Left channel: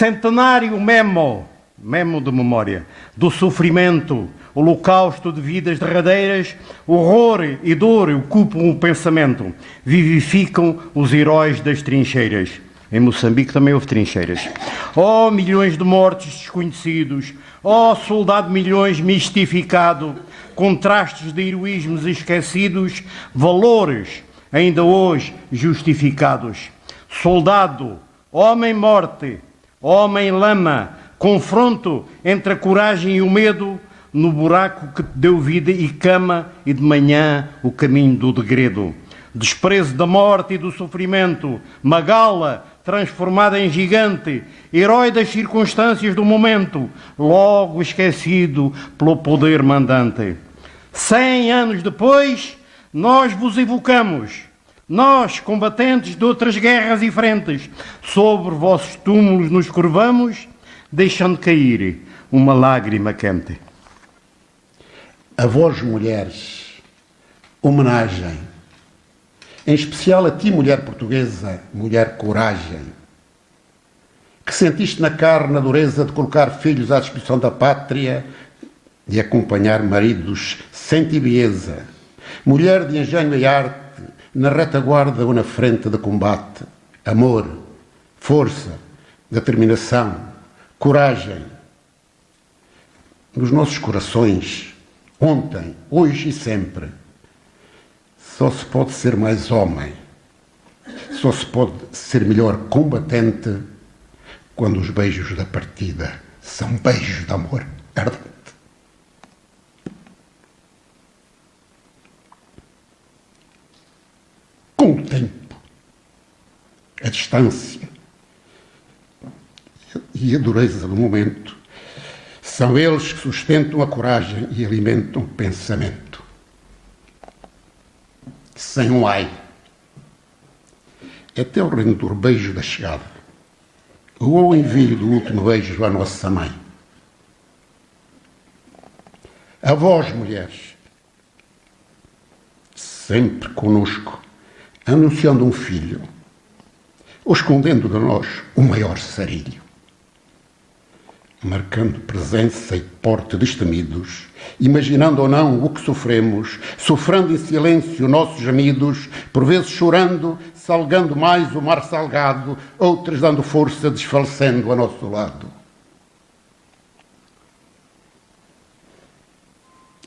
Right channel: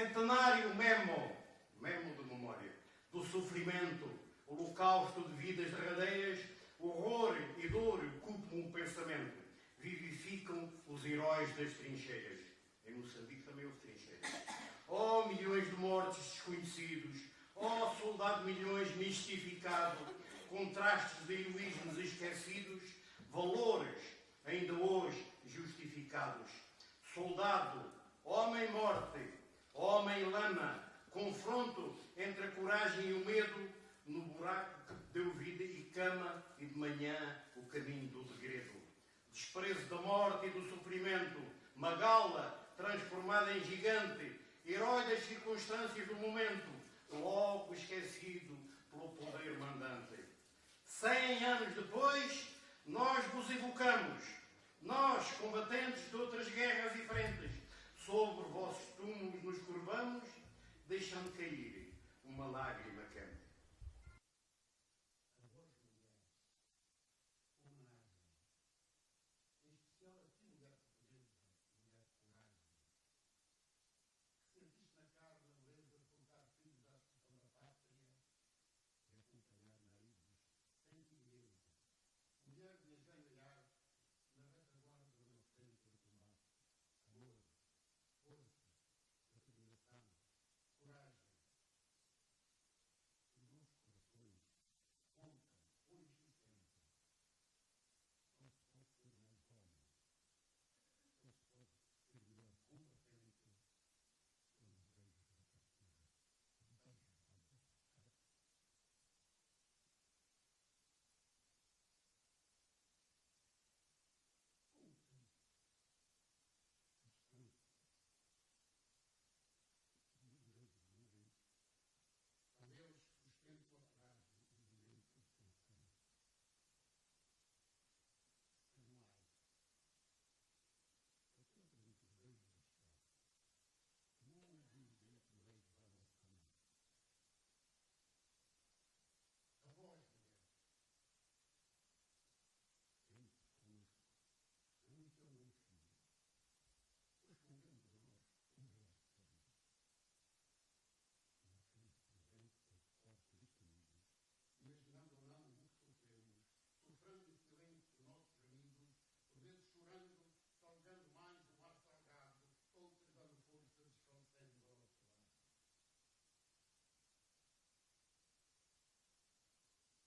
Centenário memo de memória, do sofrimento, holocausto de vidas derradeiras, horror e dor ocupam o pensamento, vivificam os heróis das trincheiras. Em Moçambique também houve trincheiras. Oh, milhões de mortos desconhecidos, oh, soldado milhões mistificado, contrastes de heroísmos esquecidos, valores ainda hoje justificados. Soldado, homem-morte, homem-lama, confronto entre a coragem e o medo, no buraco que te deu vida e cama, e de manhã o caminho do degredo. Desprezo da morte e do sofrimento, Magala, transformada em gigante, herói das circunstâncias do momento, logo esquecido pelo poder mandante. 100 anos depois, nós vos evocamos, nós, combatentes de outras guerras e frentes, sobre vossos túmulos nos curvamos, deixando cair uma lágrima quente. A vós, mulheres, homenagem, em especial a ti, mulher portuguesa, mulher coragem, que sentiste na carne a dureza de colocar filhos à disposição da pátria, de acompanhar maridos sem tibieza, mulher de engenho e arte, na retaguarda ou na frente de combate, amor, força, determinação, coragem. Nos nossos corações, ontem, hoje e sempre, só se pode ser mais homem, só se pode ser melhor combatente quando os beijos da partida são beijos de amor ardente. Com o tempo, a distância e a dureza do momento, são eles que sustentam a coragem e alimentam o pensamento. Sem um ai, até o rendor beijo da chegada, ou o envio do último beijo à nossa mãe. A vós, mulheres, sempre conosco, anunciando um filho, ou escondendo de nós o maior sarilho, marcando presença e porte destemidos, imaginando ou não o que sofremos, sofrendo em silêncio nossos gemidos, por vezes chorando, salgando mais o mar salgado, outras dando força, desfalecendo a nosso lado.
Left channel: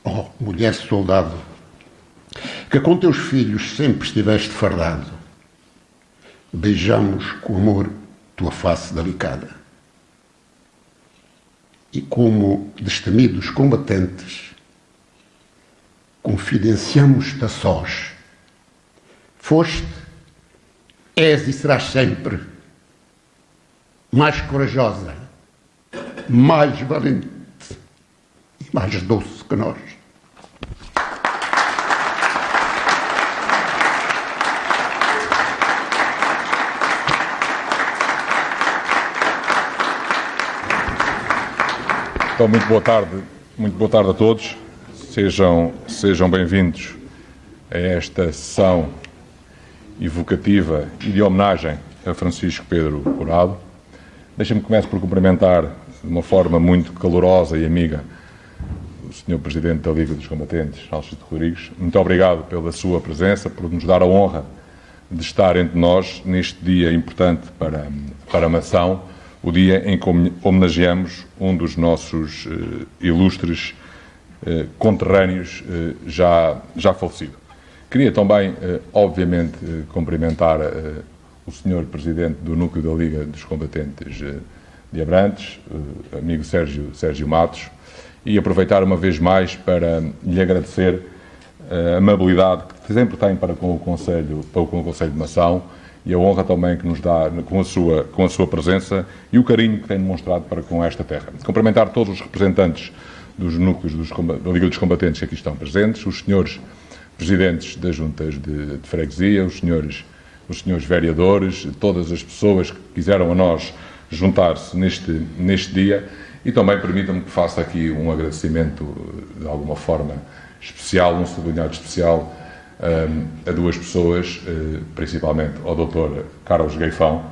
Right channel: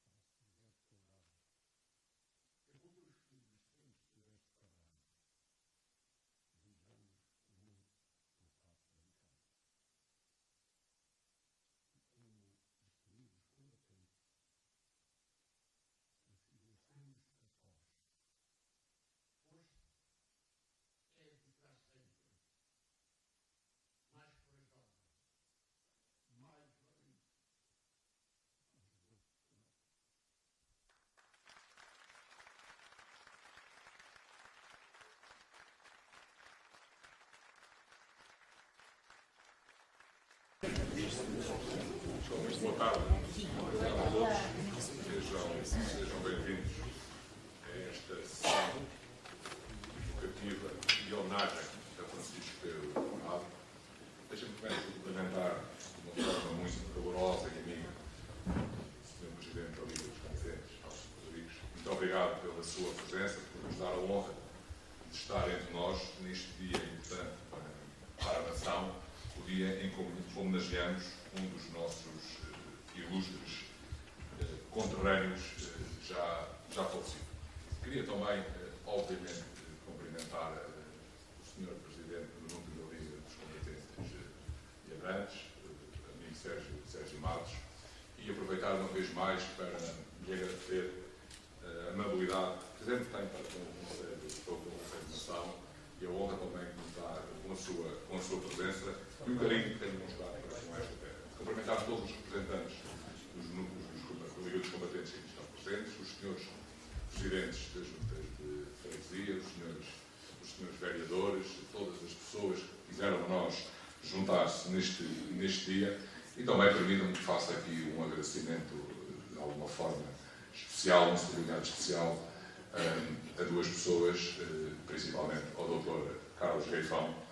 Oh, mulher soldado, que com teus filhos sempre estiveste fardado, beijamos com amor tua face delicada. E como destemidos combatentes, confidenciamos-te a sós. Foste, és e serás sempre mais corajosa, mais valente e mais doce que nós. Então, muito boa tarde a todos. Sejam bem-vindos a esta sessão evocativa e de homenagem a Francisco Pedro Curado. Deixem-me começar por cumprimentar de uma forma muito calorosa e amiga o Sr. Presidente da Liga dos Combatentes, Alcide Rodrigues. Muito obrigado pela sua presença, por nos dar a honra de estar entre nós neste dia importante para a nação, o dia em que homenageamos um dos nossos ilustres conterrâneos já falecido. Queria também, obviamente, cumprimentar o Sr. Presidente do Núcleo da Liga dos Combatentes de Abrantes, amigo Sérgio Matos, e aproveitar uma vez mais para lhe agradecer a amabilidade que sempre tem para com o Conselho de Nação e a honra também que nos dá com a sua presença e o carinho que tem demonstrado para com esta terra. Cumprimentar todos os representantes dos núcleos da Liga dos Combatentes que aqui estão presentes, os senhores presidentes das juntas de freguesia, os senhores vereadores, todas as pessoas que quiseram a nós juntar-se neste dia, e também permitam-me que faça aqui um agradecimento de alguma forma especial, um sublinhado especial a duas pessoas, principalmente ao Dr. Carlos Gaifão,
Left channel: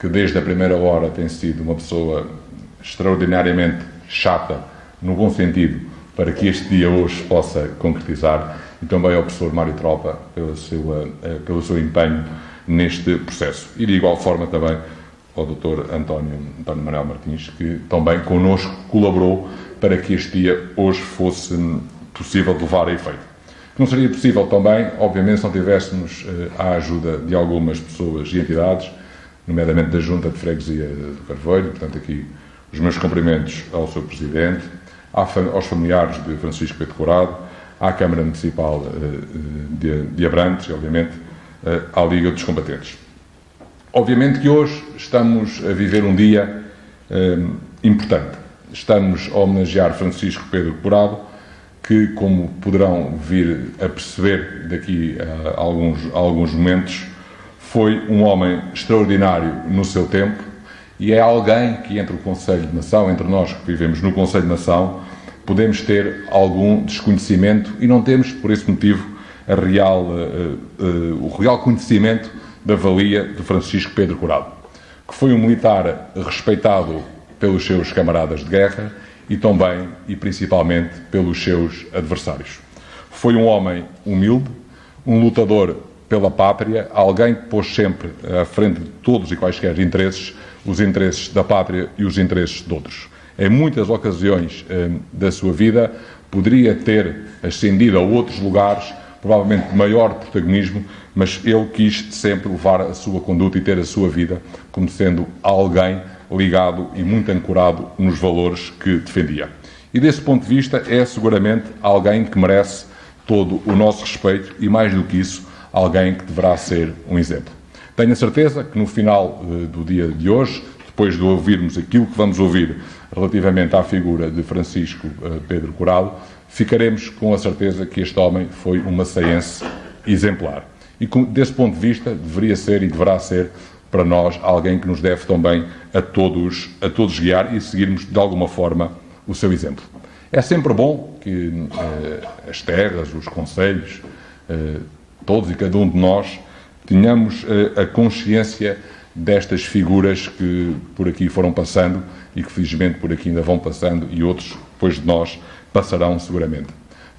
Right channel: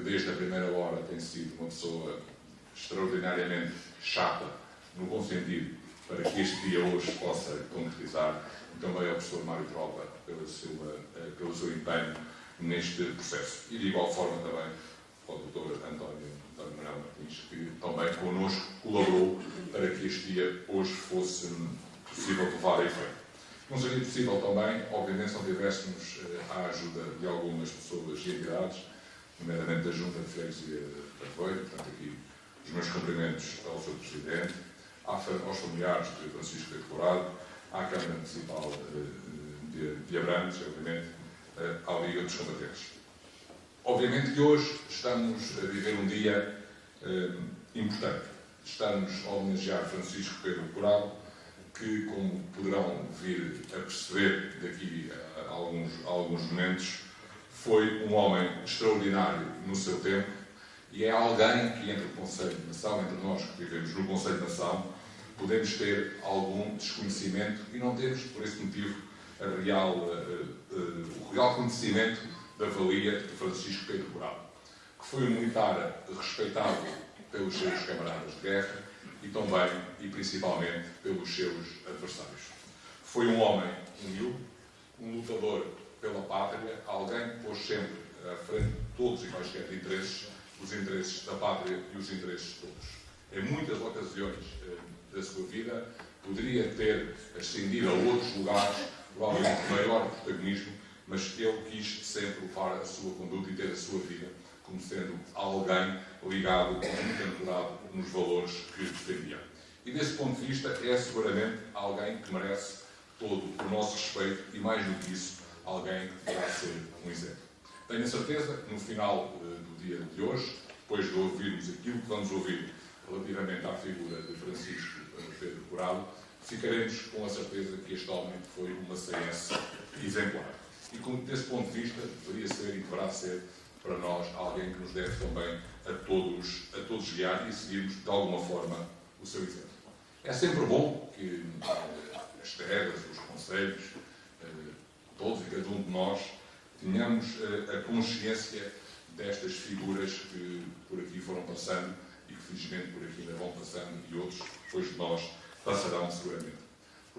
que desde a primeira hora tem sido uma pessoa extraordinariamente chata, no bom sentido, para que este dia hoje possa concretizar, e também ao professor Mário Tropa pelo seu empenho neste processo. E de igual forma também ao Dr. António Manuel Martins, que também connosco colaborou para que este dia hoje fosse possível de levar a efeito. Não seria possível também, obviamente, se não tivéssemos a ajuda de algumas pessoas e entidades, nomeadamente da Junta de Freguesia do Carvoeiro, portanto aqui os meus cumprimentos ao Sr. Presidente, aos familiares de Francisco Pedro Curado, à Câmara Municipal de Abrantes, obviamente, à Liga dos Combatentes. Obviamente que hoje estamos a viver um dia importante. Estamos a homenagear Francisco Pedro Curado, que, como poderão vir a perceber daqui a alguns momentos, foi um homem extraordinário no seu tempo e é alguém que, entre o Conselho de Nação, entre nós que vivemos no Conselho de Nação, podemos ter algum desconhecimento e não temos, por esse motivo, o real conhecimento da valia de Francisco Pedro Curado, que foi um militar respeitado pelos seus camaradas de guerra e também e principalmente pelos seus adversários. Foi um homem humilde, um lutador pela pátria, alguém que pôs sempre à frente de todos e quaisquer interesses, os interesses da pátria e os interesses de outros. Em muitas ocasiões da sua vida, poderia ter ascendido a outros lugares, provavelmente de maior protagonismo, mas ele quis sempre levar a sua conduta e ter a sua vida como sendo alguém ligado e muito ancorado nos valores que defendia. E desse ponto de vista é seguramente alguém que merece todo o nosso respeito e, mais do que isso, alguém que deverá ser um exemplo. Tenho a certeza que no final do dia de hoje, depois de ouvirmos aquilo que vamos ouvir relativamente à figura de Francisco Pedro Curado, ficaremos com a certeza que este homem foi uma cearense exemplar. E desse ponto de vista deveria ser e deverá ser para nós alguém que nos deve também a todos guiar e seguirmos de alguma forma o seu exemplo. É sempre bom que as terras, os concelhos, todos e cada um de nós tenhamos a consciência destas figuras que por aqui foram passando e que felizmente por aqui ainda vão passando e outros depois de nós passarão seguramente.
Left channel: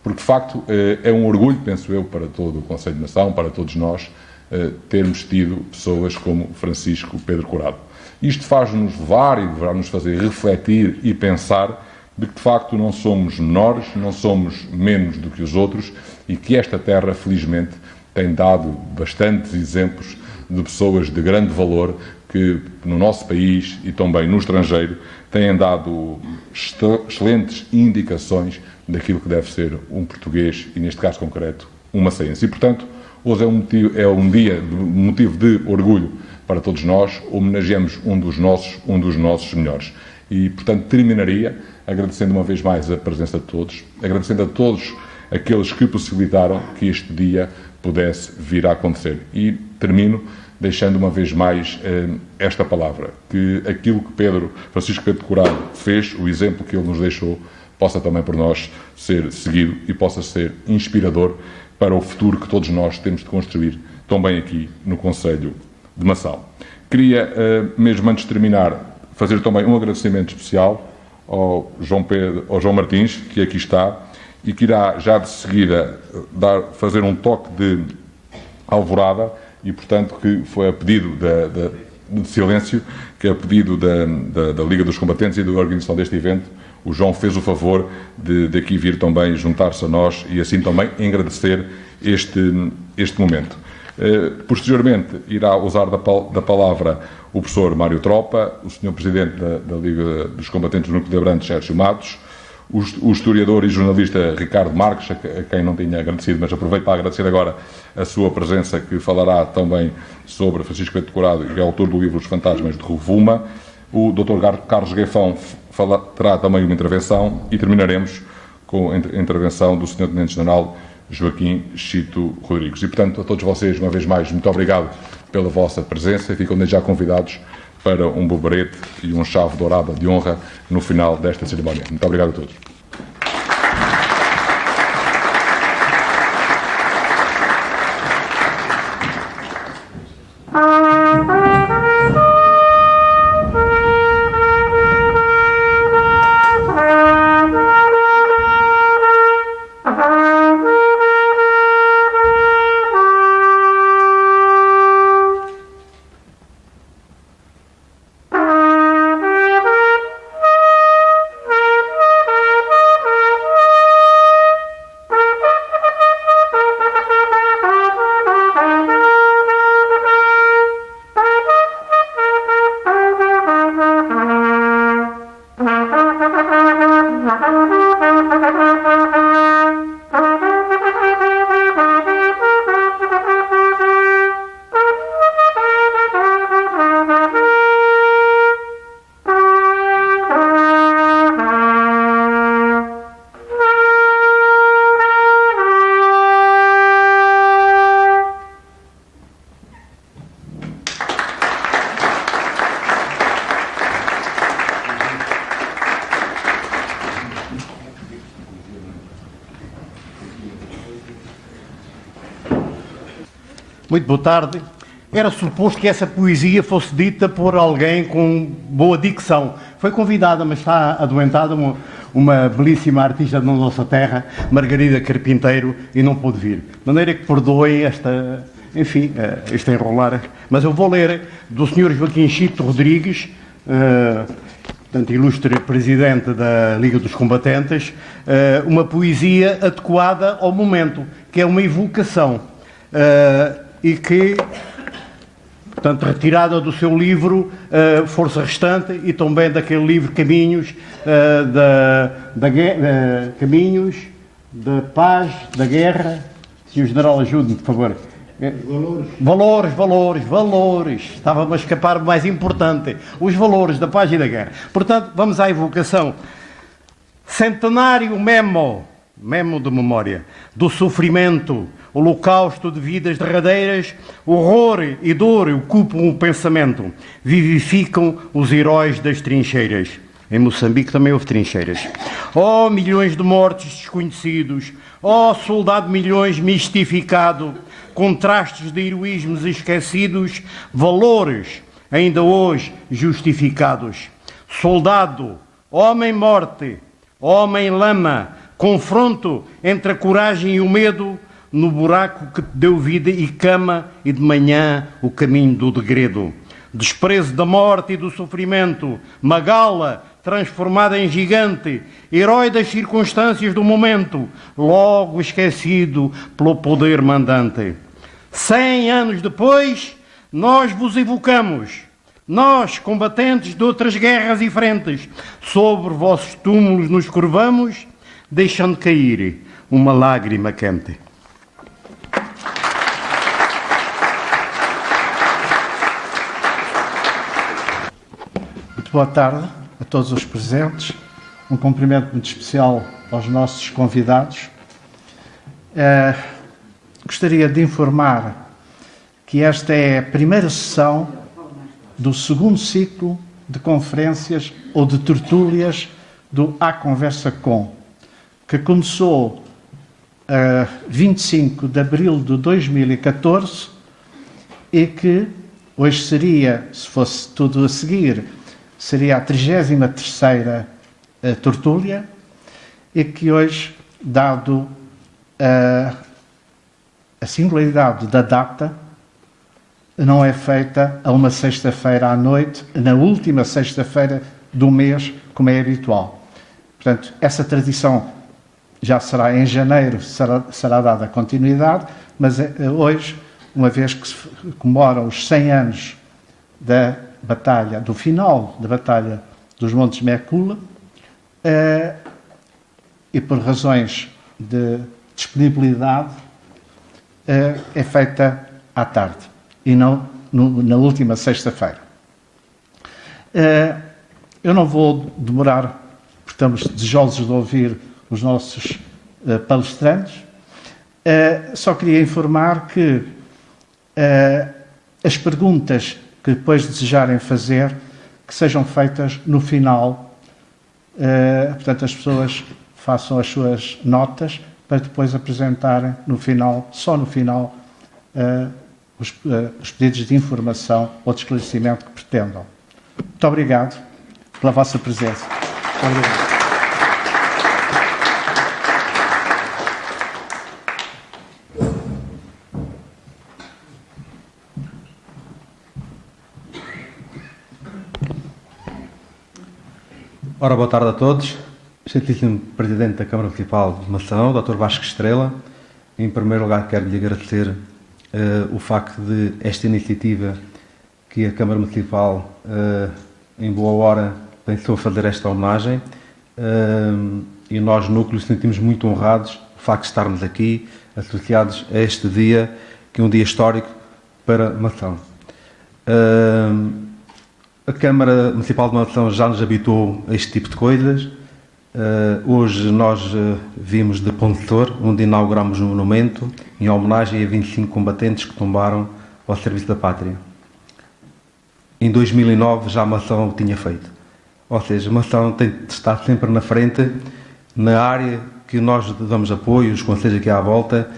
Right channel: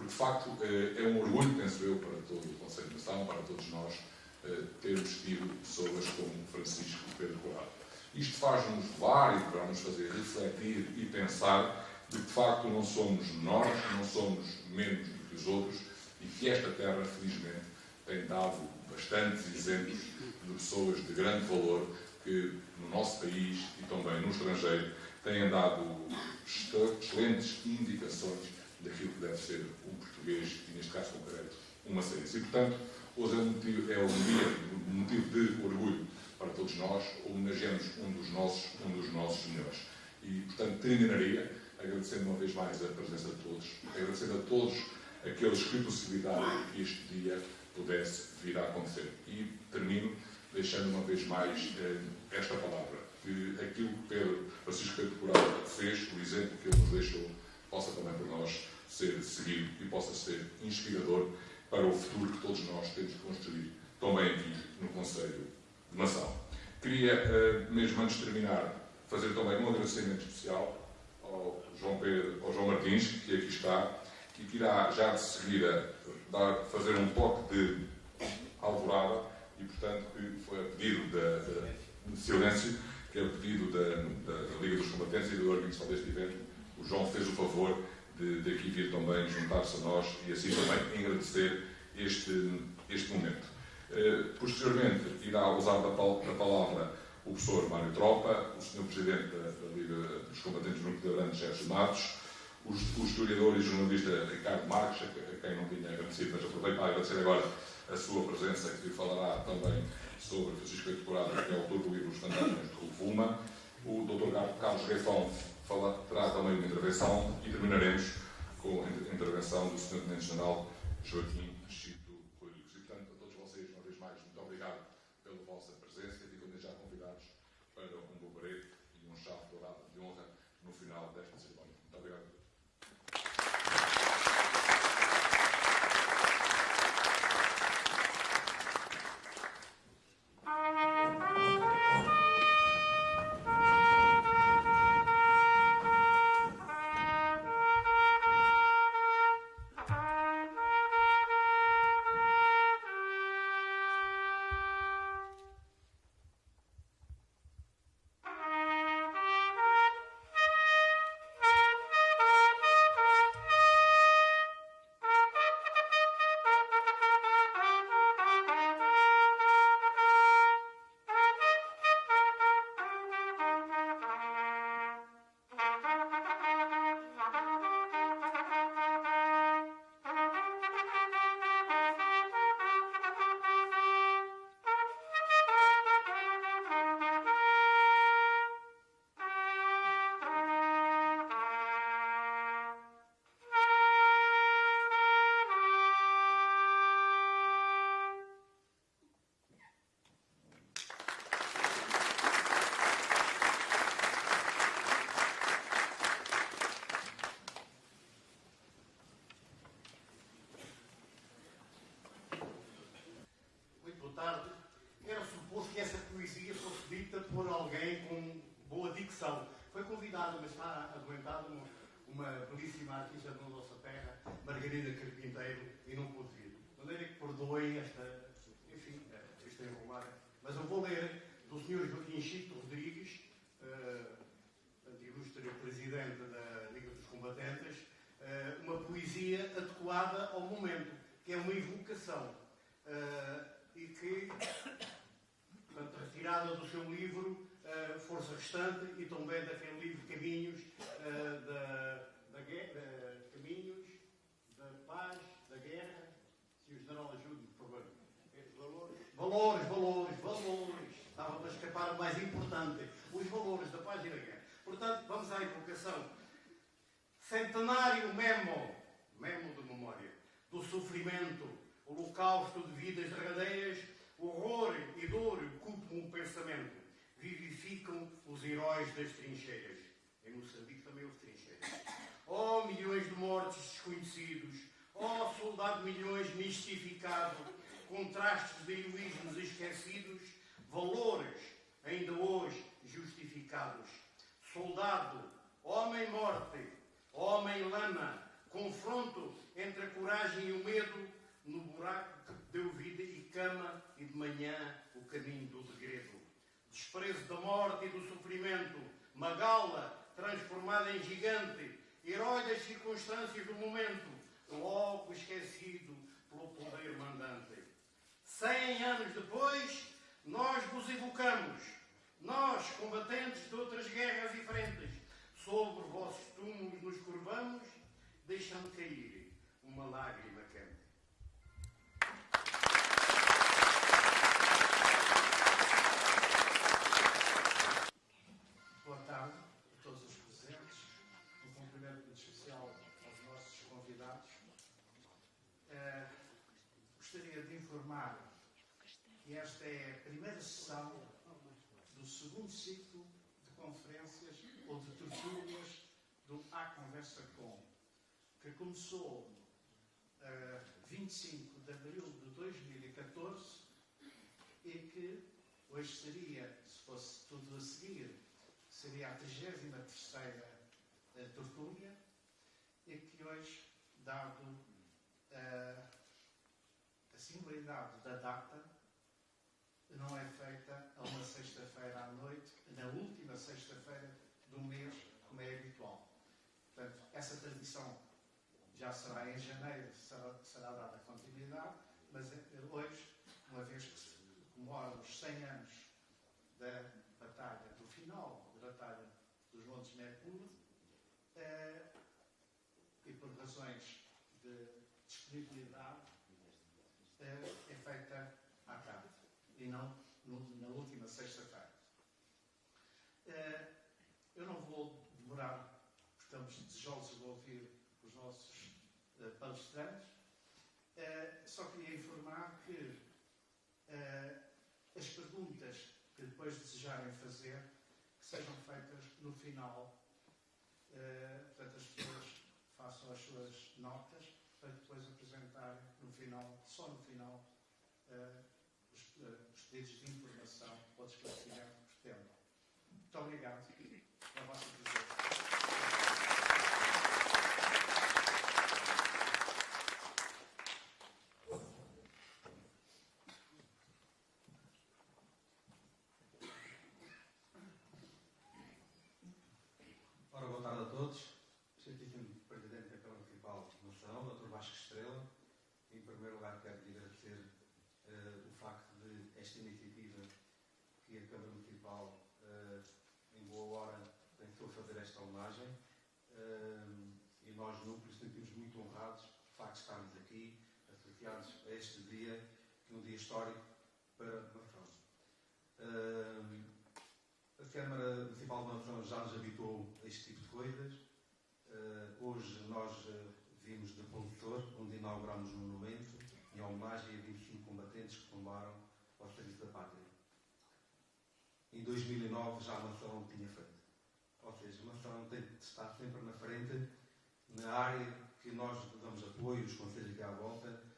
Porque de facto é um orgulho, penso eu, para todo o Conselho de Nação, para todos nós, termos tido pessoas como Francisco Pedro Curado. Isto faz-nos levar e deverá nos fazer refletir e pensar de que de facto não somos menores, não somos menos do que os outros e que esta terra, felizmente, tem dado bastantes exemplos de pessoas de grande valor que no nosso país e também no estrangeiro têm dado excelentes indicações daquilo que deve ser um português e, neste caso concreto, uma cearense. E, portanto, hoje é um dia de motivo de orgulho para todos nós, homenageamos um dos nossos melhores. E, portanto, terminaria agradecendo uma vez mais a presença de todos, agradecendo a todos aqueles que possibilitaram que este dia pudesse vir a acontecer. E termino deixando uma vez mais esta palavra, que aquilo que Francisco Pedro Curado fez, o exemplo que ele nos deixou, possa também por nós ser seguido e possa ser inspirador para o futuro que todos nós temos de construir, também aqui no Conselho de Nação. Queria, mesmo antes de terminar, fazer também um agradecimento especial ao João Martins, que aqui está, e que irá já de seguida fazer um toque de alvorada, e portanto que foi a pedido de silêncio, que é a pedido da Liga dos Combatentes e da organização deste evento, o João fez o favor de aqui vir também juntar-se a nós e assim também agradecer este momento. Posteriormente irá usar da palavra o professor Mário Tropa, o Sr. Presidente da Liga dos Combatentes do Núcleo de Abrantes, Sérgio Matos, o historiador e jornalista Ricardo Marques, a quem não tinha agradecido, mas aproveito para agradecer agora a sua presença, que falará também sobre Francisco Pedro Curado, que é autor do livro Os Fantasmas de Rovuma. O Dr. Carlos Gaifão terá também uma intervenção e terminaremos com a intervenção do Sr. Tenente-General Joaquim Chito Rodrigues. E, portanto, a todos vocês, uma vez mais, muito obrigado pela vossa presença e ficam desde já convidados para um bobarete e um chave dourada de honra no final desta cerimónia. Muito obrigado a todos. Muito boa tarde. Era suposto que essa poesia fosse dita por alguém com boa dicção. Foi convidada, mas está adoentada, uma belíssima artista da nossa terra, Margarida Carpinteiro, e não pôde vir. De maneira que perdoem este enrolar. Mas eu vou ler do Sr. Joaquim Chito Rodrigues, portanto, ilustre presidente da Liga dos Combatentes, uma poesia adequada ao momento, que é uma evocação, e que, portanto, retirada do seu livro Força Restante e também daquele livro Caminhos, Caminhos da Paz, da Guerra. Se o General ajude-me, por favor. Valores. Estava-me a escapar o mais importante. Os valores da paz e da guerra. Portanto, vamos à evocação. Centenário memo de memória, do sofrimento, holocausto de vidas derradeiras, horror e dor ocupam o pensamento, vivificam os heróis das trincheiras. Em Moçambique também houve trincheiras. Oh, milhões de mortos desconhecidos, oh, soldado milhões mistificado, contrastes de heroísmos esquecidos, valores ainda hoje justificados. Soldado, homem-morte, homem-lama, confronto entre a coragem e o medo, no buraco que te deu vida e cama, e de manhã o caminho do degredo. Desprezo da morte e do sofrimento, Magala, transformada em gigante, herói das circunstâncias do momento, logo esquecido pelo poder mandante. 100 anos depois, nós vos evocamos, nós, combatentes de outras guerras e frentes, sobre vossos túmulos nos curvamos, deixando cair uma lágrima quente. Muito boa tarde a todos os presentes. Um cumprimento muito especial aos nossos convidados. Gostaria de informar que esta é a primeira sessão do segundo ciclo de conferências ou de tertúlias do A Conversa Com, que começou a 25 de abril de 2014 e que hoje seria, se fosse tudo a seguir, seria a 33ª tertúlia, e que hoje, dado a singularidade da data, não é feita a uma sexta-feira à noite, na última sexta-feira do mês, como é habitual. Portanto, essa tradição já será em janeiro, será dada continuidade, mas hoje, uma vez que se comemoram os 100 anos da batalha, do final da Batalha dos Montes Mekula, e por razões de disponibilidade, é feita à tarde e não na última sexta-feira. Eu não vou demorar, porque estamos desejosos de ouvir os nossos palestrantes. Só queria informar que as perguntas que depois desejarem fazer, que sejam feitas no final. Portanto, as pessoas façam as suas notas para depois apresentarem no final, só no final, os pedidos de informação ou de esclarecimento que pretendam. Muito obrigado pela vossa presença. Muito obrigado. Ora, boa tarde a todos. Excelentíssimo Presidente da Câmara Municipal de Macedão, Dr. Vasco Estrela, em primeiro lugar quero-lhe agradecer o facto de esta iniciativa que a Câmara Municipal, em boa hora, pensou fazer esta homenagem, e nós, núcleos, sentimos muito honrados o facto de estarmos aqui, associados a este dia, que é um dia histórico para Macedão. A Câmara Municipal de Macedão já nos habituou a este tipo de coisas. Hoje nós vimos de Pontor, onde inauguramos um monumento em homenagem a 25 combatentes que tombaram ao serviço da pátria. Em 2009 já Macedão o tinha feito. Ou seja, Macedão tem de estar sempre na frente, na área que nós damos apoio, os conselhos aqui à volta,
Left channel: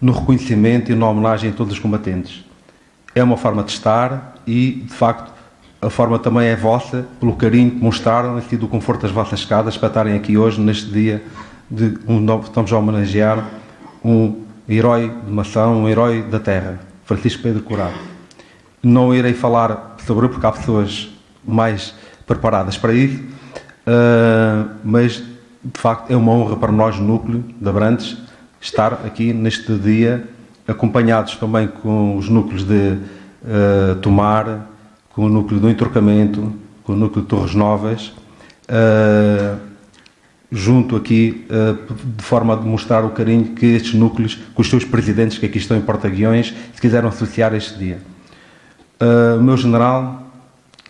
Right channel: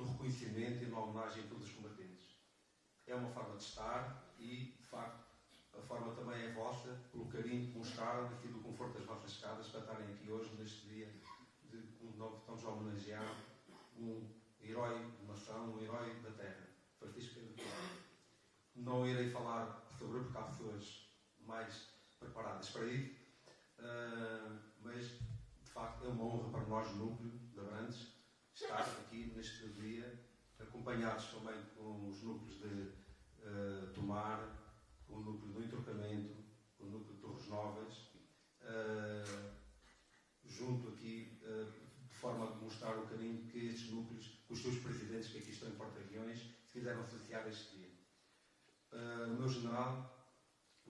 no reconhecimento e na homenagem a todos os combatentes. É uma forma de estar e, de facto, a forma também é vossa, pelo carinho que mostraram e do conforto das vossas casas para estarem aqui hoje, neste dia estamos a homenagear um herói de Mação, um herói da terra, Francisco Pedro Curado. Não irei falar sobre ele porque há pessoas mais preparadas para isso, mas de facto é uma honra para nós, o núcleo de Abrantes, estar aqui neste dia, acompanhados também com os núcleos de Tomar, com o núcleo do Entroncamento, com o núcleo de Torres Novas, junto aqui, de forma a demonstrar o carinho que estes núcleos, com os seus presidentes que aqui estão em Porta-Guiões, se quiseram associar a este dia. Meu general,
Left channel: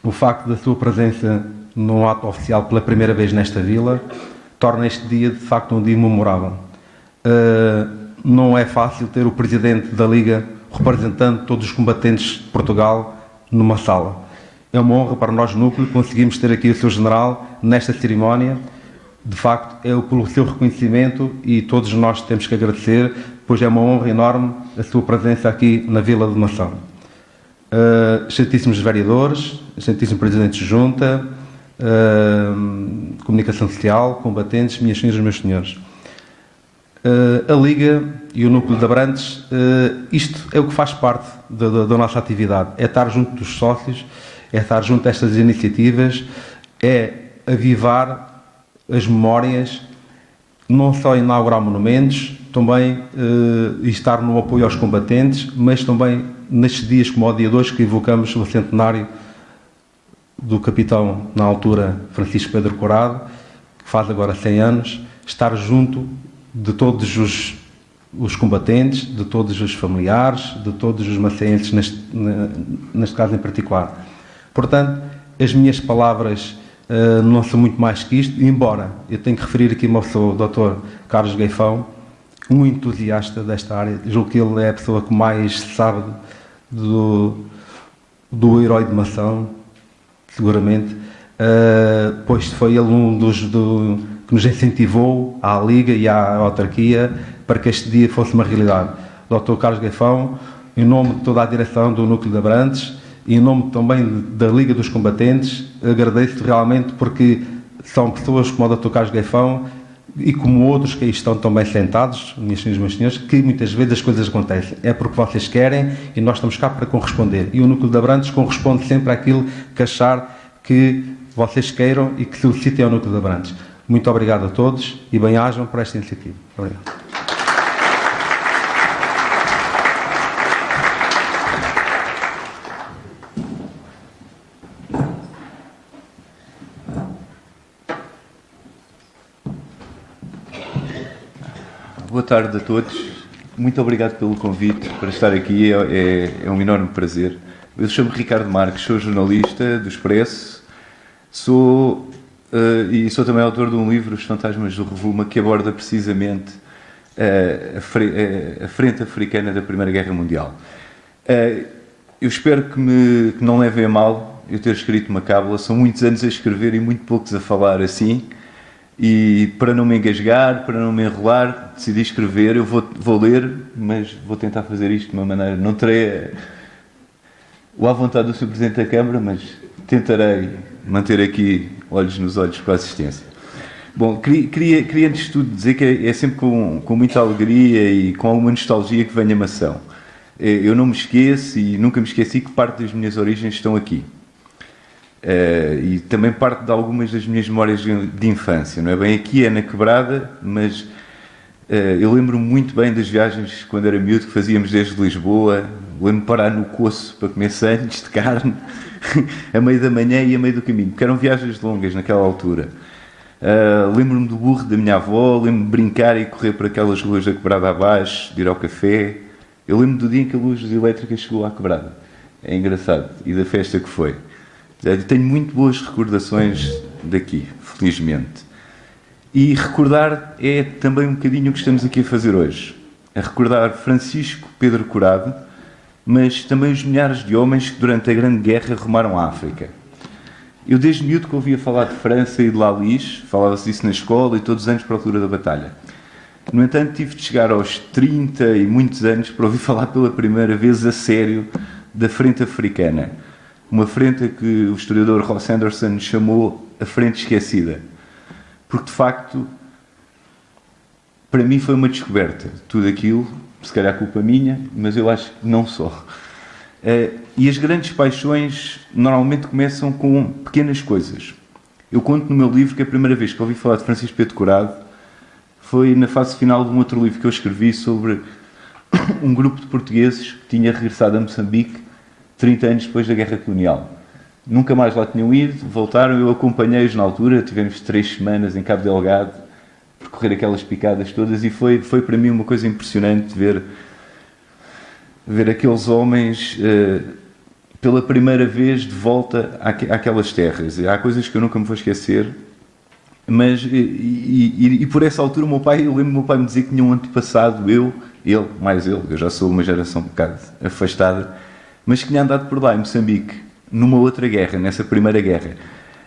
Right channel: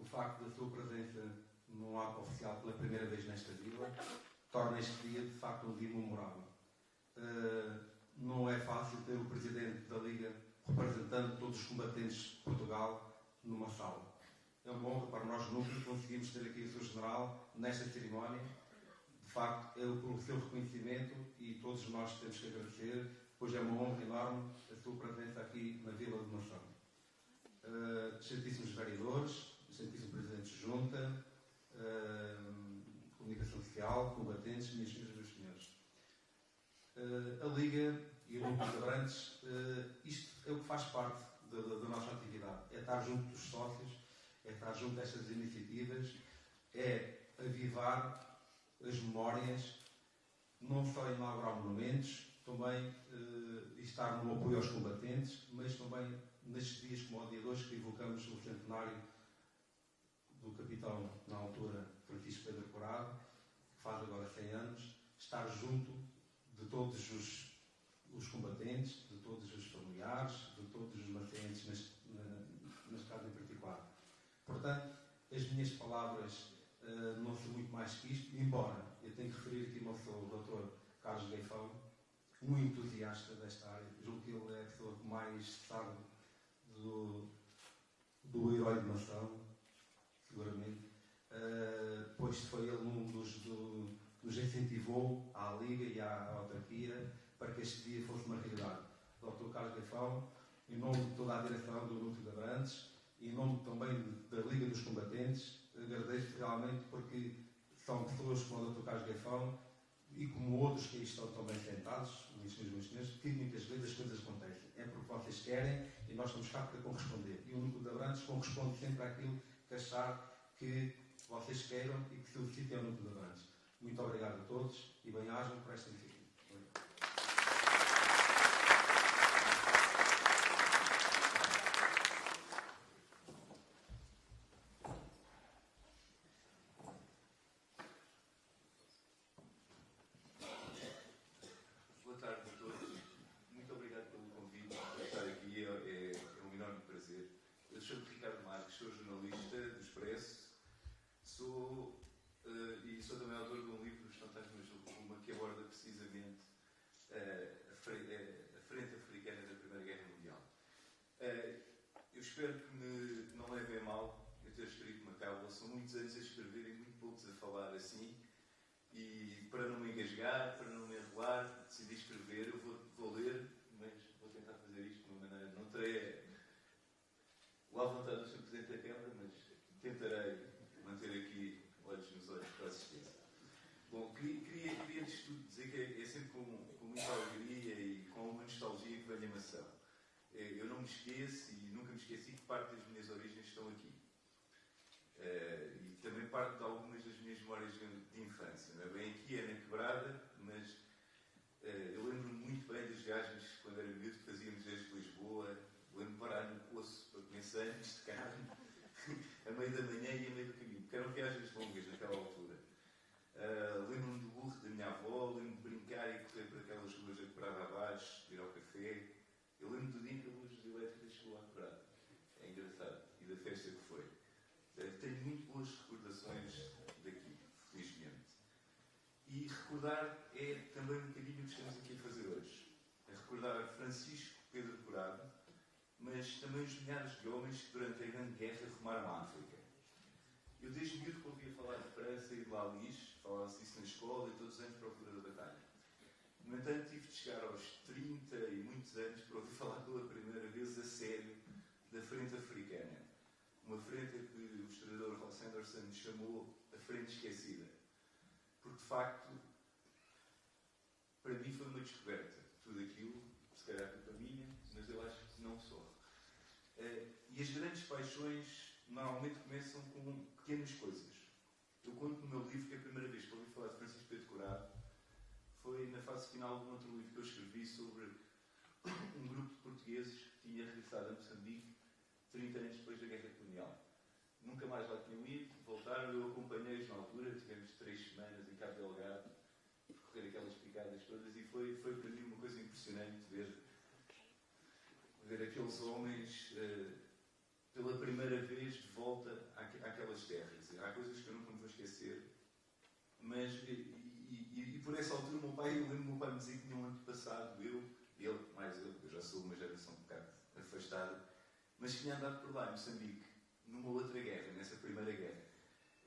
o facto da sua presença num ato oficial pela primeira vez nesta vila, torna este dia, de facto, um dia memorável. Não é fácil ter o presidente da Liga representando todos os combatentes de Portugal numa sala. É uma honra para nós, núcleo, conseguimos ter aqui o seu general nesta cerimónia. De facto, é pelo seu reconhecimento e todos nós temos que agradecer, pois é uma honra enorme a sua presença aqui na Vila de Mação. Excelentíssimos vereadores, excelentíssimo presidente de junta, comunicação social, combatentes, minhas senhoras e meus senhores. A Liga e o núcleo de Abrantes, isto é o que faz parte da nossa atividade, é estar junto dos sócios, é estar junto destas iniciativas, é avivar as memórias, não só inaugurar monumentos, também estar no apoio aos combatentes, mas também nestes dias como o dia de hoje que evocamos o centenário do capitão, na altura, Francisco Pedro Curado, que faz agora 100 anos, estar junto de todos os combatentes, de todos os familiares, de todos os macenses, neste caso em particular. Portanto, as minhas palavras não são muito mais que isto, embora eu tenho que referir aqui uma pessoa, o Dr. Carlos Gaifão, um entusiasta desta área. Julgo que ele é a pessoa que mais sabe do herói de Mação, seguramente, pois foi ele um que nos incentivou à Liga e à autarquia para que este dia fosse uma realidade. O Dr. Carlos Gaifão, em nome de toda a direção do Núcleo de Abrantes, e em nome também da Liga dos Combatentes, agradeço realmente porque são pessoas como o Dr. Carlos Gaifão e como outros que aí estão também sentados, minhas senhoras e meus senhores, que muitas vezes as coisas acontecem. É porque vocês querem e nós estamos cá para corresponder. E o Núcleo de Abrantes corresponde sempre àquilo que achar que vocês queiram e que solicitem ao Núcleo de Abrantes. Muito obrigado a todos e bem-ajam por esta iniciativa. Obrigado. Boa tarde a todos. Muito obrigado pelo convite para estar aqui. É um enorme prazer. Eu chamo-me Ricardo Marques, sou jornalista do Expresso, sou também autor de um livro, Os Fantasmas do Rovuma, que aborda precisamente a frente africana da Primeira Guerra Mundial. Eu espero que não levem a mal eu ter escrito uma cábula. São muitos anos a escrever e muito poucos a falar assim. E para não me engasgar, para não me enrolar, decidi escrever. Eu vou ler, mas vou tentar fazer isto de uma maneira... Não terei à vontade do Sr. Presidente da Câmara, mas tentarei manter aqui olhos nos olhos com a assistência. Bom, queria antes de tudo dizer que é sempre com muita alegria e com alguma nostalgia que venho a Mação. Eu não me esqueço e nunca me esqueci que parte das minhas origens estão aqui. E também parte de algumas das minhas memórias de infância. Não é bem aqui, é na Quebrada, mas eu lembro-me muito bem das viagens quando era miúdo que fazíamos desde Lisboa. Lembro-me de parar no Coço para comer sandes de carne a meio da manhã e a meio do caminho, porque eram viagens longas naquela altura. Lembro-me do burro da minha avó, lembro-me de brincar e correr por aquelas ruas da Quebrada abaixo, de ir ao café. Eu lembro do dia em que a luz elétrica chegou à Quebrada. É engraçado. E da festa que foi. Eu tenho muito boas recordações daqui, felizmente. E recordar é também um bocadinho o que estamos aqui a fazer hoje. A recordar Francisco Pedro Curado, mas também os milhares de homens que durante a Grande Guerra rumaram à África. Eu desde miúdo que ouvia falar de França e de Lalis, falava-se disso na escola e todos os anos para a altura da batalha. No entanto, tive de chegar aos 30 e muitos anos para ouvir falar pela primeira vez a sério da Frente Africana. Uma frente que o historiador Ross Anderson chamou a Frente Esquecida. Porque, de facto, para mim foi uma descoberta. Tudo aquilo, se calhar culpa minha, mas eu acho que não só. E as grandes paixões normalmente começam com pequenas coisas. Eu conto no meu livro que a primeira vez que ouvi falar de Francisco Pedro Curado foi na fase final de um outro livro que eu escrevi sobre um grupo de portugueses que tinha regressado a Moçambique 30 anos depois da Guerra Colonial. Nunca mais lá tinham ido, voltaram, eu acompanhei-os na altura, tivemos 3 semanas em Cabo Delgado, percorrer aquelas picadas todas, e foi para mim uma coisa impressionante ver aqueles homens pela primeira vez de volta àquelas terras. Há coisas que eu nunca me vou esquecer. Mas, e por essa altura, eu lembro do meu pai me dizer que tinha um antepassado, eu já sou uma geração um bocado afastada, mas que tinha andado por lá, em Moçambique, numa outra guerra, nessa primeira guerra.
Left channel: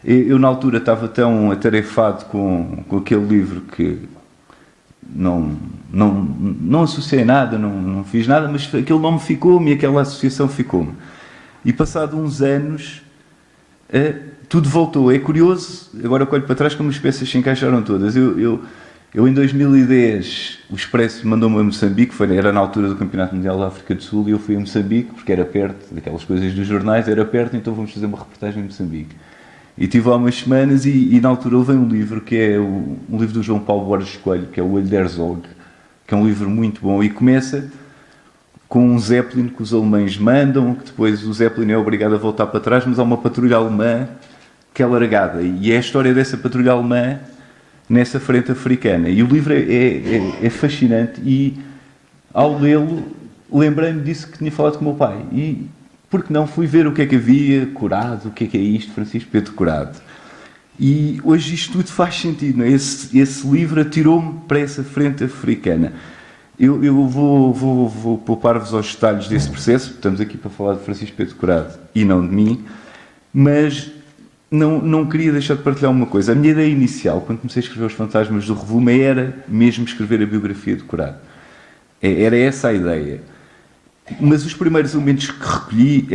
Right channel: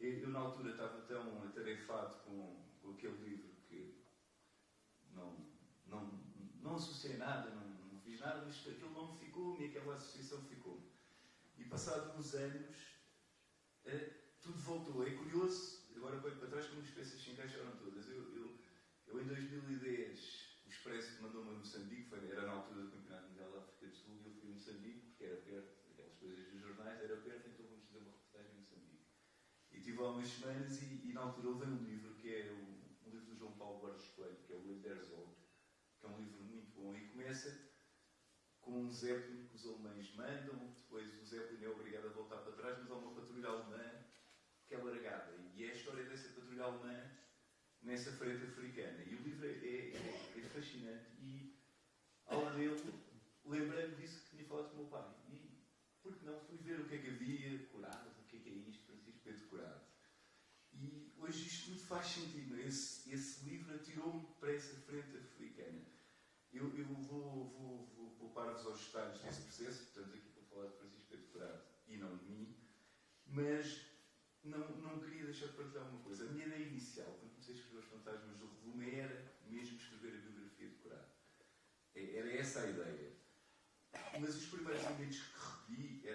Eu na altura, estava tão atarefado com aquele livro que não associei nada, não fiz nada, mas aquele nome ficou-me e aquela associação ficou-me. E passado uns anos, tudo voltou. É curioso, agora eu olho para trás como as peças se encaixaram todas. Eu em 2010, o Expresso mandou-me a Moçambique, era na altura do Campeonato Mundial da África do Sul, e eu fui a Moçambique, porque era perto, daquelas coisas dos jornais, era perto, então vamos fazer uma reportagem em Moçambique. E estive lá umas semanas e na altura levei um livro, que é um livro do João Paulo Borges Coelho, que é o Olho de Herzog, que é um livro muito bom, e começa com um Zeppelin que os alemães mandam, que depois o Zeppelin é obrigado a voltar para trás, mas há uma patrulha alemã que é largada, e é a história dessa patrulha alemã nessa frente africana. E o livro é fascinante, e ao lê-lo lembrei-me disso que tinha falado com o meu pai, e porque não fui ver o que é que havia, Curado, o que é isto, Francisco Pedro Curado. E hoje isto tudo faz sentido, não é? Esse livro atirou-me para essa frente africana. Eu vou poupar-vos aos detalhes desse processo, estamos aqui para falar de Francisco Pedro Curado e não de mim, mas não queria deixar de partilhar uma coisa. A minha ideia inicial, quando comecei a escrever Os Fantasmas do Revume, era mesmo escrever a biografia de Curado. Era essa a ideia. Mas os primeiros elementos que recolhi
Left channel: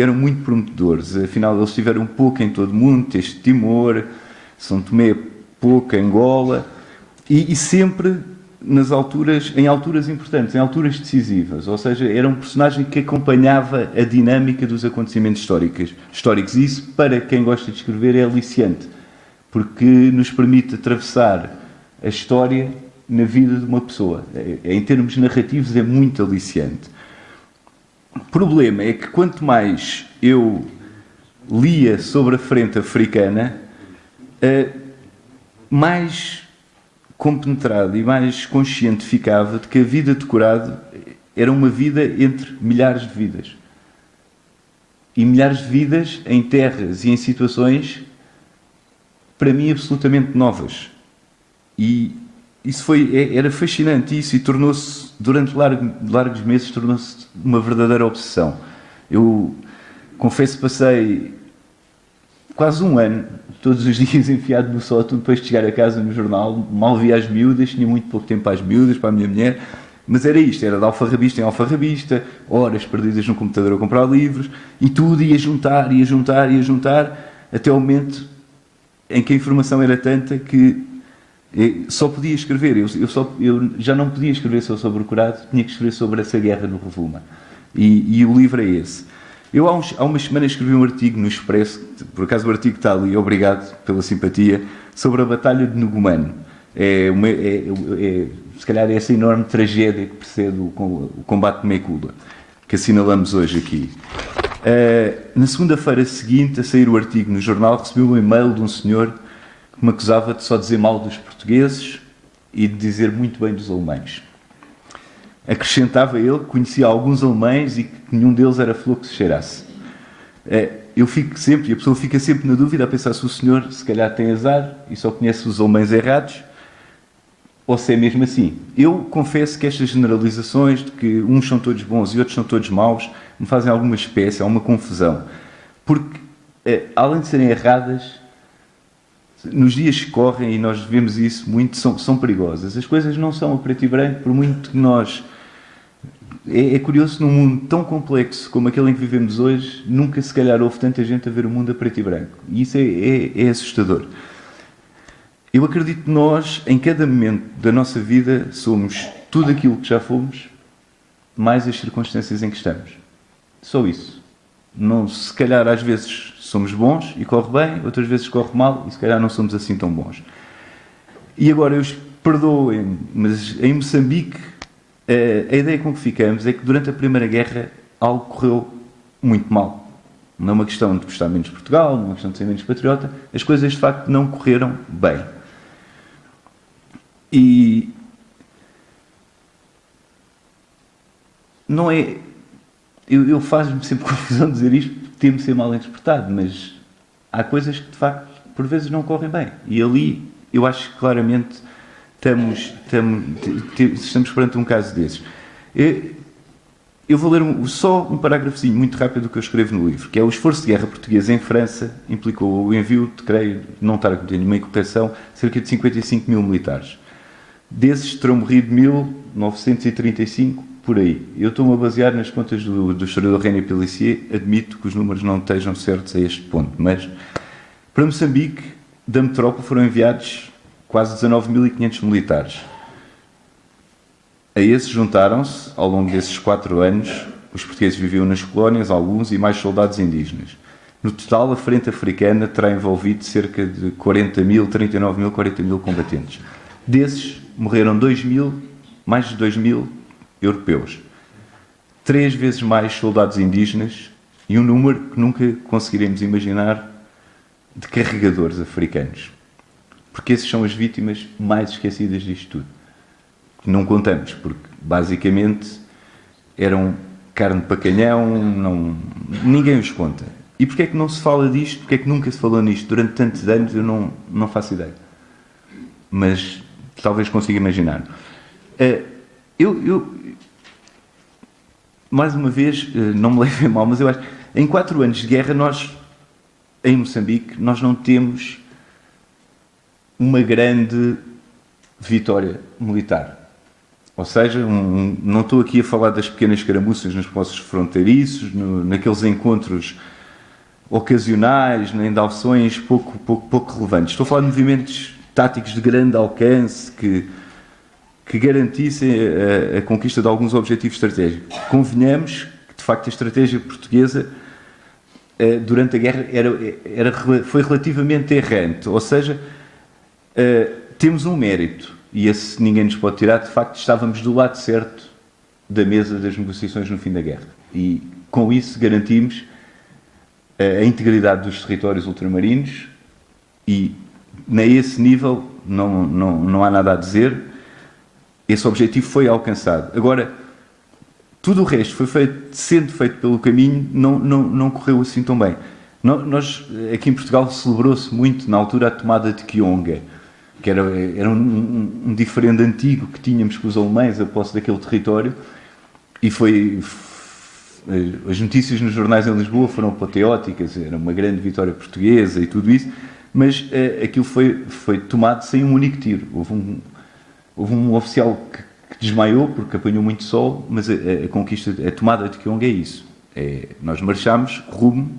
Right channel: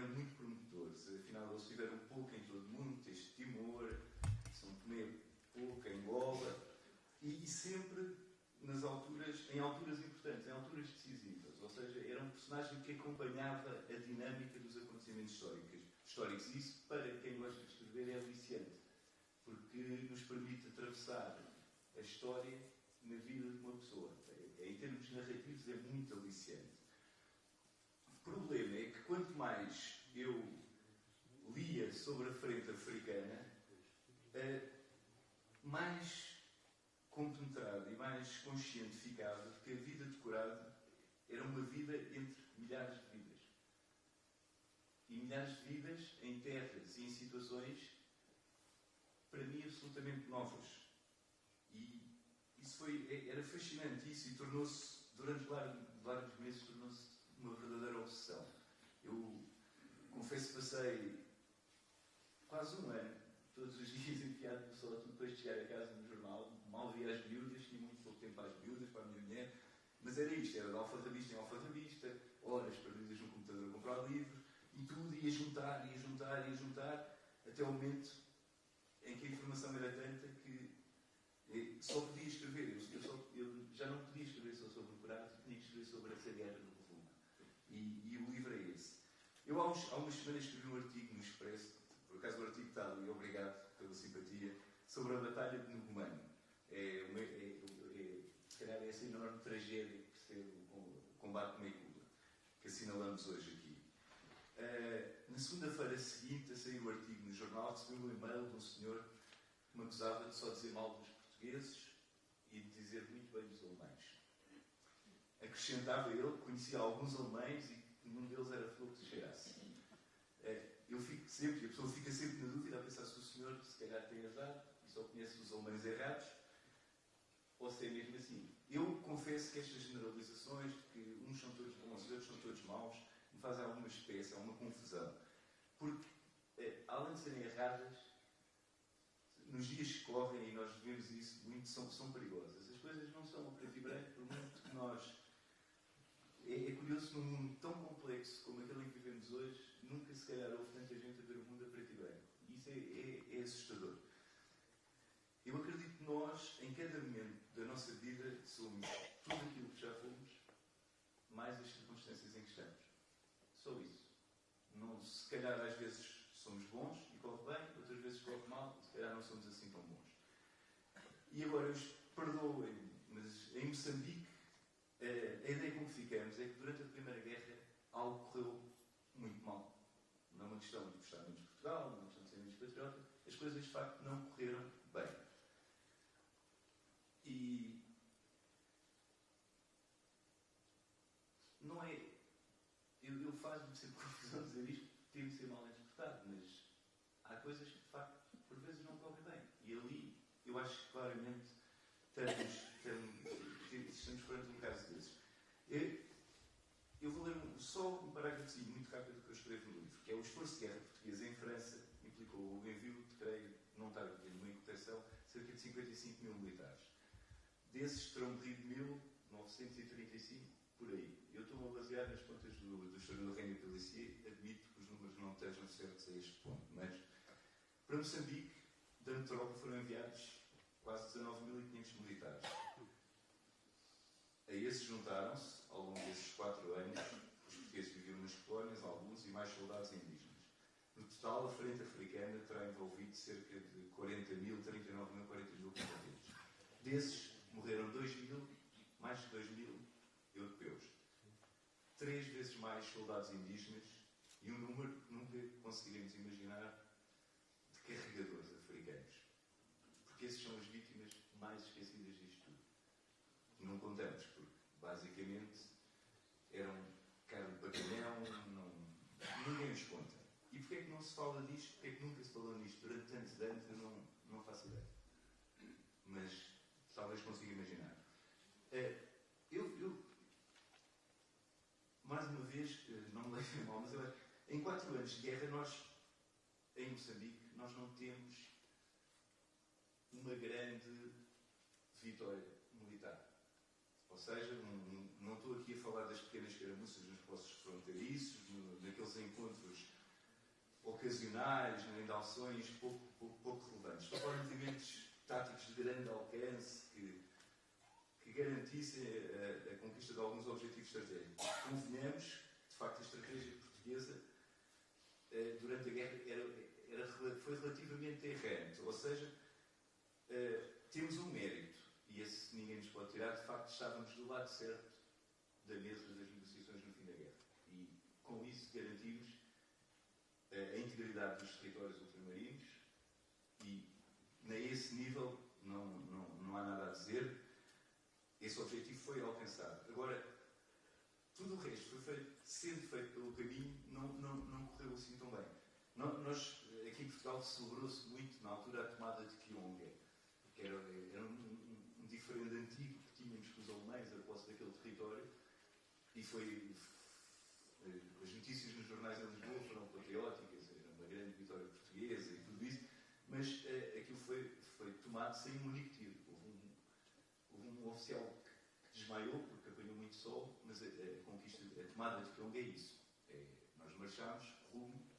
eram muito prometedores. Afinal, eles estiveram um pouco em todo o mundo, Teste de Timor, São Tomé, pouco, Angola, e sempre em alturas importantes, em alturas decisivas. Ou seja, era um personagem que acompanhava a dinâmica dos acontecimentos históricos. E isso, para quem gosta de escrever, é aliciante, porque nos permite atravessar a história na vida de uma pessoa. Em termos narrativos, é muito aliciante. O problema é que quanto mais eu lia sobre a frente africana, mais compenetrado e mais consciente ficava de que a vida de Curado era uma vida entre milhares de vidas. E milhares de vidas em terras e em situações, para mim, absolutamente novas. E isso era fascinante, isso, e tornou-se, durante largos meses, tornou-se uma verdadeira obsessão. Eu confesso que passei quase um ano, todos os dias enfiado no sótão, depois de chegar a casa no jornal, mal via as miúdas, tinha muito pouco tempo para as miúdas, para a minha mulher, mas era isto, era de alfarrabista em alfarrabista, horas perdidas no computador a comprar livros, e tudo ia juntar, até ao momento em que a informação era tanta que só podia escrever, eu já não podia escrever só sobre o Curado, tinha que escrever sobre essa guerra no Rovuma. E o livro é esse. Eu há umas semanas escrevi um artigo no Expresso, por acaso o artigo está ali, obrigado pela simpatia, sobre a Batalha de Nugumano. Se calhar é essa enorme tragédia que precede o combate de Mekula, que assinalamos hoje aqui. Na segunda-feira seguinte, a sair o artigo no jornal, recebi um e-mail de um senhor que me acusava de só dizer mal dos portugueses e de dizer muito bem dos alemães. Acrescentava ele que conhecia alguns alemães e que nenhum deles era flor que se cheirasse. Eu fico sempre, e a pessoa fica sempre na dúvida a pensar se o senhor se calhar tem azar e só conhece os alemães errados, ou se é mesmo assim. Eu confesso que estas generalizações de que uns são todos bons e outros são todos maus me fazem alguma espécie, alguma confusão. Porque, além de serem erradas, nos dias que correm, e nós vemos isso muito, são perigosas. As coisas não são a preto e branco, por muito que nós... É curioso, num mundo tão complexo como aquele em que vivemos hoje, nunca se calhar houve tanta gente a ver o mundo a preto e branco. E isso é assustador. Eu acredito que nós, em cada momento da nossa vida, somos tudo aquilo que já fomos, mais as circunstâncias em que estamos. Só isso. Não, se calhar às vezes somos bons e corre bem, outras vezes corre mal e se calhar não somos assim tão bons. E agora, perdoem-me, mas em Moçambique, a ideia com que ficamos é que durante a Primeira Guerra algo correu muito mal. Não é uma questão de gostar menos de Portugal, não é uma questão de ser menos patriota, as coisas de facto não correram bem. E não é... Eu faz-me sempre confusão dizer isto, temo ser mal interpretado, mas há coisas que de facto por vezes não correm bem. E ali eu acho que claramente estamos perante um caso desses. Eu vou ler só um parágrafozinho muito rápido do que eu escrevo no livro, que é: o esforço de guerra português em França implicou o envio de, creio, não estar a cometer nenhuma incorreção, cerca de 55 mil militares. Desses terão morrido 1935, por aí. Eu estou-me a basear nas contas do historiador René Pélissier, admito que os números não estejam certos a este ponto, mas para Moçambique, da metrópole, foram enviados quase 19.500 militares. A esses juntaram-se, ao longo desses 4 anos, os portugueses viviam nas colónias, alguns, e mais soldados indígenas. No total, a frente africana terá envolvido cerca de 40 mil combatentes. Desses, morreram mais de 2.000 europeus. 3 vezes mais soldados indígenas e um número que nunca conseguiremos imaginar de carregadores africanos. Porque esses são as vítimas mais esquecidas disto tudo. Não contamos, porque basicamente eram carne para canhão, ninguém os conta. E porquê é que não se fala disto? Porquê é que nunca se falou nisto? Durante tantos anos eu não faço ideia. Mas talvez consiga imaginar. Mais uma vez, não me levem mal, mas eu acho que em 4 anos de guerra em Moçambique, nós não temos uma grande vitória militar. Ou seja, não estou aqui a falar das pequenas escaramuças nos postos fronteiriços, naqueles encontros ocasionais, nem de alções pouco relevantes. Estou a falar de movimentos táticos de grande alcance que garantissem a conquista de alguns objetivos estratégicos. Convenhamos que, de facto, a estratégia portuguesa durante a guerra foi relativamente errante. Ou seja, temos um mérito, e esse ninguém nos pode tirar. De facto, estávamos do lado certo da mesa das negociações no fim da guerra. E, com isso, garantimos a integridade dos territórios ultramarinos e, a esse nível, não há nada a dizer. Esse objetivo foi alcançado. Agora, tudo o resto sendo feito pelo caminho, não correu assim tão bem. Nós, aqui em Portugal, celebrou-se muito, na altura, a tomada de Kionga, que era um diferendo antigo que tínhamos com os alemães a posse daquele território, e as notícias nos jornais em Lisboa foram apoteóticas, era uma grande vitória portuguesa e tudo isso, mas aquilo foi tomado sem um único tiro. Houve um oficial que desmaiou porque apanhou muito sol, mas a tomada de Kionga é isso. Nós marchámos rumo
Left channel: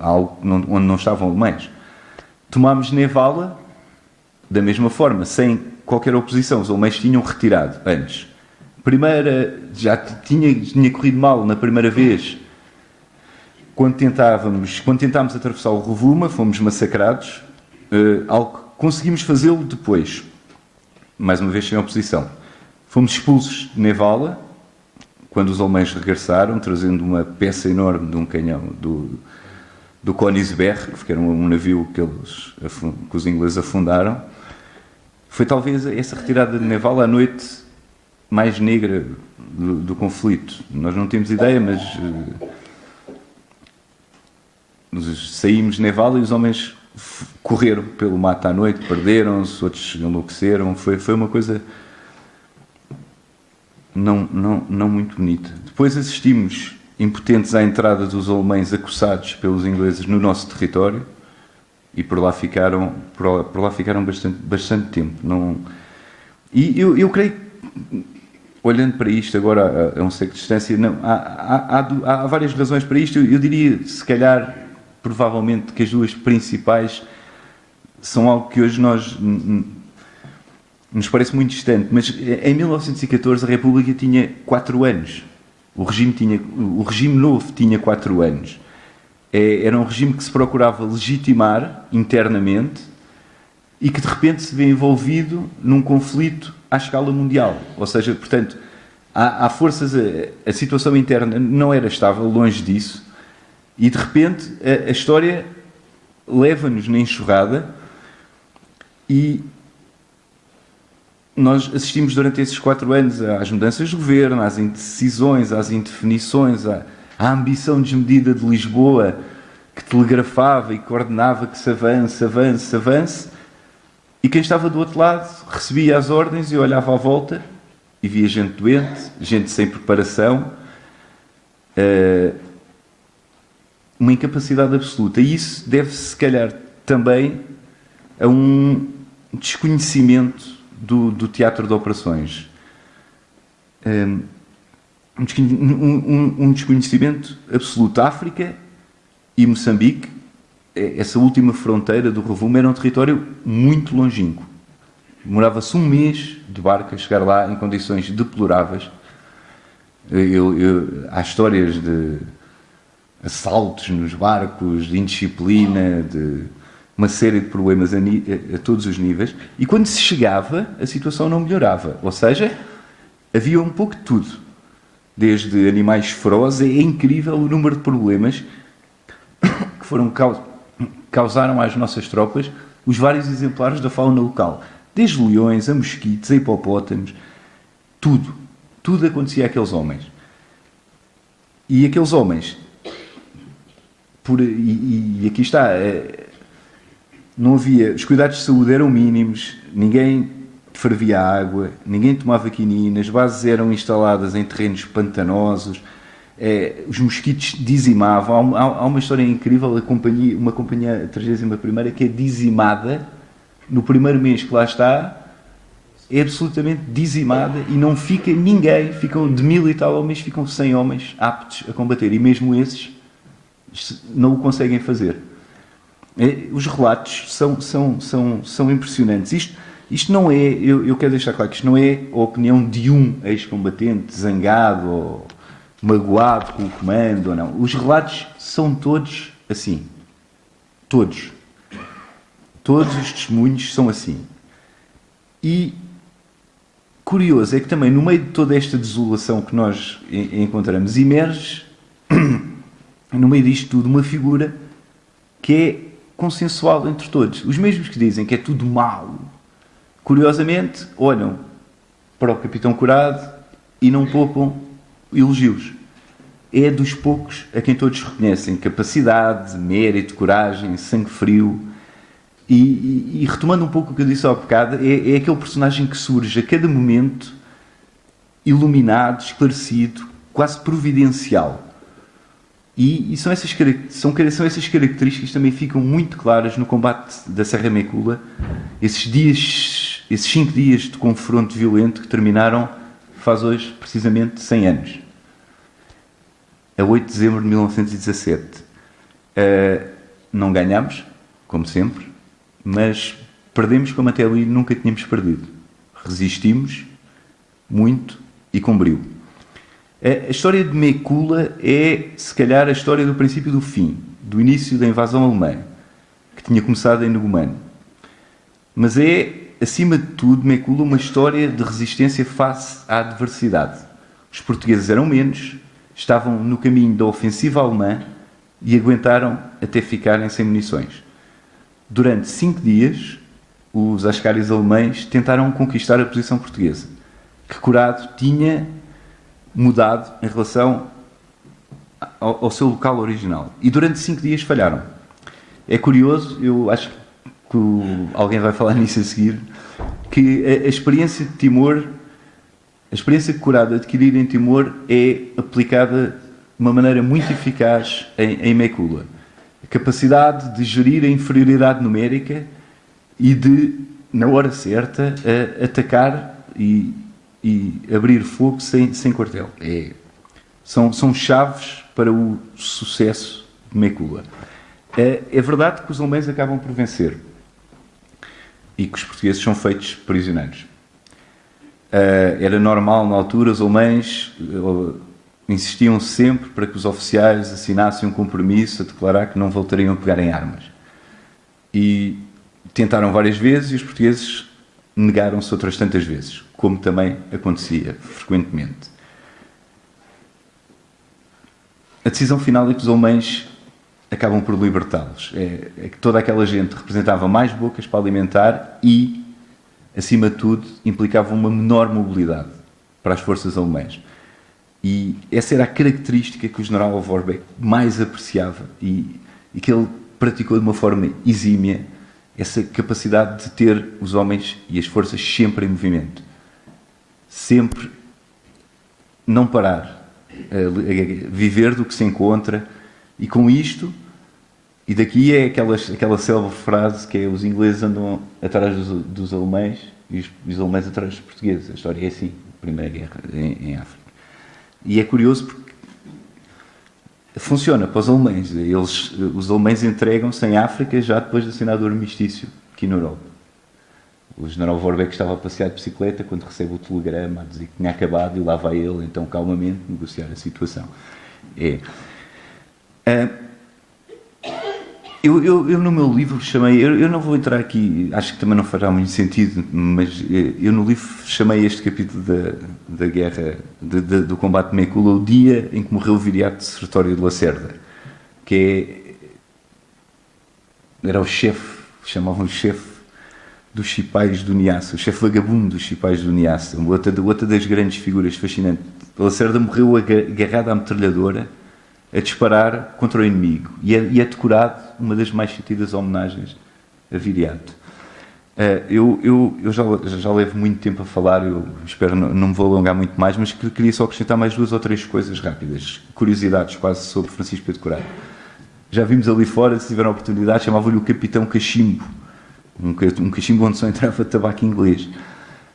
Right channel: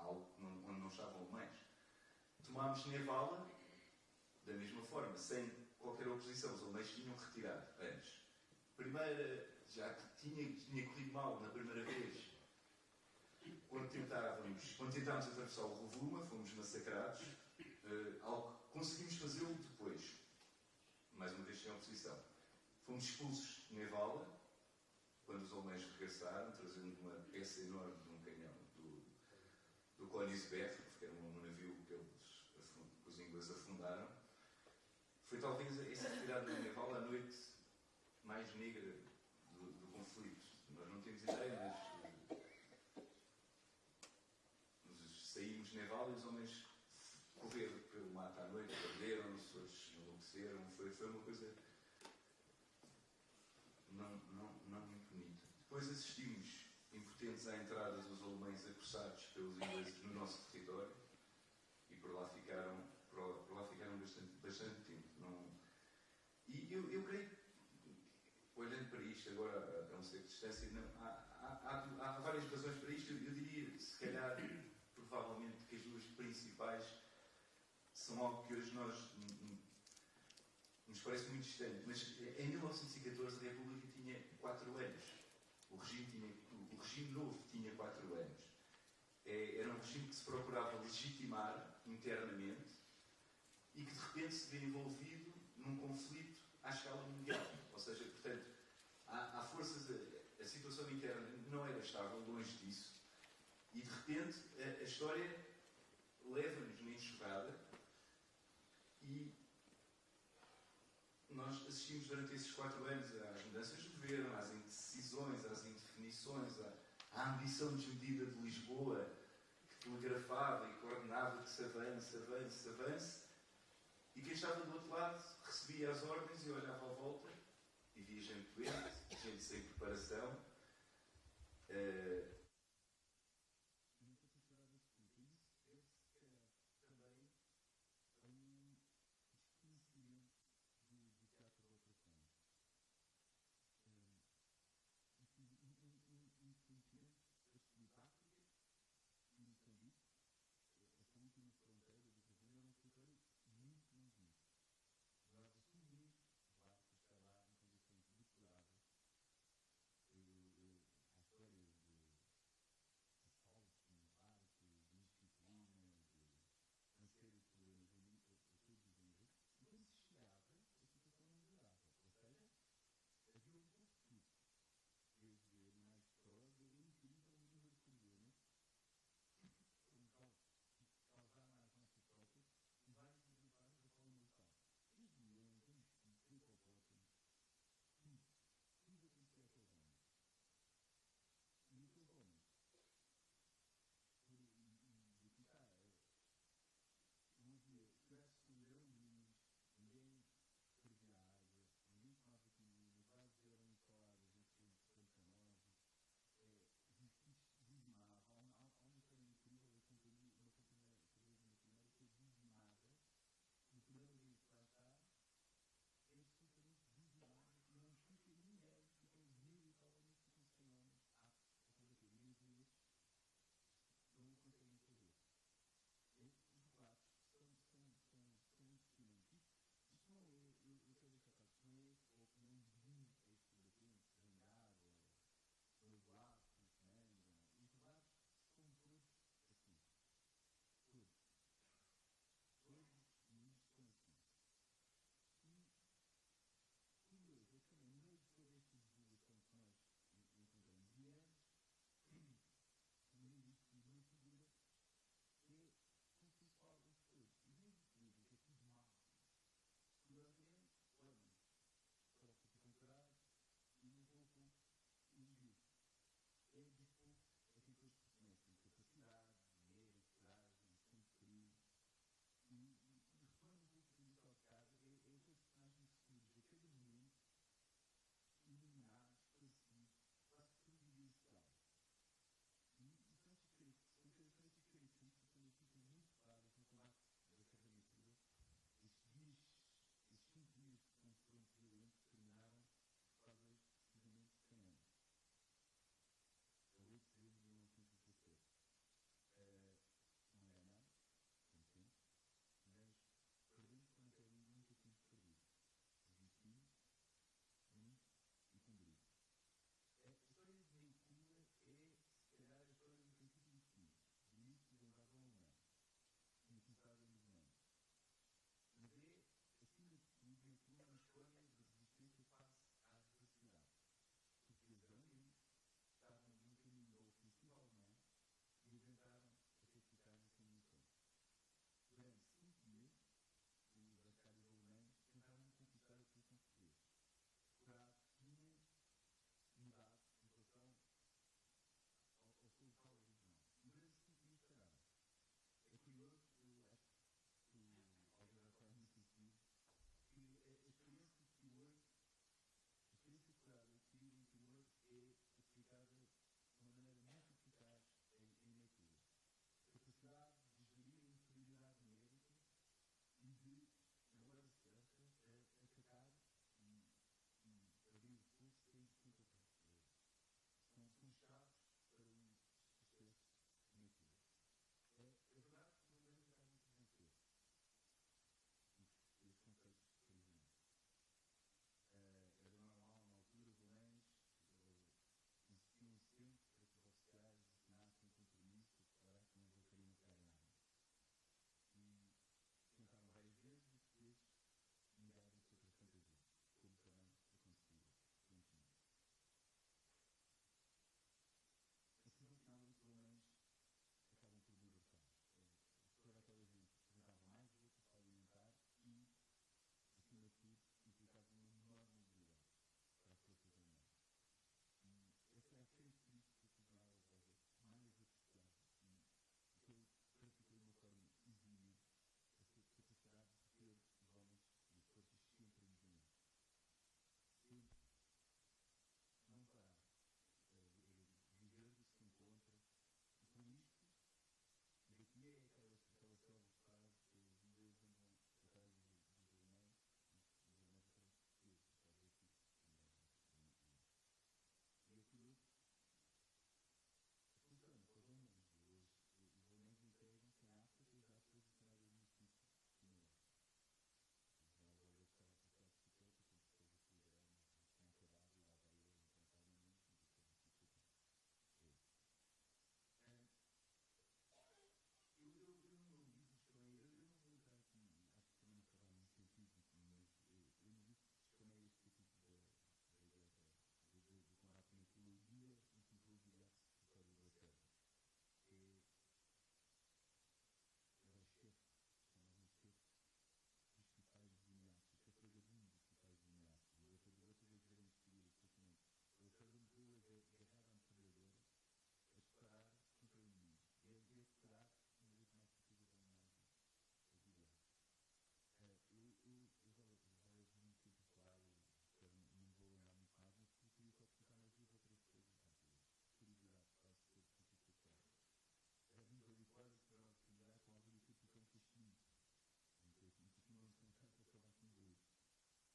a algo onde não estavam alemães. Tomámos Nevala da mesma forma, sem qualquer oposição. Os alemães tinham retirado antes. Já tinha corrido mal na primeira vez. Quando tentámos atravessar o Rovuma, fomos massacrados. Conseguimos fazê-lo depois, mais uma vez sem oposição. Fomos expulsos de Nevala, quando os alemães regressaram, trazendo uma peça enorme de um canhão do Königsberg, que era um navio que os ingleses afundaram. Foi talvez essa retirada de Nevala a noite mais negra do conflito. Nós não temos ideia, mas saímos de Nevala e os homens correram pelo mato à noite, perderam-se, outros enlouqueceram. Foi uma coisa não muito bonita. Depois assistimos, impotentes, à entrada dos alemães acossados pelos ingleses no nosso território. e por lá ficaram bastante tempo. E eu creio que, olhando para isto agora a um século de distância, há várias razões para isto. Eu diria, se calhar, provavelmente, que as duas principais são algo que hoje nos parece muito distante, mas em 1914 a República tinha 4 anos. O regime novo tinha 4 anos. Era um regime que se procurava legitimar internamente e que de repente se vê envolvido num conflito à escala mundial. Ou seja, portanto, há forças, a situação interna não era estável, longe disso, e de repente a história leva-nos na enxurrada e nós assistimos durante esses 4 anos às mudanças de governo, às indecisões, às indefinições, à ambição desmedida de Lisboa, que telegrafava e coordenava que se avance, e quem estava do outro lado recebia as ordens e olhava à volta e via gente doente, gente sem preparação, uma incapacidade absoluta. E isso deve-se, se calhar, também a um desconhecimento do teatro de operações. Um desconhecimento absoluto. A África e Moçambique, essa última fronteira do Rovuma, era um território muito longínquo. Demorava-se um mês de barco a chegar lá em condições deploráveis. Há histórias de assaltos nos barcos, de indisciplina, de uma série de problemas a todos os níveis. E quando se chegava, a situação não melhorava. Ou seja, havia um pouco de tudo. Desde animais ferozes, é incrível o número de problemas que causaram às nossas tropas os vários exemplares da fauna local. Desde leões, a mosquitos, a hipopótamos, tudo acontecia àqueles homens. E aqueles homens, e aqui está, não havia, os cuidados de saúde eram mínimos, ninguém fervia água, ninguém tomava quinina, as bases eram instaladas em terrenos pantanosos, os mosquitos dizimavam. Há uma história incrível, uma companhia, a 31ª, que é dizimada no primeiro mês que lá está, é absolutamente dizimada e não fica ninguém, ficam de 1000 e tal homens, ficam 100 homens aptos a combater, e mesmo esses não o conseguem fazer. Os relatos são impressionantes. Isto não é, eu quero deixar claro que isto não é a opinião de um ex-combatente zangado ou magoado com o comando ou não. Os relatos são todos assim. Todos os testemunhos são assim. E curioso é que também no meio de toda esta desolação que nós encontramos, emerge no meio disto tudo uma figura que é consensual entre todos. Os mesmos que dizem que é tudo mau, curiosamente olham para o Capitão Curado e não poupam elogios. É dos poucos a quem todos reconhecem capacidade, mérito, coragem, sangue frio. E retomando um pouco o que eu disse há bocado, é aquele personagem que surge a cada momento iluminado, esclarecido, quase providencial. E são essas características que também ficam muito claras no combate da Serra Mecula, esses 5 dias de confronto violento que terminaram faz hoje precisamente 100 anos. A 8 de dezembro de 1917. Não ganhámos, como sempre, mas perdemos como até ali nunca tínhamos perdido. Resistimos muito e com brio. A história de Mecula é, se calhar, a história do princípio do fim, do início da invasão alemã, que tinha começado em Numano. Mas é, acima de tudo, Mecula, uma história de resistência face à adversidade. Os portugueses eram menos, estavam no caminho da ofensiva alemã e aguentaram até ficarem sem munições. Durante 5 dias, os ascaris alemães tentaram conquistar a posição portuguesa, que Curado tinha mudado em relação ao seu local original. E durante 5 dias falharam. É curioso, eu acho que alguém vai falar nisso a seguir, que a experiência de Timor, a experiência que Curado adquirir em Timor é aplicada de uma maneira muito eficaz em Mecula. A capacidade de gerir a inferioridade numérica e de, na hora certa, atacar e abrir fogo sem quartel. São chaves para o sucesso de Mekula. É verdade que os alemães acabam por vencer e que os portugueses são feitos prisioneiros. Era normal na altura, os alemães insistiam sempre para que os oficiais assinassem um compromisso a declarar que não voltariam a pegar em armas. E tentaram várias vezes e os portugueses negaram-se outras tantas vezes, como também acontecia frequentemente. A decisão final é que os alemães acabam por libertá-los. É que toda aquela gente representava mais bocas para alimentar e, acima de tudo, implicava uma menor mobilidade para as forças alemãs. E essa era a característica que o general Vorbeck mais apreciava e que ele praticou de uma forma exímia, essa capacidade de ter os homens e as forças sempre em movimento. Sempre não parar. Viver do que se encontra, e com isto, e daqui é aquela célebre frase que é: os ingleses andam atrás dos alemães e os alemães atrás dos portugueses. A história é assim, Primeira Guerra em África. E é curioso porque funciona para os alemães. Os alemães entregam-se em África já depois de assinar o armistício aqui na Europa. O general Vorbeck estava a passear de bicicleta quando recebe o telegrama a dizer que tinha acabado, e lá vai ele, então, calmamente, negociar a situação. Eu no meu livro chamei... Eu não vou entrar aqui, acho que também não fará muito sentido, mas eu no livro chamei este capítulo da guerra, do combate de Mekula, o dia em que morreu o viriato de Sertório de Lacerda, que era o chefe, chamavam o chefe dos Cipais do Niassa, o chefe vagabundo dos Cipais do Niassa, outra das grandes figuras fascinantes. Lacerda morreu agarrado à metralhadora a disparar contra o inimigo e é decorado uma das mais sentidas homenagens a Viriato. Eu já levo muito tempo a falar, eu espero não me vou alongar muito mais, mas queria só acrescentar mais 2 ou 3 coisas rápidas, curiosidades quase sobre Francisco Pedro Corado. Já vimos ali fora, se tiveram a oportunidade, chamavam-lhe o Capitão Cachimbo, um cachimbo onde só entrava tabaco inglês.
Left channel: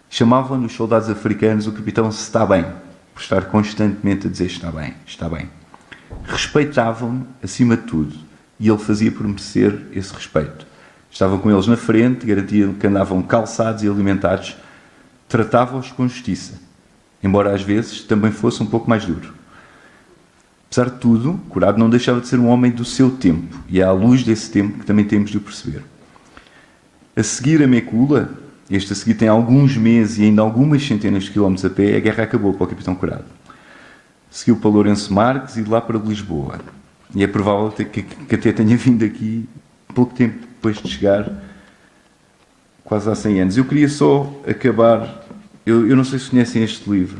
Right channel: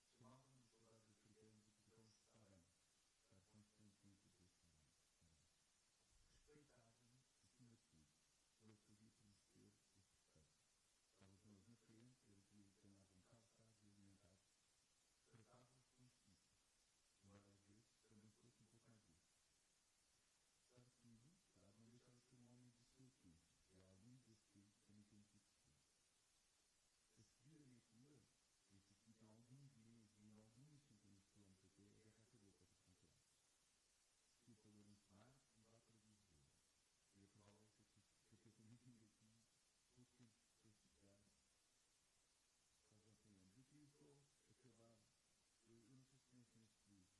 Chamavam nos soldados africanos o capitão se está bem, por estar constantemente a dizer está bem, está bem. Respeitavam-no acima de tudo e ele fazia por merecer esse respeito. Estava com eles na frente, garantia que andavam calçados e alimentados, tratava-os com justiça, embora às vezes também fosse um pouco mais duro. Apesar de tudo, Corado não deixava de ser um homem do seu tempo, e é à luz desse tempo que também temos de o perceber. A seguir a Mekula, este a seguir tem alguns meses e ainda algumas centenas de quilómetros a pé, a guerra acabou para o capitão Corado. Seguiu para Lourenço Marques e de lá para Lisboa. E é provável que até tenha vindo aqui pouco tempo depois de chegar, quase há 100 anos. Eu queria só acabar... Eu não sei se conhecem este livro.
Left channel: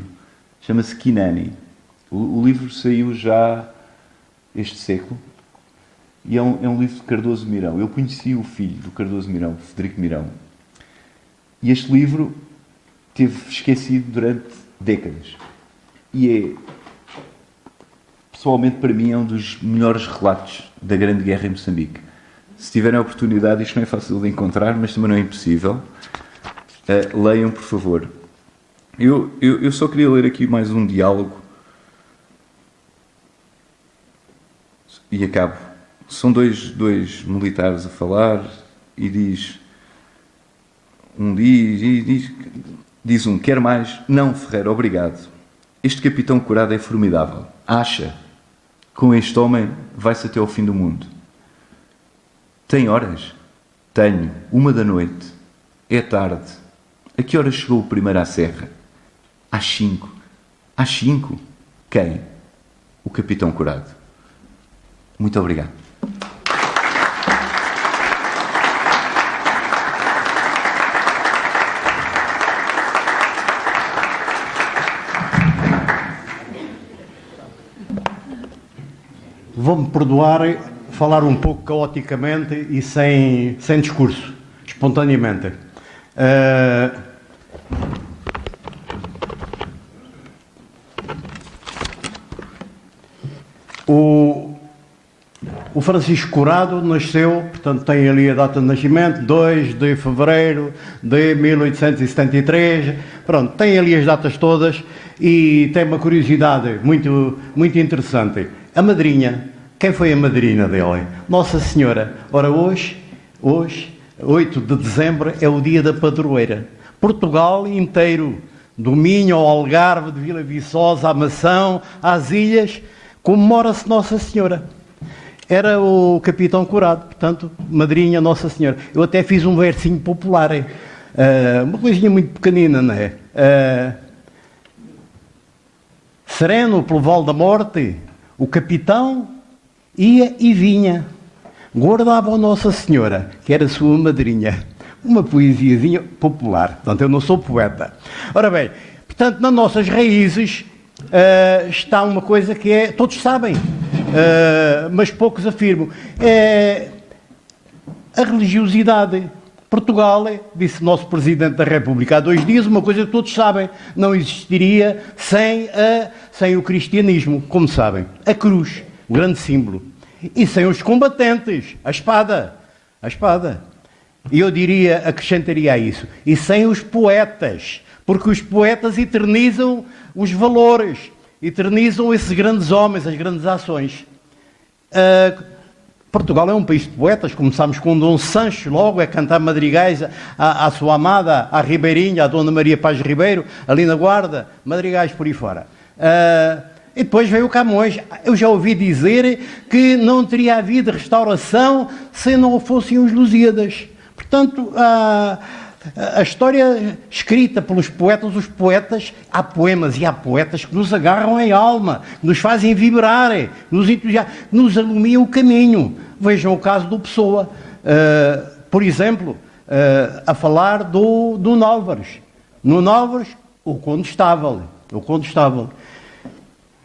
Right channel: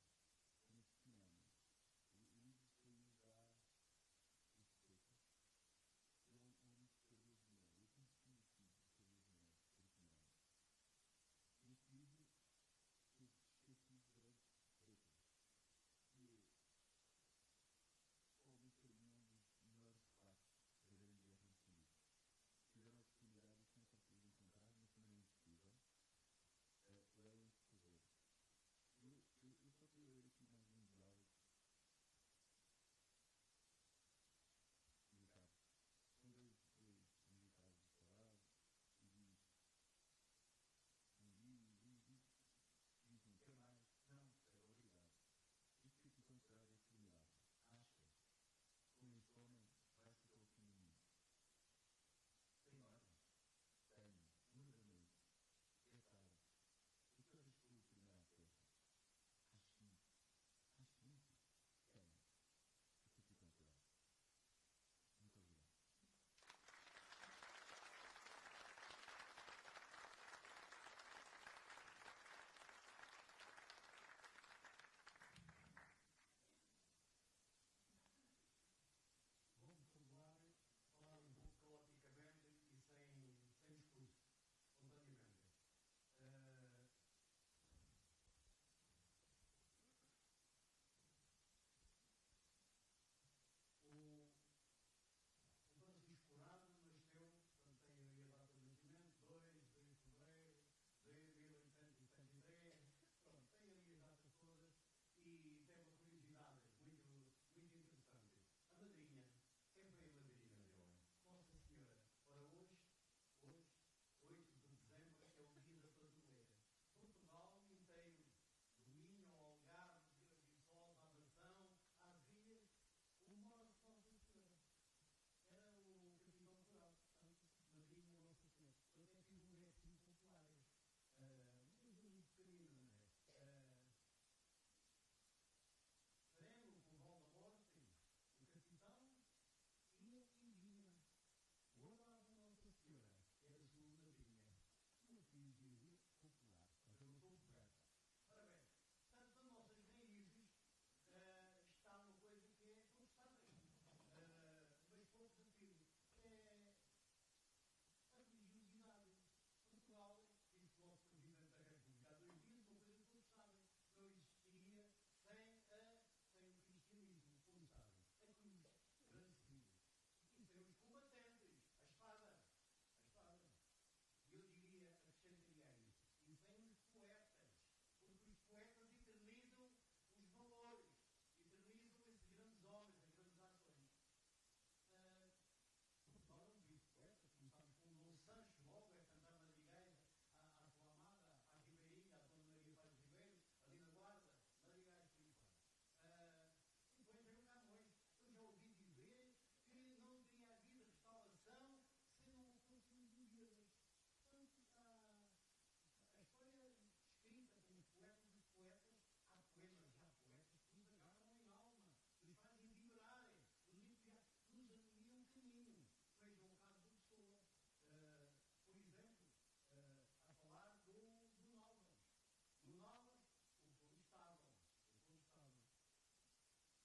Chama-se Kinani. O livro saiu já este século. E é um livro de Cardoso Mirão. Eu conheci o filho do Cardoso Mirão, Frederico Mirão. E este livro teve esquecido durante décadas. E pessoalmente, para mim, é um dos melhores relatos da Grande Guerra em Moçambique. Se tiverem a oportunidade, isto não é fácil de encontrar, mas também não é impossível. Leiam, por favor. Eu só queria ler aqui mais um diálogo. E acabo. São dois militares a falar e diz um, quer mais? Não, Ferreira, obrigado. Este capitão Corado é formidável. Acha, com este homem vai-se até ao fim do mundo. Tem horas? Tenho. 1 da noite. É tarde. A que horas chegou o primeiro à serra? Às 5. Às 5? Quem? O capitão Corado. Muito obrigado. Vou-me perdoar falar um pouco caoticamente e sem discurso, espontaneamente. O O Francisco Curado nasceu, portanto tem ali a data de nascimento, 2 de fevereiro de 1873, pronto, tem ali as datas todas e tem uma curiosidade muito, muito interessante. A madrinha, quem foi a madrinha dele? Nossa Senhora. Ora, hoje, 8 de dezembro, é o dia da padroeira. Portugal inteiro, do Minho ao Algarve, de Vila Viçosa, à Mação, às Ilhas, comemora-se Nossa Senhora. Era o Capitão Curado, portanto, madrinha Nossa Senhora. Eu até fiz um versinho popular, uma coisinha muito pequenina, não é? Sereno pelo vale da morte, o capitão ia e vinha, guardava a Nossa Senhora, que era sua madrinha. Uma poesiazinha popular, portanto, eu não sou poeta. Ora bem, portanto, nas nossas raízes está uma coisa que é, todos sabem, mas poucos afirmam, é a religiosidade. Portugal, disse o nosso Presidente da República há 2 dias, uma coisa que todos sabem, não existiria sem o cristianismo, como sabem. A cruz, o grande símbolo. E sem os combatentes, a espada. A espada. E eu diria, acrescentaria a isso, e sem os poetas, porque os poetas eternizam os valores, eternizam esses grandes homens, as grandes ações. Portugal é um país de poetas, começamos com Dom Sancho, logo a cantar madrigais à sua amada, à Ribeirinha, à Dona Maria Paz Ribeiro, ali na Guarda, madrigais por aí fora. E depois veio o Camões. Eu já ouvi dizer que não teria havido restauração se não fossem os Lusíadas. Portanto, a história escrita pelos poetas, os poetas, há poemas e há poetas que nos agarram em alma, que nos fazem vibrar, que nos iluminam o caminho. Vejam o caso do Pessoa, por exemplo, a falar do Nuno Álvares. Nuno Álvares, o Condestável.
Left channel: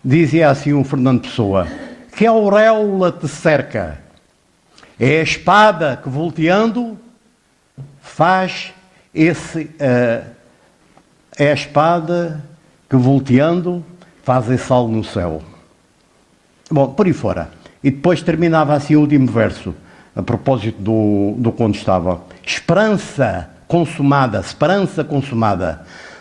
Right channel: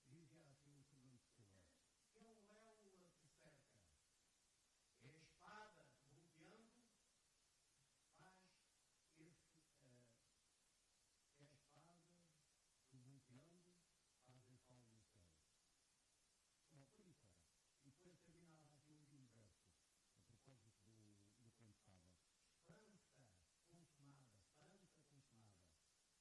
Dizia assim o Fernando Pessoa, que a auréola te cerca, é a espada que volteando faz é a espada que volteando faz esse sal no céu. Bom, por aí fora. E depois terminava assim o último verso, a propósito do Condestável. Esperança consumada,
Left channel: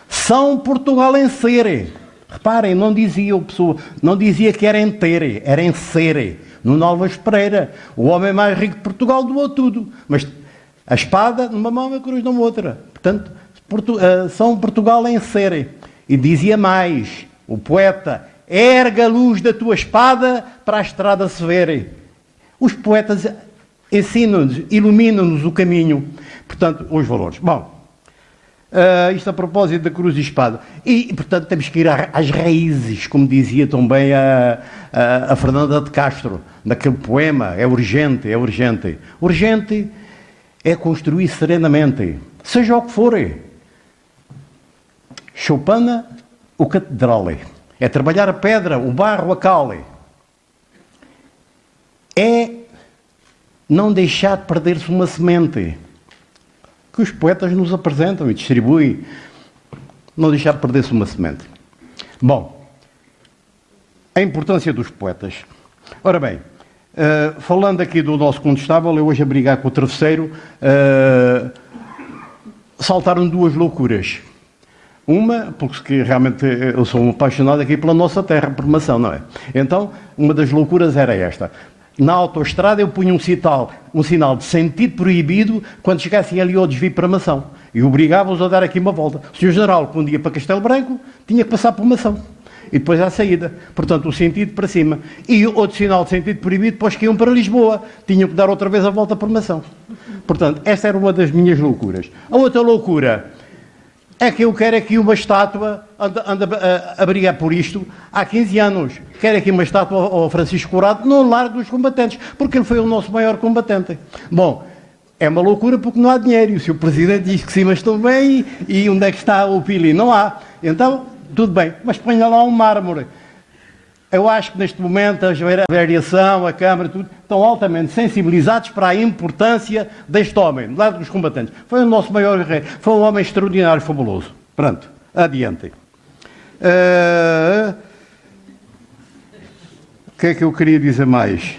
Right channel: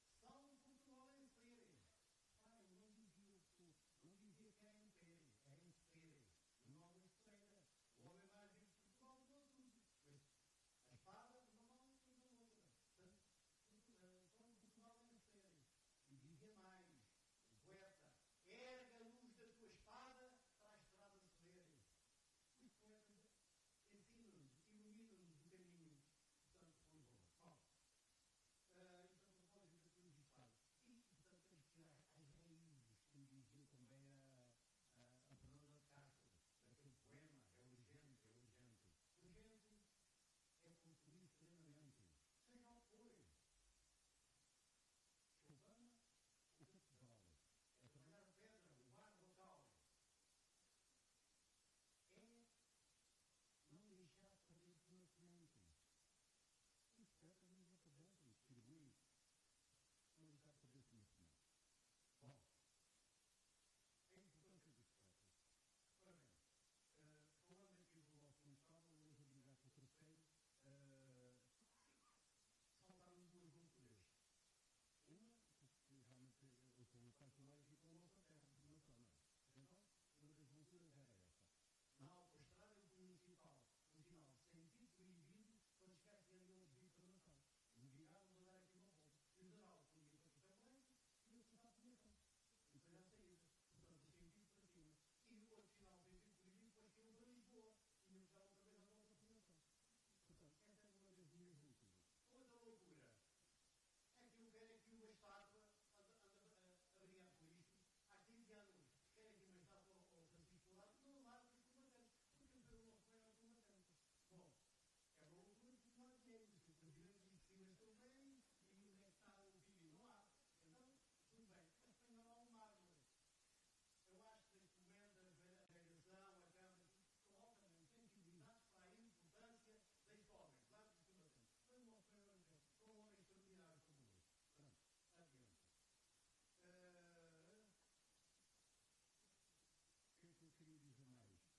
São Portugal em ser. Reparem, não dizia que era em ter, era em ser. Nuno Álvares Pereira, o homem mais rico de Portugal, doou tudo. Mas a espada numa mão e a cruz na outra. Portanto, São Portugal em ser. E dizia mais, o poeta, erga a luz da tua espada para a estrada se ver. Os poetas ensinam-nos, iluminam-nos o caminho. Portanto, os valores. Bom, isto a propósito da cruz e espada. E, portanto, temos que ir às raízes, como dizia também a Fernanda de Castro, naquele poema, é urgente. Urgente é construir serenamente, seja o que for. Choupana, o catedral. É trabalhar a pedra, o barro, a cal. É não deixar de perder-se uma semente que os poetas nos apresentam e distribuem. Não deixar de perder-se uma semente. Bom, a importância dos poetas. Ora bem, falando aqui do nosso Condestável, eu hoje a brigar com o travesseiro, saltaram 2 loucuras. Uma, porque realmente eu sou apaixonado aqui pela nossa terra, por Mação, não é? Então, uma das loucuras era esta. Na autoestrada eu punha um sinal de sentido proibido quando chegassem ali ao desvio para Mação. E obrigava-os a dar aqui uma volta. O Sr. General, quando ia para Castelo Branco, tinha que passar por Mação. E depois à saída. Portanto, o sentido para cima. E outro sinal de sentido proibido para os que iam para Lisboa. Tinham que dar outra vez a volta por Mação. Portanto, esta era uma das minhas loucuras. A outra loucura é que eu quero aqui uma estátua, ando a brigar por isto há 15 anos. Quero aqui uma estátua ao Francisco Curado no Largo dos Combatentes, porque ele foi o nosso maior combatente. Bom, é uma loucura porque não há dinheiro. E o Sr. Presidente diz que sim, mas estão bem, e onde é que está o Pili? Não há. Então, tudo bem, mas ponha lá um mármore. Eu acho que neste momento a variação, a Câmara, tudo, estão altamente sensibilizados para a importância deste homem, do lado dos combatentes. Foi o nosso maior guerreiro, foi um homem extraordinário, fabuloso. Pronto, adiante. O que é que eu queria dizer mais?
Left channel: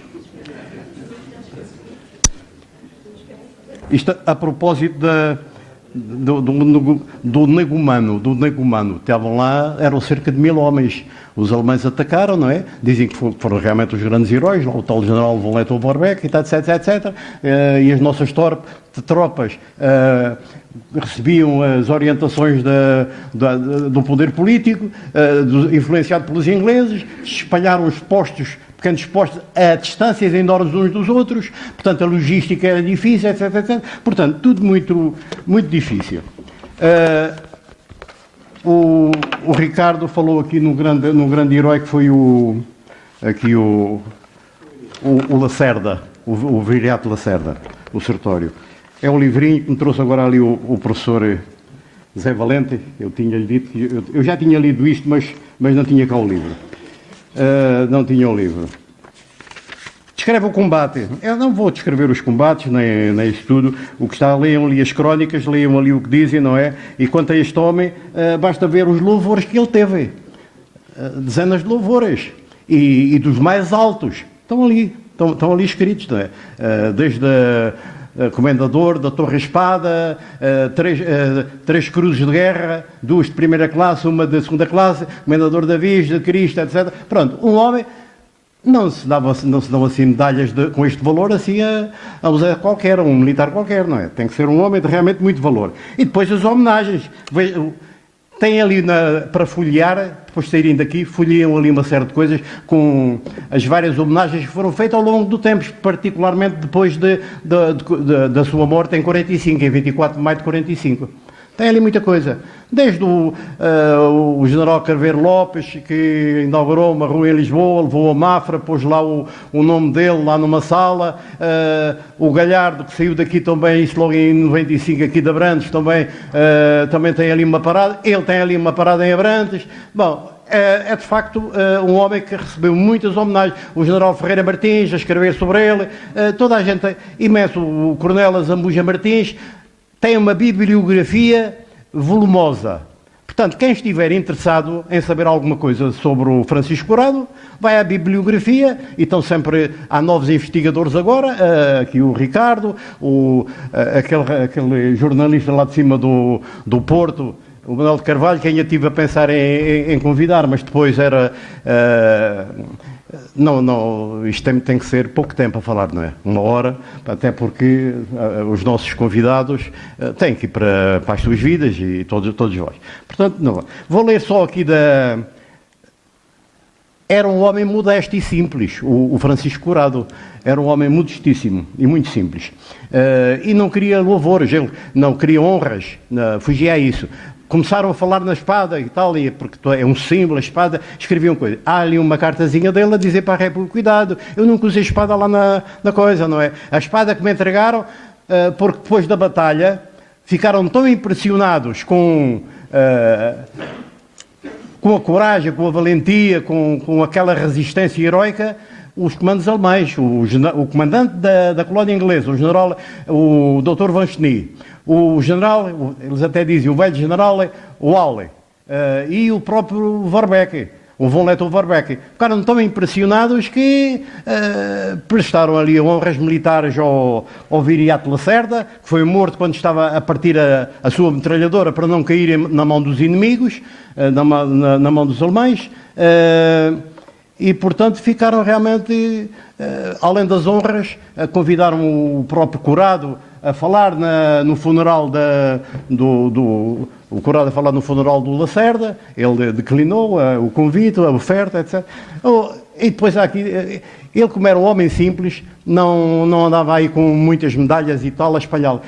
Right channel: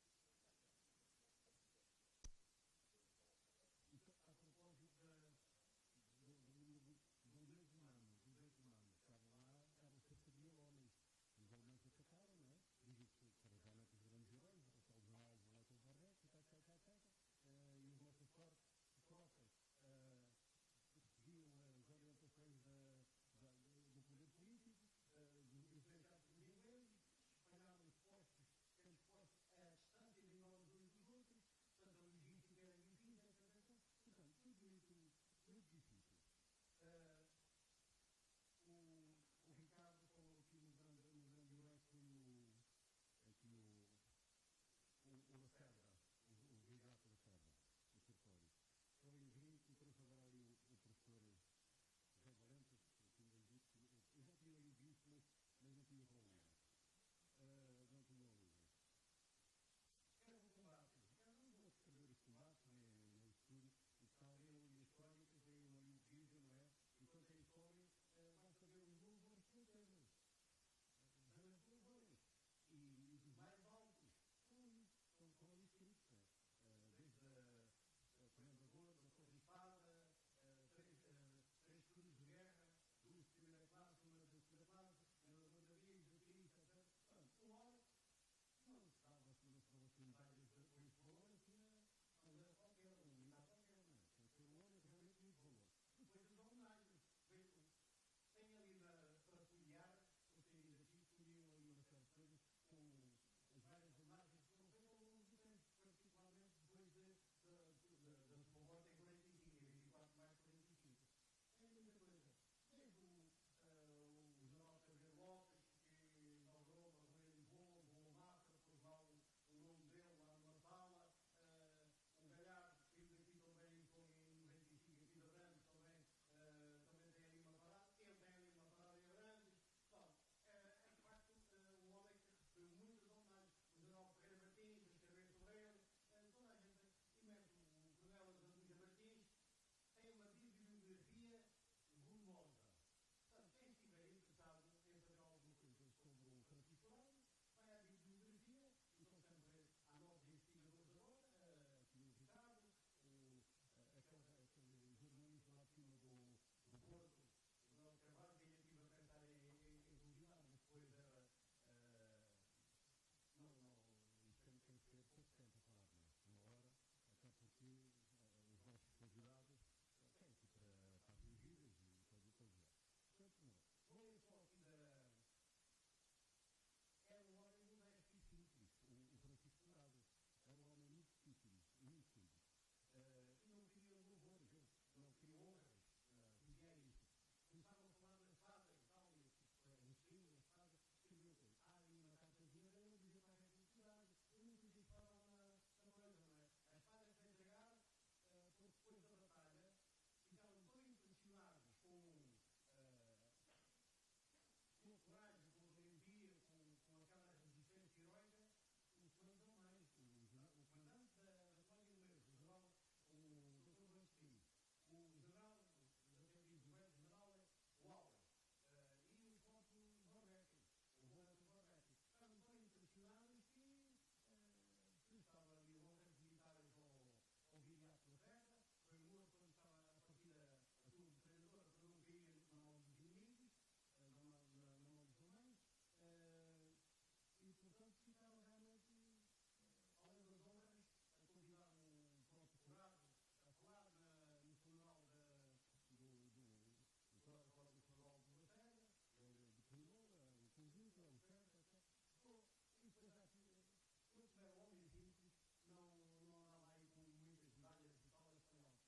Isto a propósito do negumano. Estavam lá, eram cerca de 1000 homens. Os alemães atacaram, não é? Dizem que foram realmente os grandes heróis, lá o tal general von Lettow-Vorbeck, etc. E as nossas tropas recebiam as orientações do poder político, influenciado pelos ingleses, espalharam os pequenos postos a distâncias enormes uns dos outros, portanto a logística era difícil, etc. Portanto, tudo muito, muito difícil. O Ricardo falou aqui no grande herói que foi o Lacerda, o Viriato Lacerda, o Sertório. É um livrinho que me trouxe agora ali o professor Zé Valente. Eu tinha-lhe dito que eu já tinha lido isto, mas não tinha cá o livro. Não tinha o livro. Descreve o combate. Eu não vou descrever os combates, nem isso tudo. O que está, leiam ali as crónicas, leiam ali o que dizem, não é? E quanto a este homem, basta ver os louvores que ele teve. Dezenas de louvores. E dos mais altos. Estão ali escritos, não é? Desde comendador da Torre Espada, 3 cruzes de guerra, 2 de primeira classe, 1 de segunda classe, comendador da Virgem, de Cristo, etc. Pronto, um homem... Não se dão assim medalhas com este valor assim a usar qualquer, um militar qualquer, não é? Tem que ser um homem de realmente muito valor. E depois as homenagens. Tem ali para folhear, depois de saírem daqui, folheiam ali uma série de coisas com as várias homenagens que foram feitas ao longo do tempo, particularmente depois da sua morte em 45, em 24 de maio de 45. Tem ali muita coisa. Desde o general Carveiro Lopes, que inaugurou uma rua em Lisboa, levou a Mafra, pôs lá o nome dele lá numa sala. O Galhardo, que saiu daqui também, isso logo em 95, aqui de Abrantes, também tem ali uma parada. Ele tem ali uma parada em Abrantes. Bom, é de facto um homem que recebeu muitas homenagens. O general Ferreira Martins a escrever sobre ele. Toda a gente, imenso. O coronel Zambuja Martins tem uma bibliografia volumosa. Portanto, quem estiver interessado em saber alguma coisa sobre o Francisco Curado, vai à bibliografia, e estão sempre, há novos investigadores agora, aqui o Ricardo, aquele jornalista lá de cima do Porto, o Manuel de Carvalho, que ainda estive a pensar em convidar, mas depois era... Não, isto tem que ser pouco tempo a falar, não é? 1 hora, até porque os nossos convidados têm que ir para as suas vidas e todos vós. Portanto, não. Vou ler só aqui Era um homem modesto e simples, o Francisco Curado. Era um homem modestíssimo e muito simples. E não queria louvores, ele não queria honras, fugia a isso. Começaram a falar na espada e tal, porque é um símbolo, a espada, escreviam coisas. Há ali uma cartazinha dele a dizer para a República, cuidado, eu nunca usei espada lá na coisa, não é? A espada que me entregaram, porque depois da batalha, ficaram tão impressionados com a coragem, com a valentia, com aquela resistência heroica, os comandos alemães, o comandante da colónia inglesa, o general, o Dr. Van Schnee, o general, eles até dizem, o velho general Walle, e o próprio Vorbeck, o von Lettow-Vorbeck, ficaram tão impressionados que prestaram ali honras militares ao Viriato Lacerda, que foi morto quando estava a partir a sua metralhadora para não cair na mão dos inimigos, na mão dos alemães, e portanto ficaram realmente, além das honras, convidaram o próprio Curado a falar no funeral o Curado a falar no funeral do Lacerda. Ele declinou o convite, a oferta, etc. E depois há aqui, ele, como era um homem simples, não andava aí com muitas medalhas e tal a espalhá-lo.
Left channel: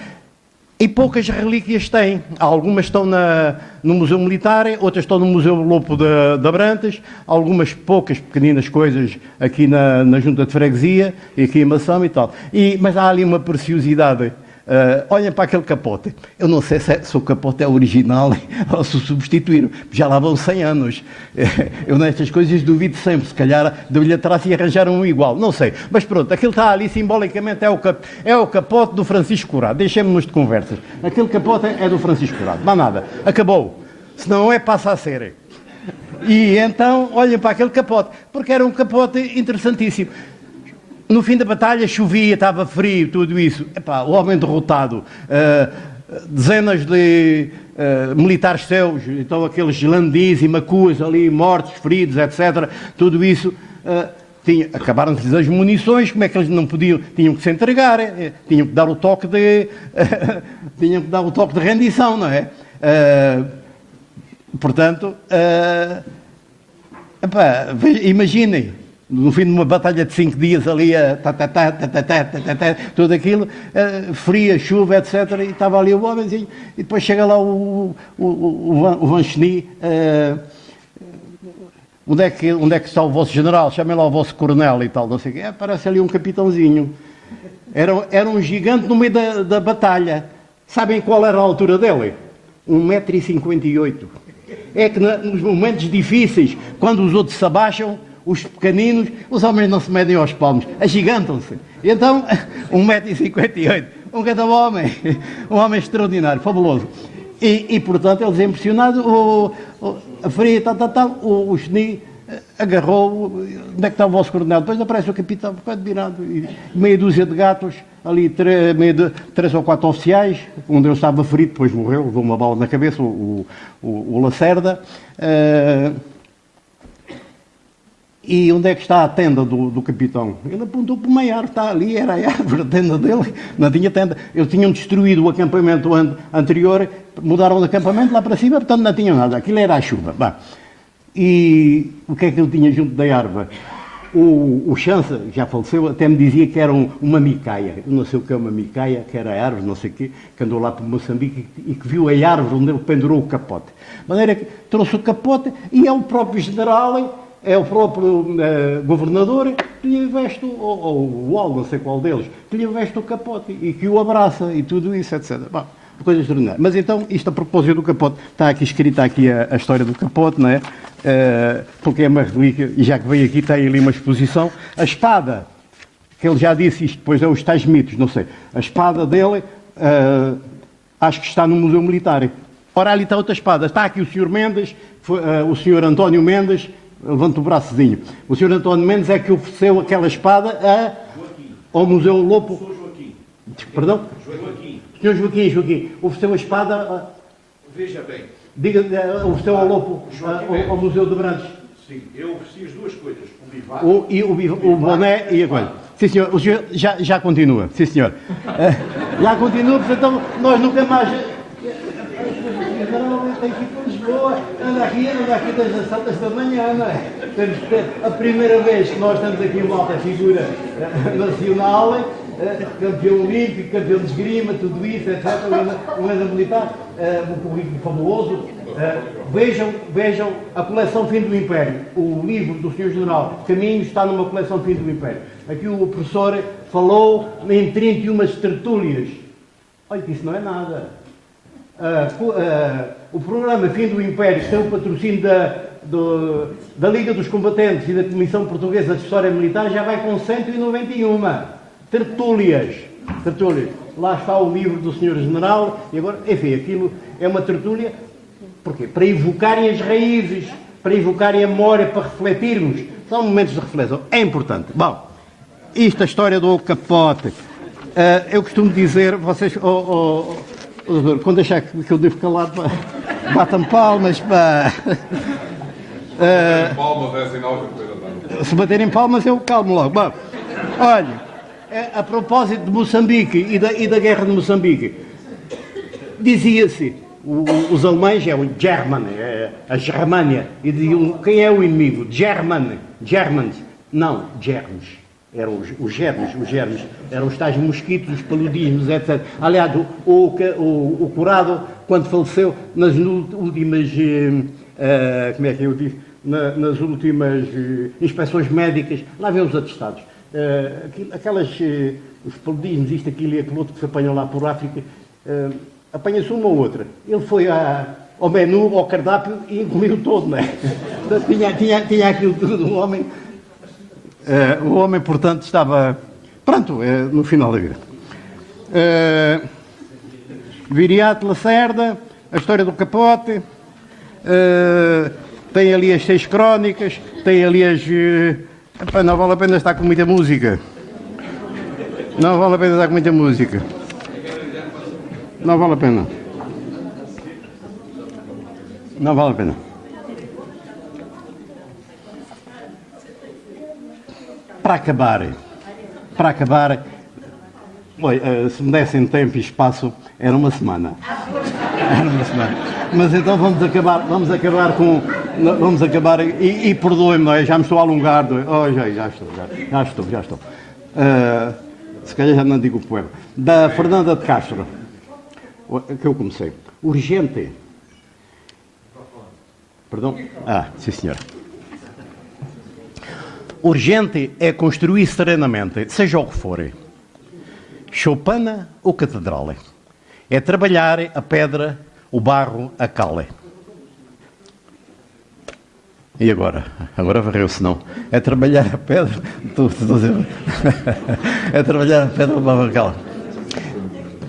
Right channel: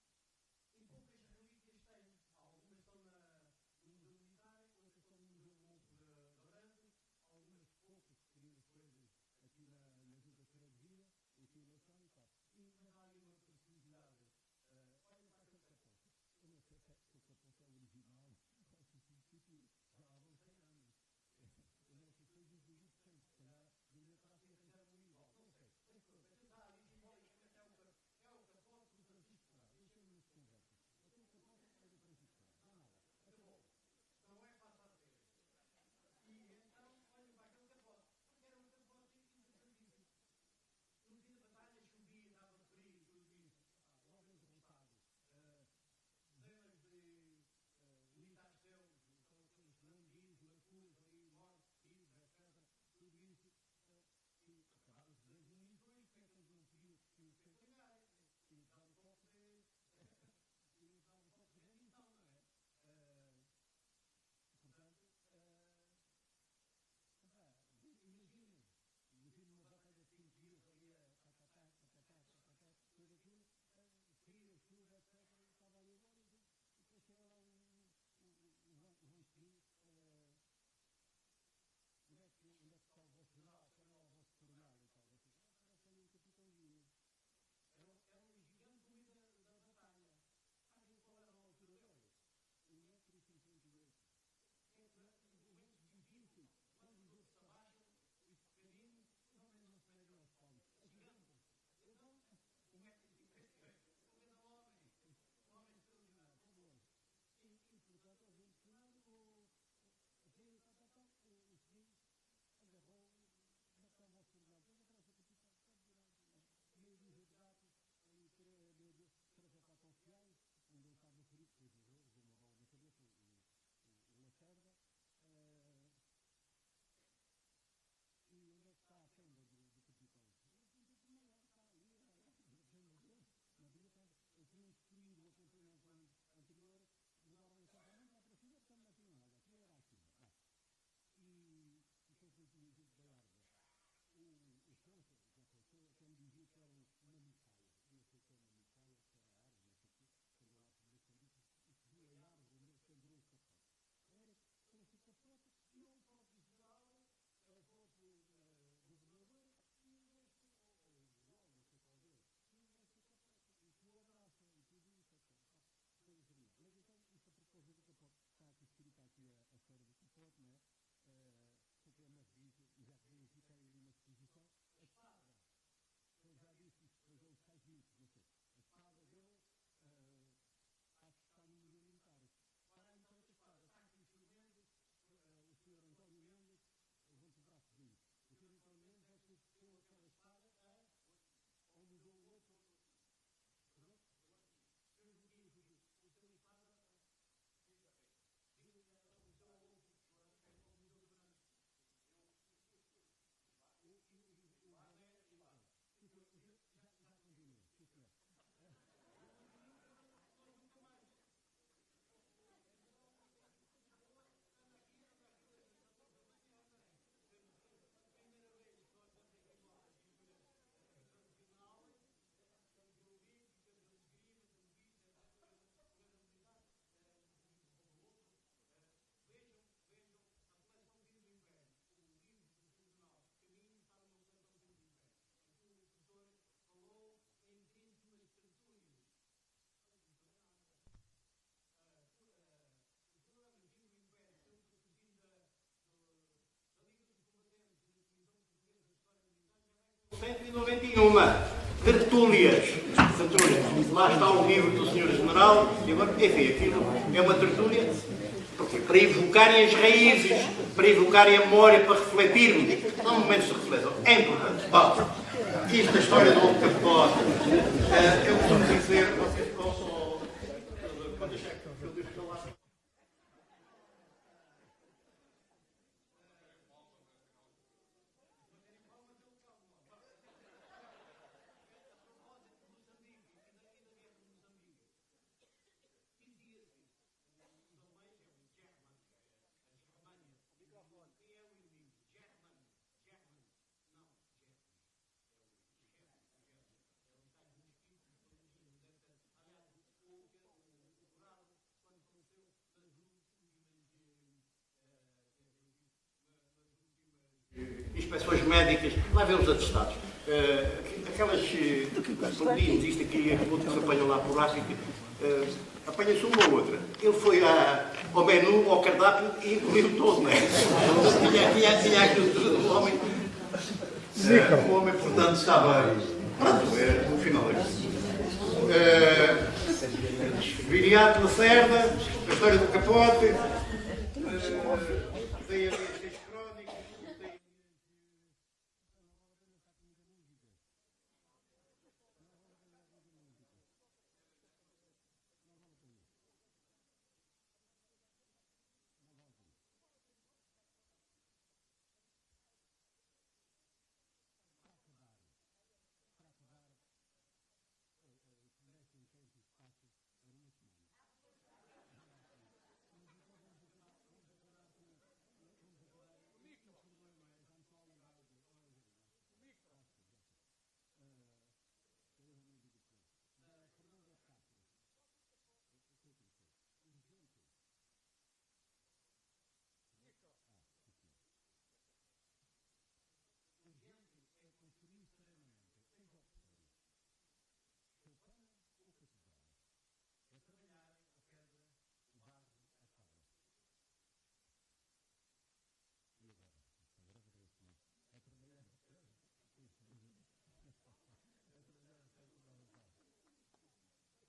E poucas relíquias tem. Algumas estão no Museu Militar, outras estão no Museu Lopo de Abrantes, algumas poucas pequeninas coisas aqui na Junta de Freguesia, e aqui em Mação e tal. Mas há ali uma preciosidade. Olhem para aquele capote. Eu não sei se o capote é original ou se o substituíram. Já lá vão 100 anos. Eu nestas coisas duvido sempre. Se calhar deu-lhe atrás e arranjaram um igual. Não sei. Mas pronto, aquilo está ali simbolicamente. É o capote do Francisco Curado. Deixemos-nos de conversas. Aquele capote é do Francisco Curado. Não há nada. Acabou. Se não é, passa a ser. E então, olhem para aquele capote. Porque era um capote interessantíssimo. No fim da batalha chovia, estava frio, tudo isso. Epá, o homem derrotado, dezenas de militares seus, então aqueles landis e macuas ali, mortos, feridos, etc. Tudo isso, acabaram-se as munições, como é que eles não podiam, tinham que se entregar, tinham que dar o toque de tinham que dar o toque de rendição, não é? Portanto, epá, imaginem, no fim de uma batalha de 5 dias ali, tudo aquilo, fria, chuva, etc. E estava ali o homenzinho, e depois chega lá o Van Cheny, onde é que está o vosso general? Chamem lá o vosso coronel e tal, não sei o quê. Aparece ali um capitãozinho. Era um gigante no meio da batalha. Sabem qual era a altura dele? 1,58 m. É que nos momentos difíceis, quando os outros se abaixam, os pequeninos, os homens não se medem aos palmos, agigantam-se. E então, 1,58 m, um grande homem, um homem extraordinário, fabuloso. E portanto, eles impressionados, a fria, o Cheny agarrou, onde é que está o vosso coronel? Depois aparece o capitão, ficou virado, e meia dúzia de gatos, ali 3 ou 4 oficiais, um deles estava ferido, depois morreu, levou uma bala na cabeça, o Lacerda. E onde é que está a tenda do capitão? Ele apontou para uma árvore, está ali, era a árvore, a tenda dele, não tinha tenda. Eles tinham destruído o acampamento anterior, mudaram de acampamento lá para cima, portanto não tinham nada, aquilo era a chuva. Bah. E o que é que ele tinha junto da árvore? O Chança, já faleceu, até me dizia que era uma micaia. Eu não sei o que é uma micaia, que era a árvore, não sei o quê, que andou lá para Moçambique e que viu a árvore onde ele pendurou o capote. De maneira que trouxe o capote e é o próprio general, é o próprio governador que lhe veste, ou o Wall, não sei qual deles, que lhe veste o capote e que o abraça e tudo isso, etc. Bom, coisa extraordinária. Mas então, isto a propósito do capote, está aqui escrita aqui a história do capote, não é? Porque é uma relíquia, e já que veio aqui tem ali uma exposição. A espada, que ele já disse, isto depois é os tais mitos, não sei. A espada dele, acho que está no Museu Militar. Ora, ali está outra espada. Está aqui o Sr. Mendes, o Sr. António Mendes, levanta o braçozinho. O Sr. António Mendes é que ofereceu aquela espada ao Museu Lopo. Sr. Joaquim. Perdão? Joaquim. Sr. Joaquim, ofereceu a espada. Veja bem. Diga, ofereceu ao Lopo, ao Museu de Brantes. Sim, eu ofereci as duas coisas. O boné e a coisa. Sim, senhor. O senhor já continua. Sim, senhor. Já continua, portanto, então, nós nunca mais. Tem que ir para Lisboa, anda aqui desde as santas da manhã, não é? A primeira vez que nós estamos aqui uma alta figura nacional, campeão olímpico, campeão de esgrima, tudo isso, etc. Um grande militar, um currículo fabuloso. Vejam a coleção Fim do Império. O livro do Sr. General Caminhos está numa coleção Fim do Império. Aqui o professor falou em 31 tertúlias. Olha que isso não é nada. O programa Fim do Império, que tem o patrocínio da Liga dos Combatentes e da Comissão Portuguesa de História Militar, já vai com 191 tertúlias. Lá está o livro do Sr. General, enfim, aquilo é uma tertúlia para invocarem as raízes, para invocarem a memória, para refletirmos. São momentos de reflexão. É importante. Bom, isto é a história do capote. Eu costumo dizer, vocês... quando achar que eu devo calar, batam palmas, pá. Palmas é sinal que coisa está. Se baterem palmas, eu calmo logo. Bom, olha, a propósito de Moçambique e da guerra de Moçambique, dizia-se, os alemães é o German, a Germânia, e diziam, quem é o inimigo? Germans. Não, germes. Eram os germes, eram os tais mosquitos, os paludismos, etc. Aliás, o curado, quando faleceu, nas últimas, como é que eu disse, nas últimas inspeções médicas, lá vêm os atestados. Aquelas paludismos, isto aqui, outros que apanham lá por África, apanha-se uma ou outra. Ele foi ao menu, ao cardápio, e comeu todo, não é? Tinha aquilo tudo do homem. O homem, portanto, estava, pronto, no final da vida. Viriato Lacerda, a história do capote, tem ali as 6 crónicas, tem ali as... não vale a pena estar com muita música. Não vale a pena dar muita música. Não vale a pena. Não vale a pena. Para acabar, se me dessem tempo e espaço, era uma semana. Mas então vamos acabar e perdoem-me, já me estou a alongar. Já estou. Se calhar já não digo o poema. Da Fernanda de Castro, que eu comecei. Urgente. Perdão? Sim senhora. Urgente é construir serenamente, seja o que for. Choupana ou catedral. É trabalhar a pedra, o barro, a cal. E agora? Agora varreu-se não. É trabalhar a pedra. É trabalhar a pedra, o barro, a cal.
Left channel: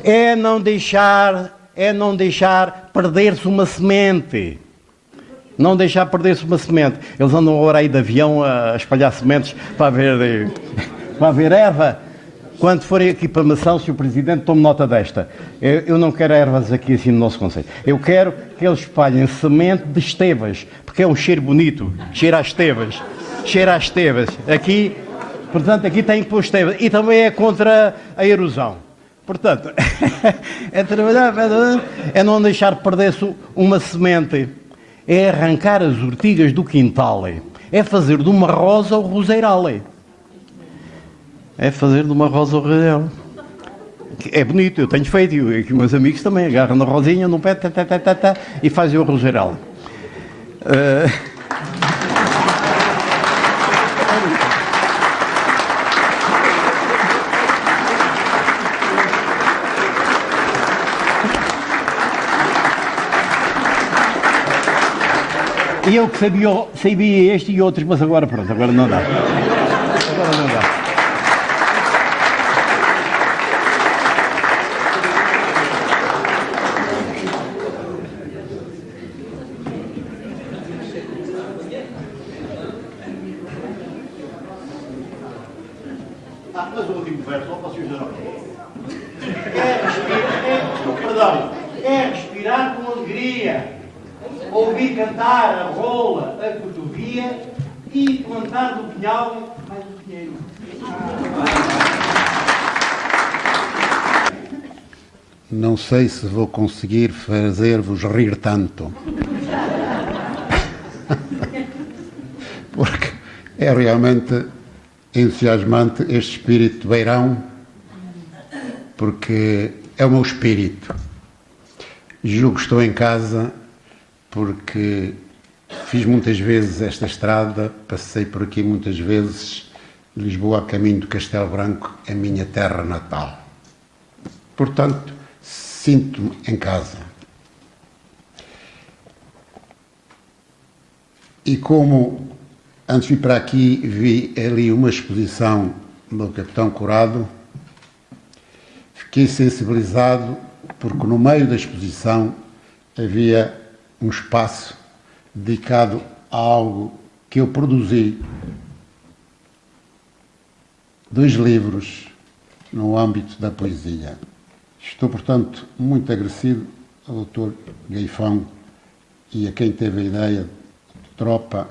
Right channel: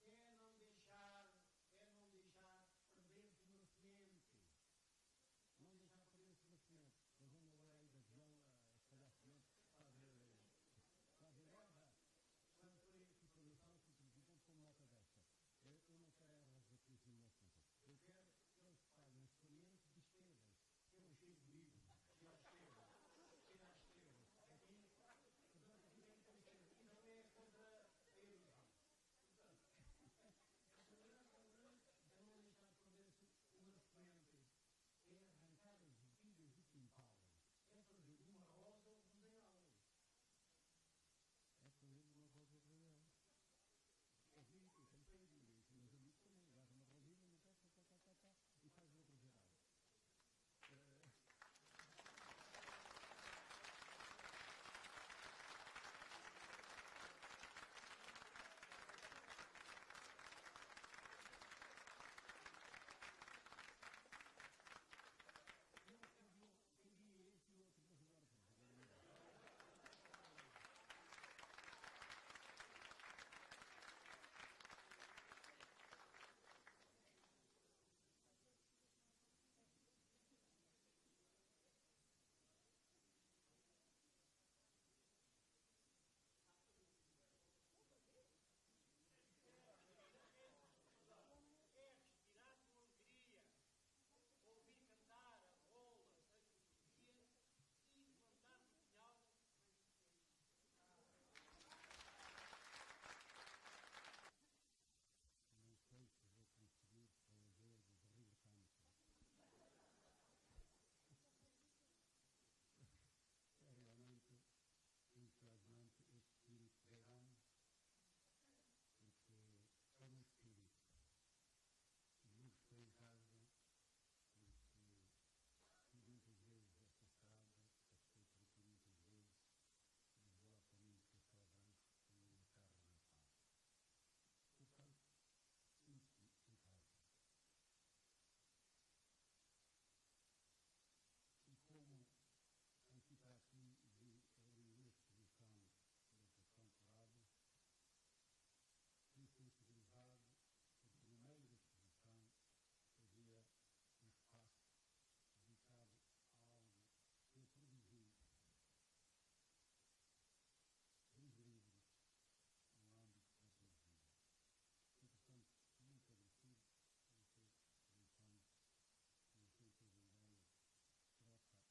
É não deixar perder-se uma semente. Não deixar perder-se uma semente. Eles andam agora aí de avião a espalhar sementes para haver erva. Quando forem aqui para Mação, se o Presidente tome nota desta. Eu não quero ervas aqui assim no nosso concelho. Eu quero que eles espalhem semente de estevas, porque é um cheiro bonito. Cheira a estevas. Aqui, portanto, aqui tem que pôr estevas. E também é contra a erosão. Portanto, é trabalhar, é não deixar perder-se uma semente. É arrancar as ortigas do quintal. É fazer de uma rosa o roseiral. É bonito, eu tenho feito, e aqui meus amigos também agarram na rosinha, no pé, e fazem o roseiral. E eu que sabia este e outros, mas agora pronto, agora não dá. Mas o último verso, não posso usar. É respirar com alegria, ouvir cantar a rola, a cotovia e plantar do pinhal mais o pinheiro. Não sei se vou conseguir fazer-vos rir tanto. Porque é realmente entusiasmante este espírito de beirão, porque é o meu espírito. Julgo que estou em casa porque fiz muitas vezes esta estrada, passei por aqui muitas vezes, Lisboa a caminho do Castelo Branco, a minha terra natal. Portanto, sinto-me em casa. E como antes de vir para aqui vi ali uma exposição do Capitão Corrado, fiquei sensibilizado porque no meio da exposição havia um espaço dedicado a algo que eu produzi, 2 livros no âmbito da poesia. Estou, portanto, muito agradecido ao Dr. Gaifão e a quem teve a ideia de tropa,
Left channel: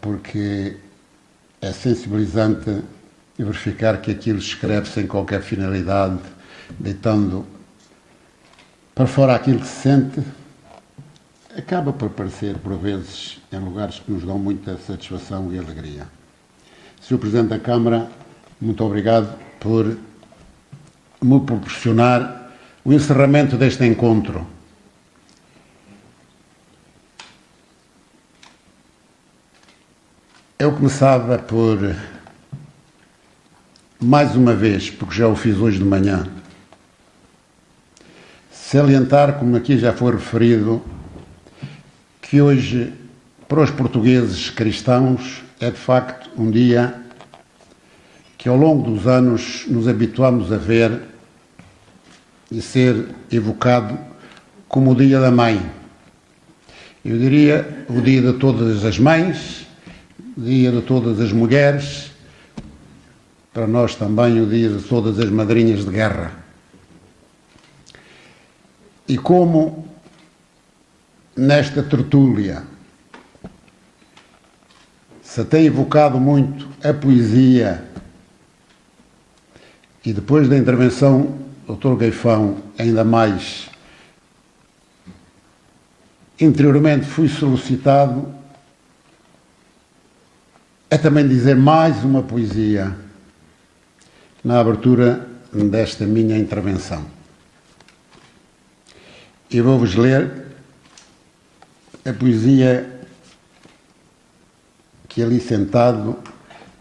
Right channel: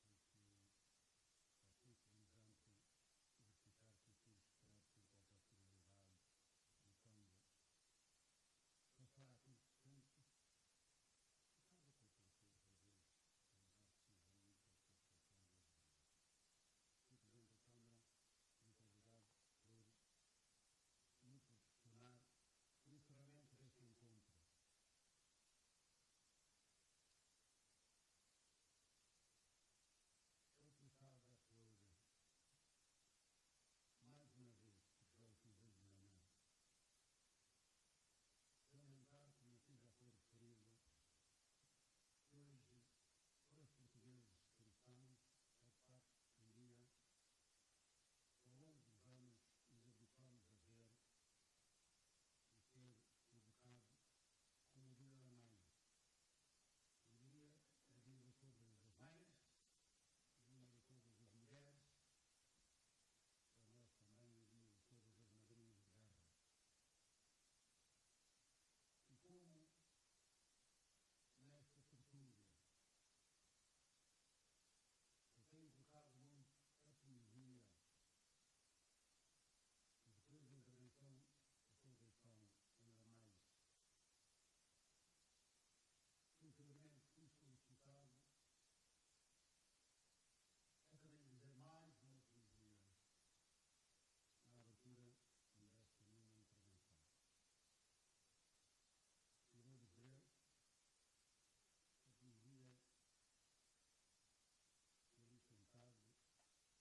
porque é sensibilizante verificar que aquilo escreve sem qualquer finalidade, deitando para fora aquilo que se sente, acaba por aparecer, por vezes, em lugares que nos dão muita satisfação e alegria. Sr. Presidente da Câmara, muito obrigado por me proporcionar o encerramento deste encontro. Eu começava por, mais uma vez, porque já o fiz hoje de manhã, salientar, como aqui já foi referido, que hoje, para os portugueses cristãos, é de facto um dia que ao longo dos anos nos habituamos a ver e ser evocado como o Dia da Mãe. Eu diria o dia de todas as mães, o dia de todas as mulheres, para nós também o dia de todas as madrinhas de guerra. E como nesta tertúlia se tem evocado muito a poesia, e depois da intervenção do Dr. Gaifão, ainda mais, interiormente fui solicitado a também dizer mais uma poesia na abertura desta minha intervenção. E vou-vos ler a poesia que ali sentado,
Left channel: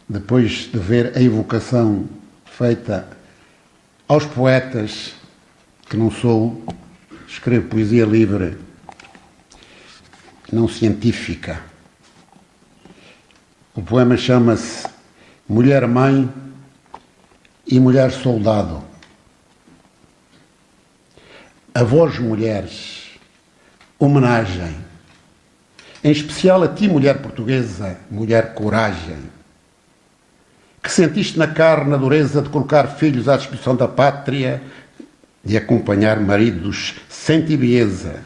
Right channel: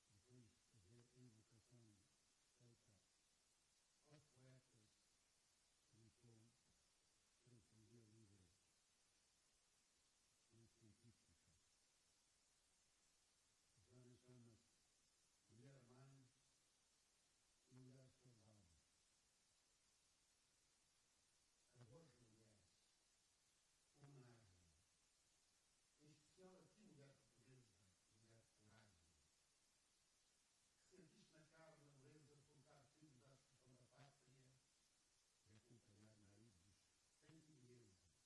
depois de ver a evocação feita aos poetas, que não sou, escrevo poesia livre, não científica. O poema chama-se Mulher-Mãe e Mulher-Soldado. A vós, mulheres, homenagem, em especial a ti, mulher portuguesa, mulher coragem, que sentiste na carne a dureza de colocar filhos à disposição da pátria, de acompanhar maridos sem tibieza,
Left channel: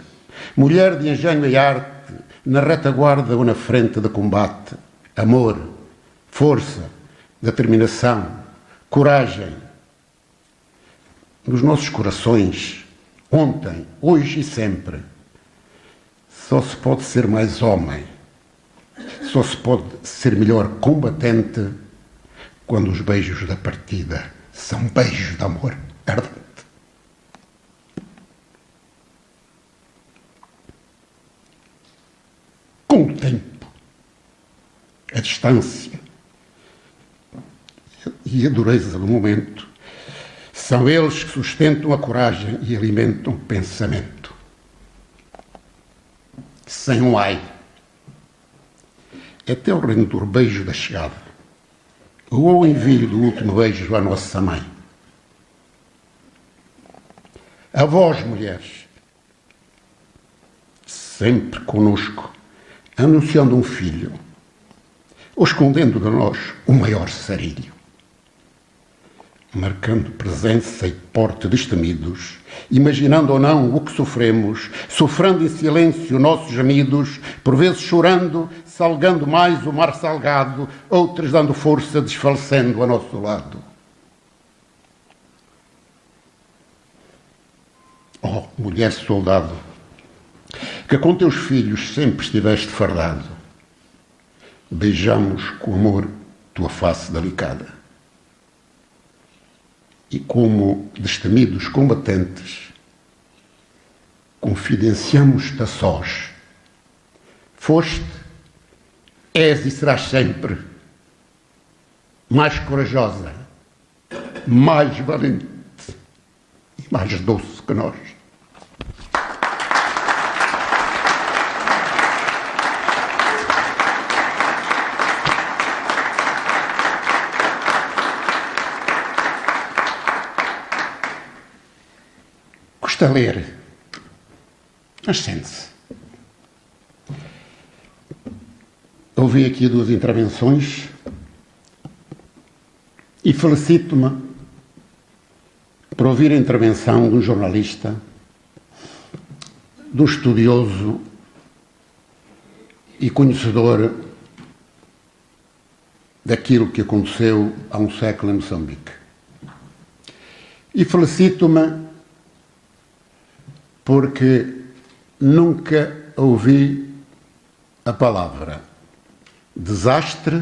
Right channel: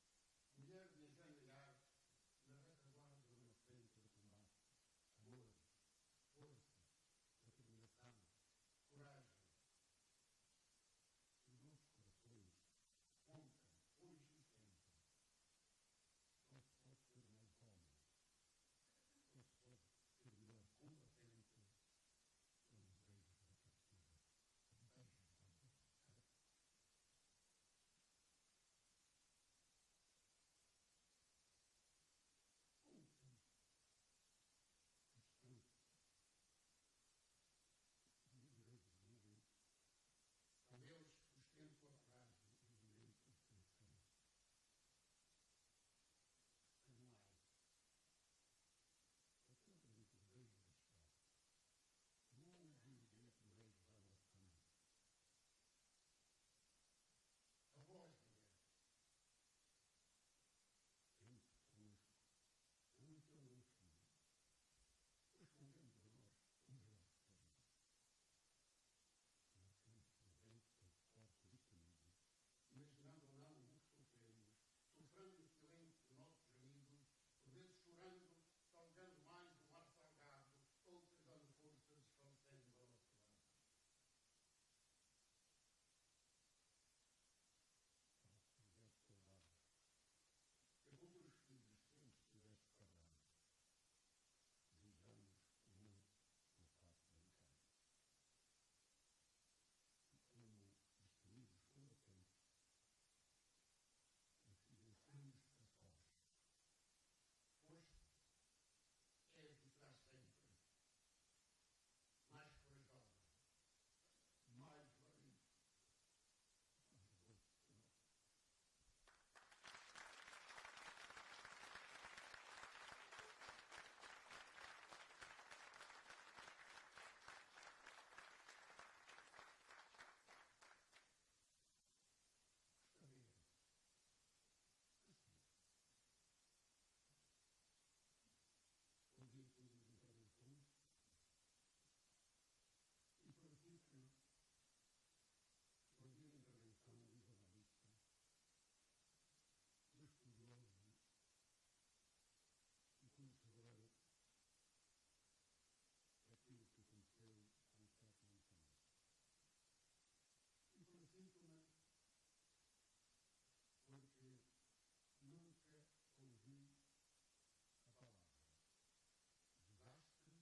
mulher de engenho e arte, na retaguarda ou na frente de combate, amor, força, determinação, coragem. Nos nossos corações, ontem, hoje e sempre, só se pode ser mais homem, só se pode ser melhor combatente quando os beijos da partida são beijos de amor ardente. Com o tempo, a distância e a dureza do momento são eles que sustentam a coragem e alimentam o pensamento. Sem um ai, até o renedor beijo da chegada, ou o envio do último beijo à nossa mãe. A vós, mulheres, sempre conosco, anunciando um filho, ou escondendo de nós o maior sarilho, marcando presença e porte destemidos, imaginando ou não o que sofremos, sofrendo em silêncio nossos gemidos, por vezes chorando, salgando mais o mar salgado, outras dando força, desfalecendo a nosso lado. Oh, mulher soldado, que com teus filhos sempre estiveste fardado, beijamos com amor tua face delicada. E como destemidos combatentes, confidenciamos-te a sós. Foste, és e serás sempre mais corajosa, mais valente e mais doce que nós. Custa ler, mas sente-se. Ouvi aqui duas intervenções e felicito-me por ouvir a intervenção de um jornalista, de um estudioso e conhecedor daquilo que aconteceu há um século em Moçambique. E felicito-me porque nunca ouvi a palavra desastre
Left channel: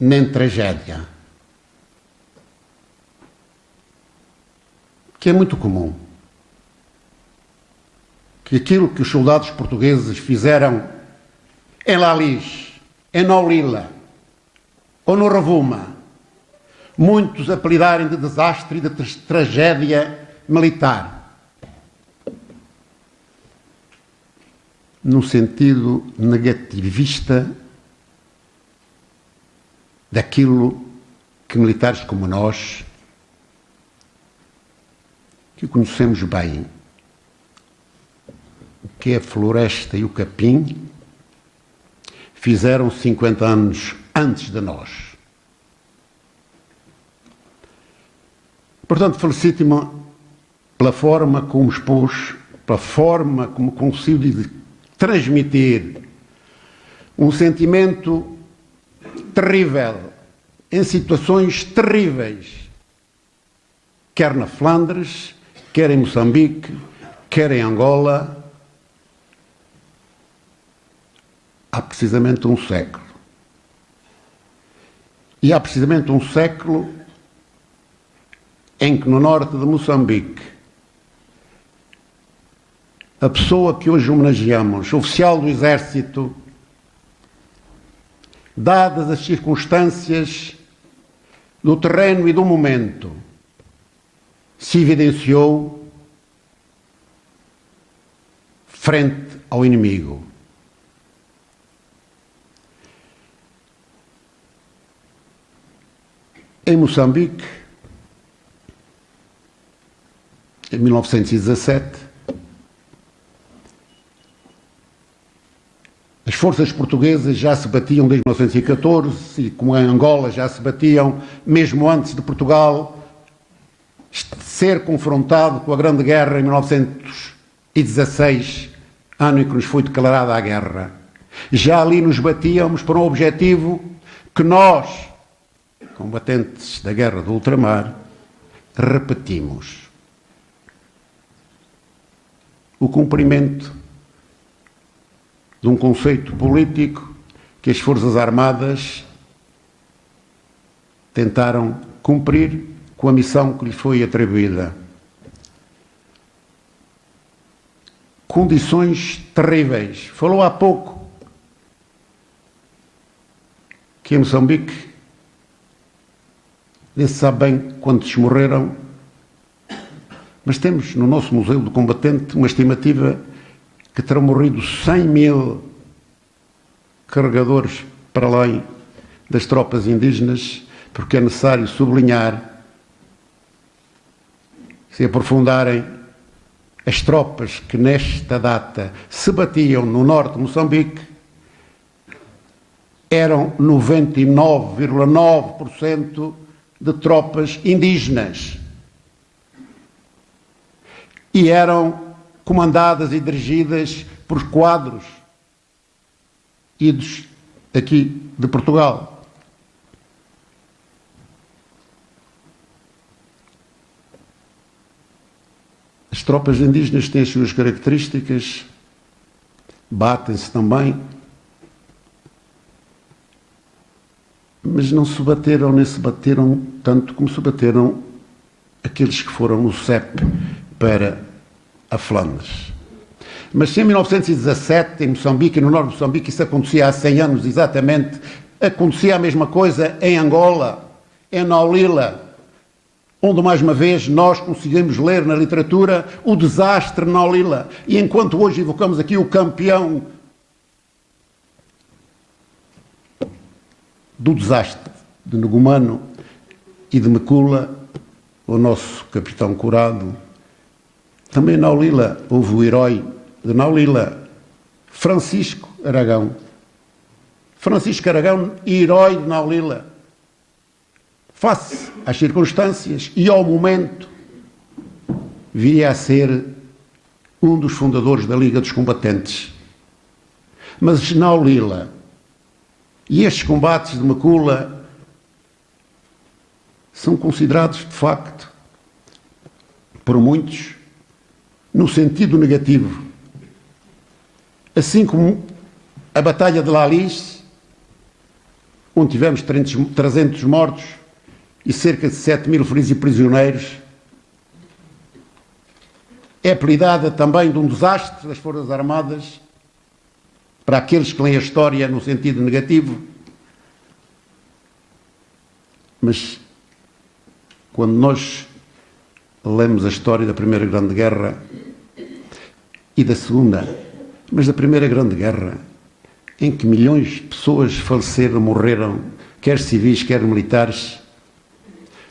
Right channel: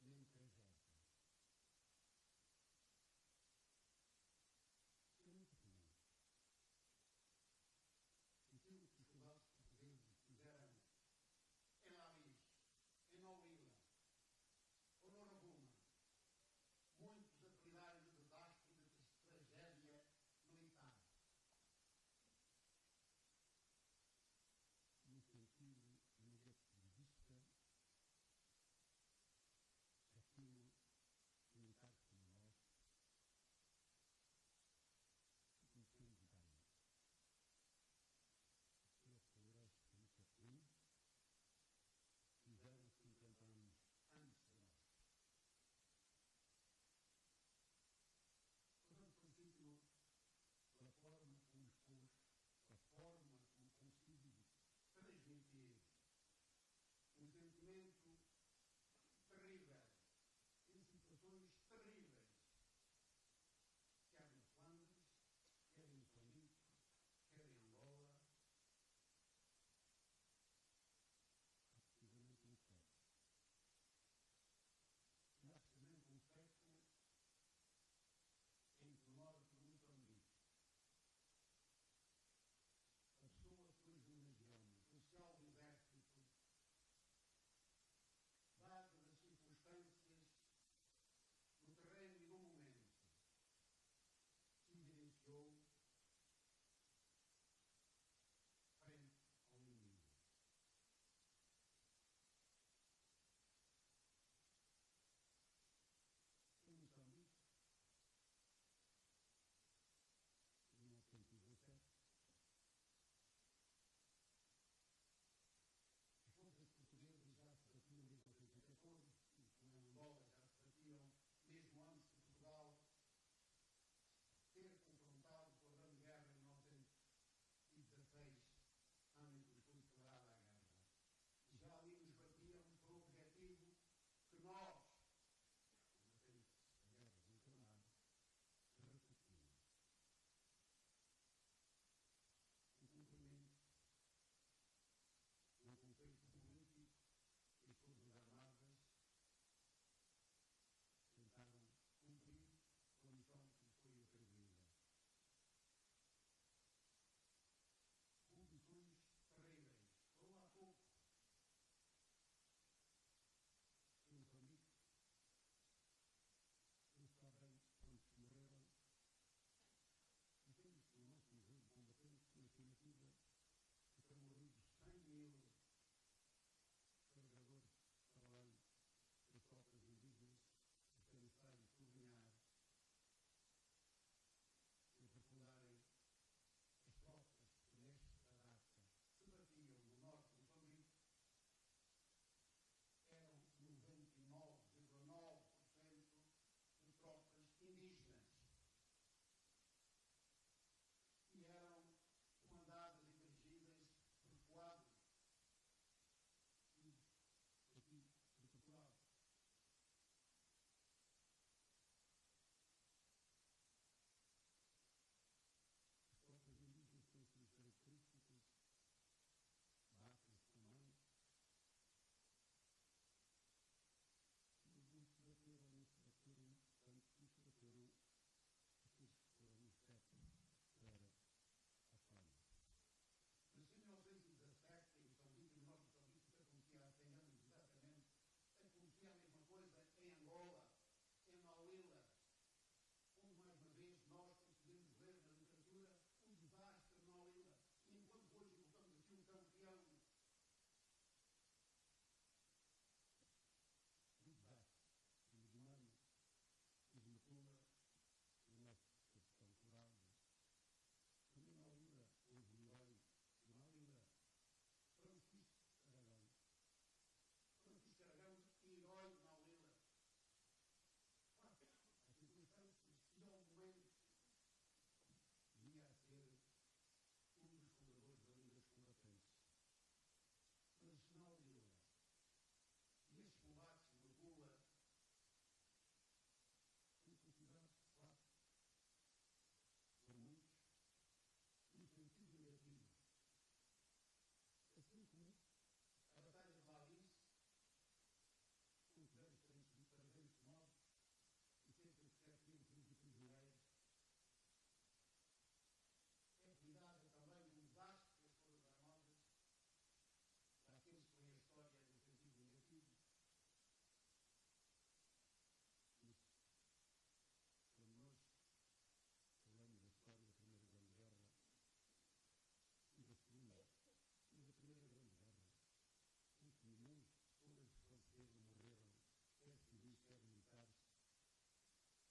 nem tragédia, que é muito comum. Que aquilo que os soldados portugueses fizeram em Lalis, em Naulila ou no Rovuma, muitos apelidarem de desastre e de tragédia militar, no sentido negativista daquilo que militares como nós, que conhecemos bem, o que é a floresta e o capim, fizeram 50 anos antes de nós. Portanto, felicito-me pela forma como expôs, pela forma como conseguiu transmitir um sentimento terrível, em situações terríveis, quer na Flandres, quer em Moçambique, quer em Angola, há precisamente um século. E há precisamente um século em que no norte de Moçambique, a pessoa que hoje homenageamos, oficial do Exército, dadas as circunstâncias do terreno e do momento, se evidenciou frente ao inimigo. Em Moçambique, em 1917, as forças portuguesas já se batiam desde 1914 e, como em Angola, já se batiam mesmo antes de Portugal ser confrontado com a Grande Guerra em 1916, ano em que nos foi declarada a guerra. Já ali nos batíamos por um objetivo que nós, combatentes da Guerra do Ultramar, repetimos: o cumprimento de um conceito político que as Forças Armadas tentaram cumprir com a missão que lhes foi atribuída. Condições terríveis. Falou há pouco que em Moçambique, nem se sabe bem quantos morreram, mas temos no nosso Museu do Combatente uma estimativa que terão morrido 100.000 carregadores para além das tropas indígenas, porque é necessário sublinhar, se aprofundarem, as tropas que nesta data se batiam no norte de Moçambique eram 99,9% de tropas indígenas e eram comandadas e dirigidas por quadros idos aqui de Portugal. As tropas indígenas têm as suas características, batem-se também, mas não se bateram nem se bateram tanto como se bateram aqueles que foram no CEP para a Flandres. Mas se em 1917, em Moçambique e no norte de Moçambique, isso acontecia há 100 anos exatamente, acontecia a mesma coisa em Angola, em Naulila, onde mais uma vez nós conseguimos ler na literatura o desastre de Naulila. E enquanto hoje evocamos aqui o campeão do desastre de Negumano e de Mekula, o nosso capitão Curado, também em Naulila houve o herói de Naulila, Francisco Aragão. Francisco Aragão, herói de Naulila. Face às circunstâncias e ao momento, viria a ser um dos fundadores da Liga dos Combatentes. Mas Naulila e estes combates de Mekula são considerados, de facto, por muitos, no sentido negativo. Assim como a Batalha de Lalis, onde tivemos 300 mortos e cerca de 7.000 feridos e prisioneiros, é apelidada também de um desastre das Forças Armadas, para aqueles que leem a história no sentido negativo. Mas quando nós lemos a história da Primeira Grande Guerra e da Segunda, mas da Primeira Grande Guerra, em que milhões de pessoas faleceram, morreram, quer civis, quer militares,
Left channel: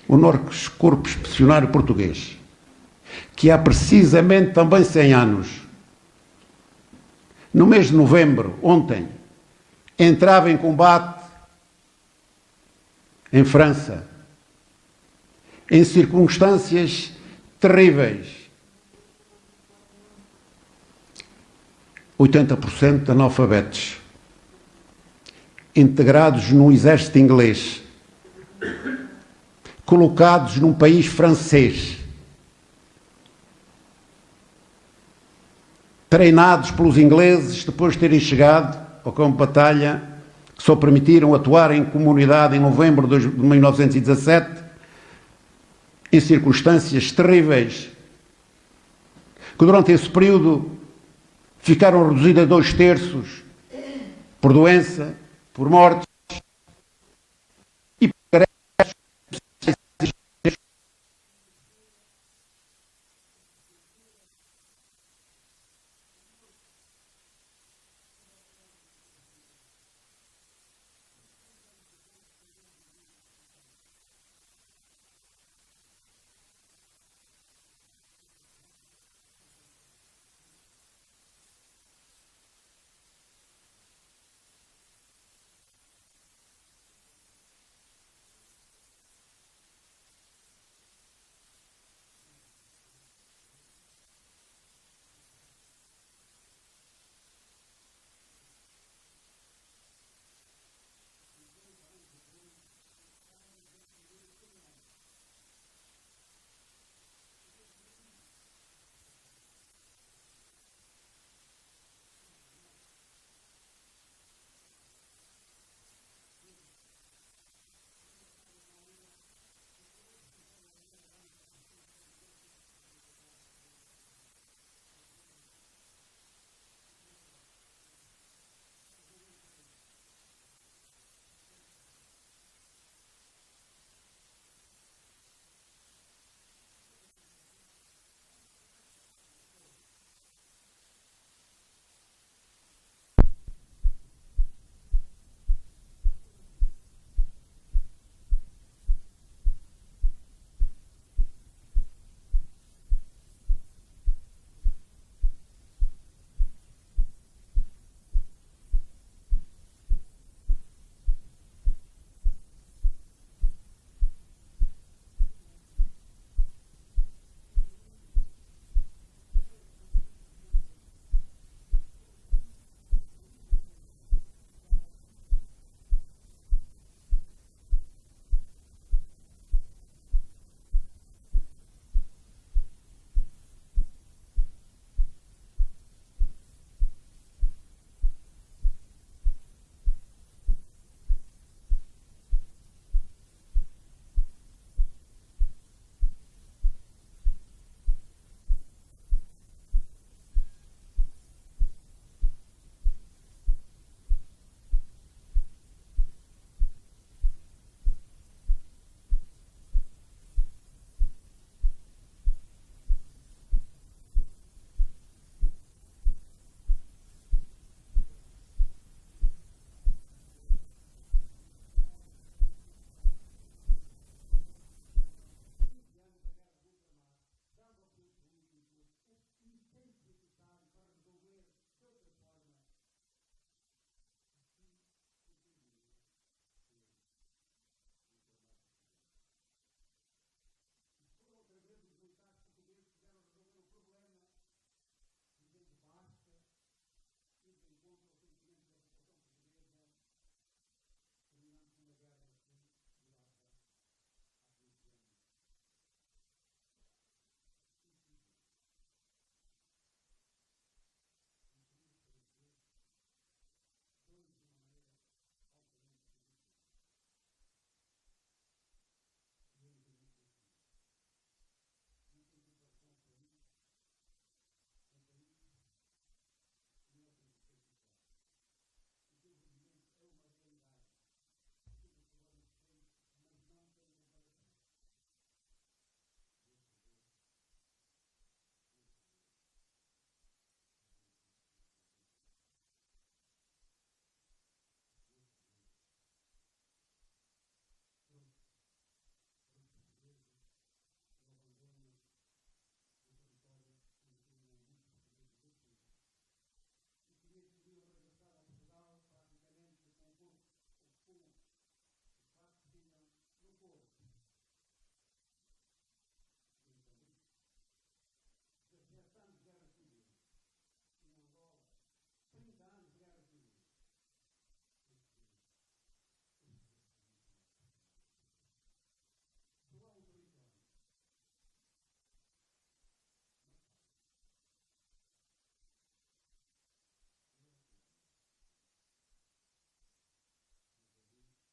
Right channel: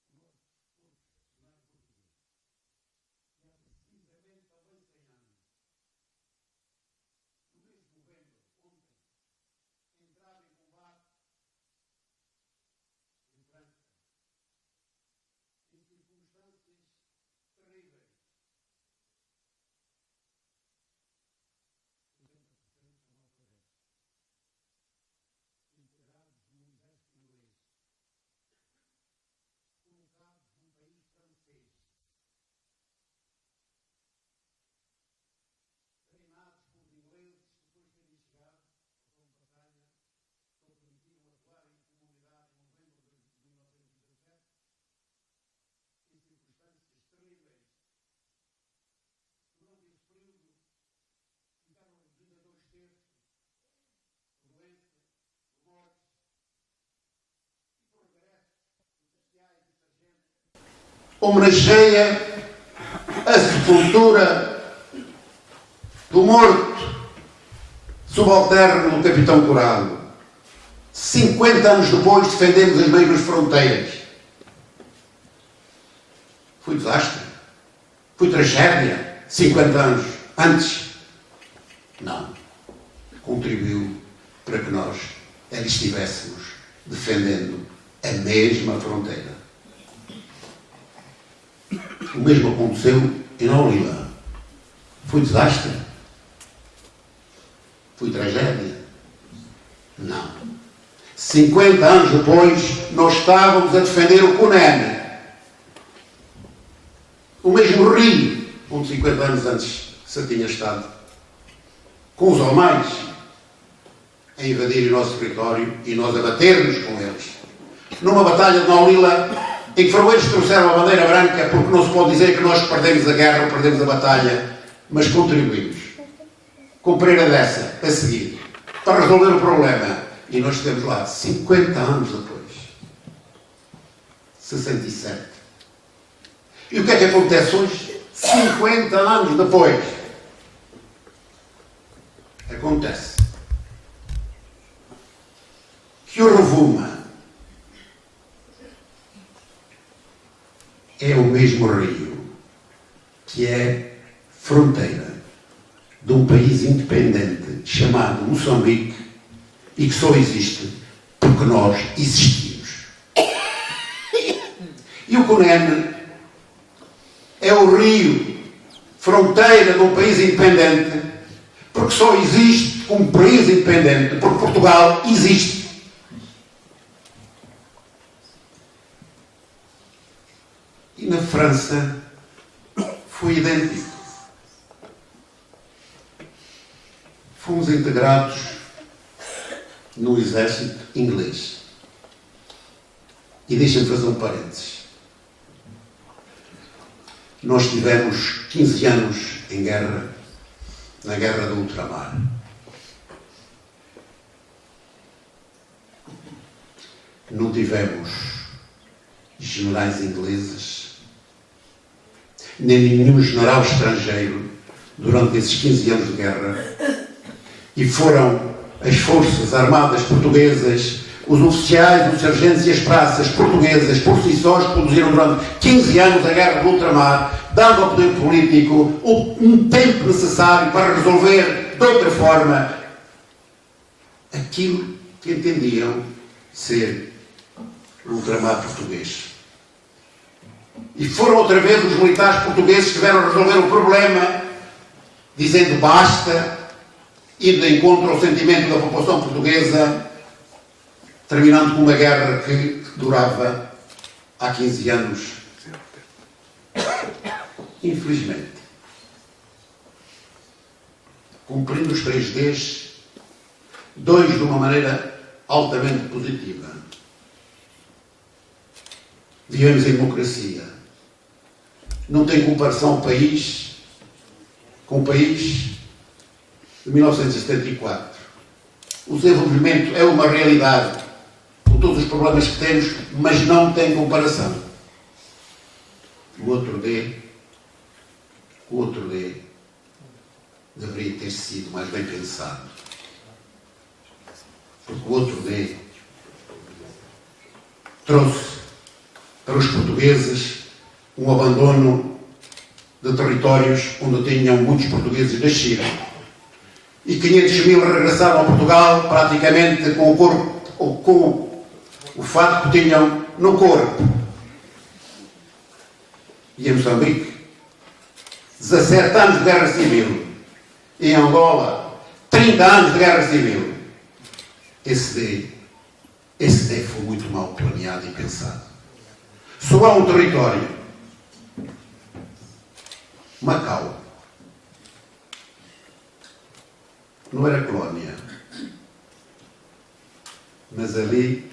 o nosso Corpo Expedicionário Português, que há precisamente também 100 anos, no mês de novembro, ontem, entrava em combate em França, em circunstâncias terríveis. 80% de analfabetos, integrados no exército inglês, colocados num país francês, treinados pelos ingleses depois de terem chegado ao campo de batalha, que só permitiram atuar em comunidade em novembro de 1917, em circunstâncias terríveis, que durante esse período ficaram reduzidas a 2/3 por doença, por mortes e por greves. Homenageia a sepultura do morto subalterno do capitão Curado. 50 anos depois defendemos as mesmas fronteiras. Foi desastre? Foi tragédia? 50 anos antes? Não. Contribuiu para que nós ali estivéssemos defendendo a mesma fronteira. O mesmo aconteceu em Naulila. Foi desastre? Foi tragédia? Não. 50 anos depois, nós estávamos a defender o Cunene. O mesmo rio onde 50 anos antes se tinha estado. Com os almais a invadirem o nosso território e nós a batermos com eles. Numa batalha de Naulila, em que faroeiros trouxeram a bandeira branca, porque não se pode dizer que nós perdemos a guerra ou perdemos a batalha, mas contribuímos. Com Pereira dessa, a seguir, para resolver o problema. E nós estamos lá 50 anos depois. 67. E o que é que acontece hoje? 50 anos depois. Acontece que o Rovuma é o mesmo rio que é fronteira de um país independente chamado Moçambique e que só existe porque nós existimos. E o Cunene é o rio fronteira de um país independente porque só existe como país independente porque Portugal existe. E na França foi idêntico. Fomos integrados no exército inglês. E deixem-me fazer um parênteses. Nós tivemos 15 anos em guerra, na guerra do ultramar. Não tivemos generais ingleses, nem nenhum general estrangeiro durante esses 15 anos de guerra. E foram as forças armadas portuguesas, os oficiais, os sargentos e as praças portuguesas, por si sós, produziram durante 15 anos a guerra do ultramar, dando ao poder político um tempo necessário para resolver de outra forma aquilo que entendiam ser o ultramar português. E foram outra vez os militares portugueses que vieram resolver o problema, dizendo basta, indo de encontro ao sentimento da população portuguesa, terminando com uma guerra que durava há 15 anos. Infelizmente, cumprindo os 3 Ds, 2 de uma maneira altamente positiva. Vivemos em democracia. Não tem comparação o país com o país de 1974. O desenvolvimento é uma realidade, com todos os problemas que temos, mas não tem comparação. O outro D deveria ter sido mais bem pensado. Porque o outro D trouxe para os portugueses um abandono de territórios onde tinham muitos portugueses nascidos. E 500 mil regressaram a Portugal praticamente com o corpo, ou com o fato que tinham no corpo. e em Moçambique, 17 anos de guerra civil. Em Angola, 30 anos de guerra civil. Esse D foi muito mal planeado e pensado. Só há um território, Macau. Não era colónia, mas ali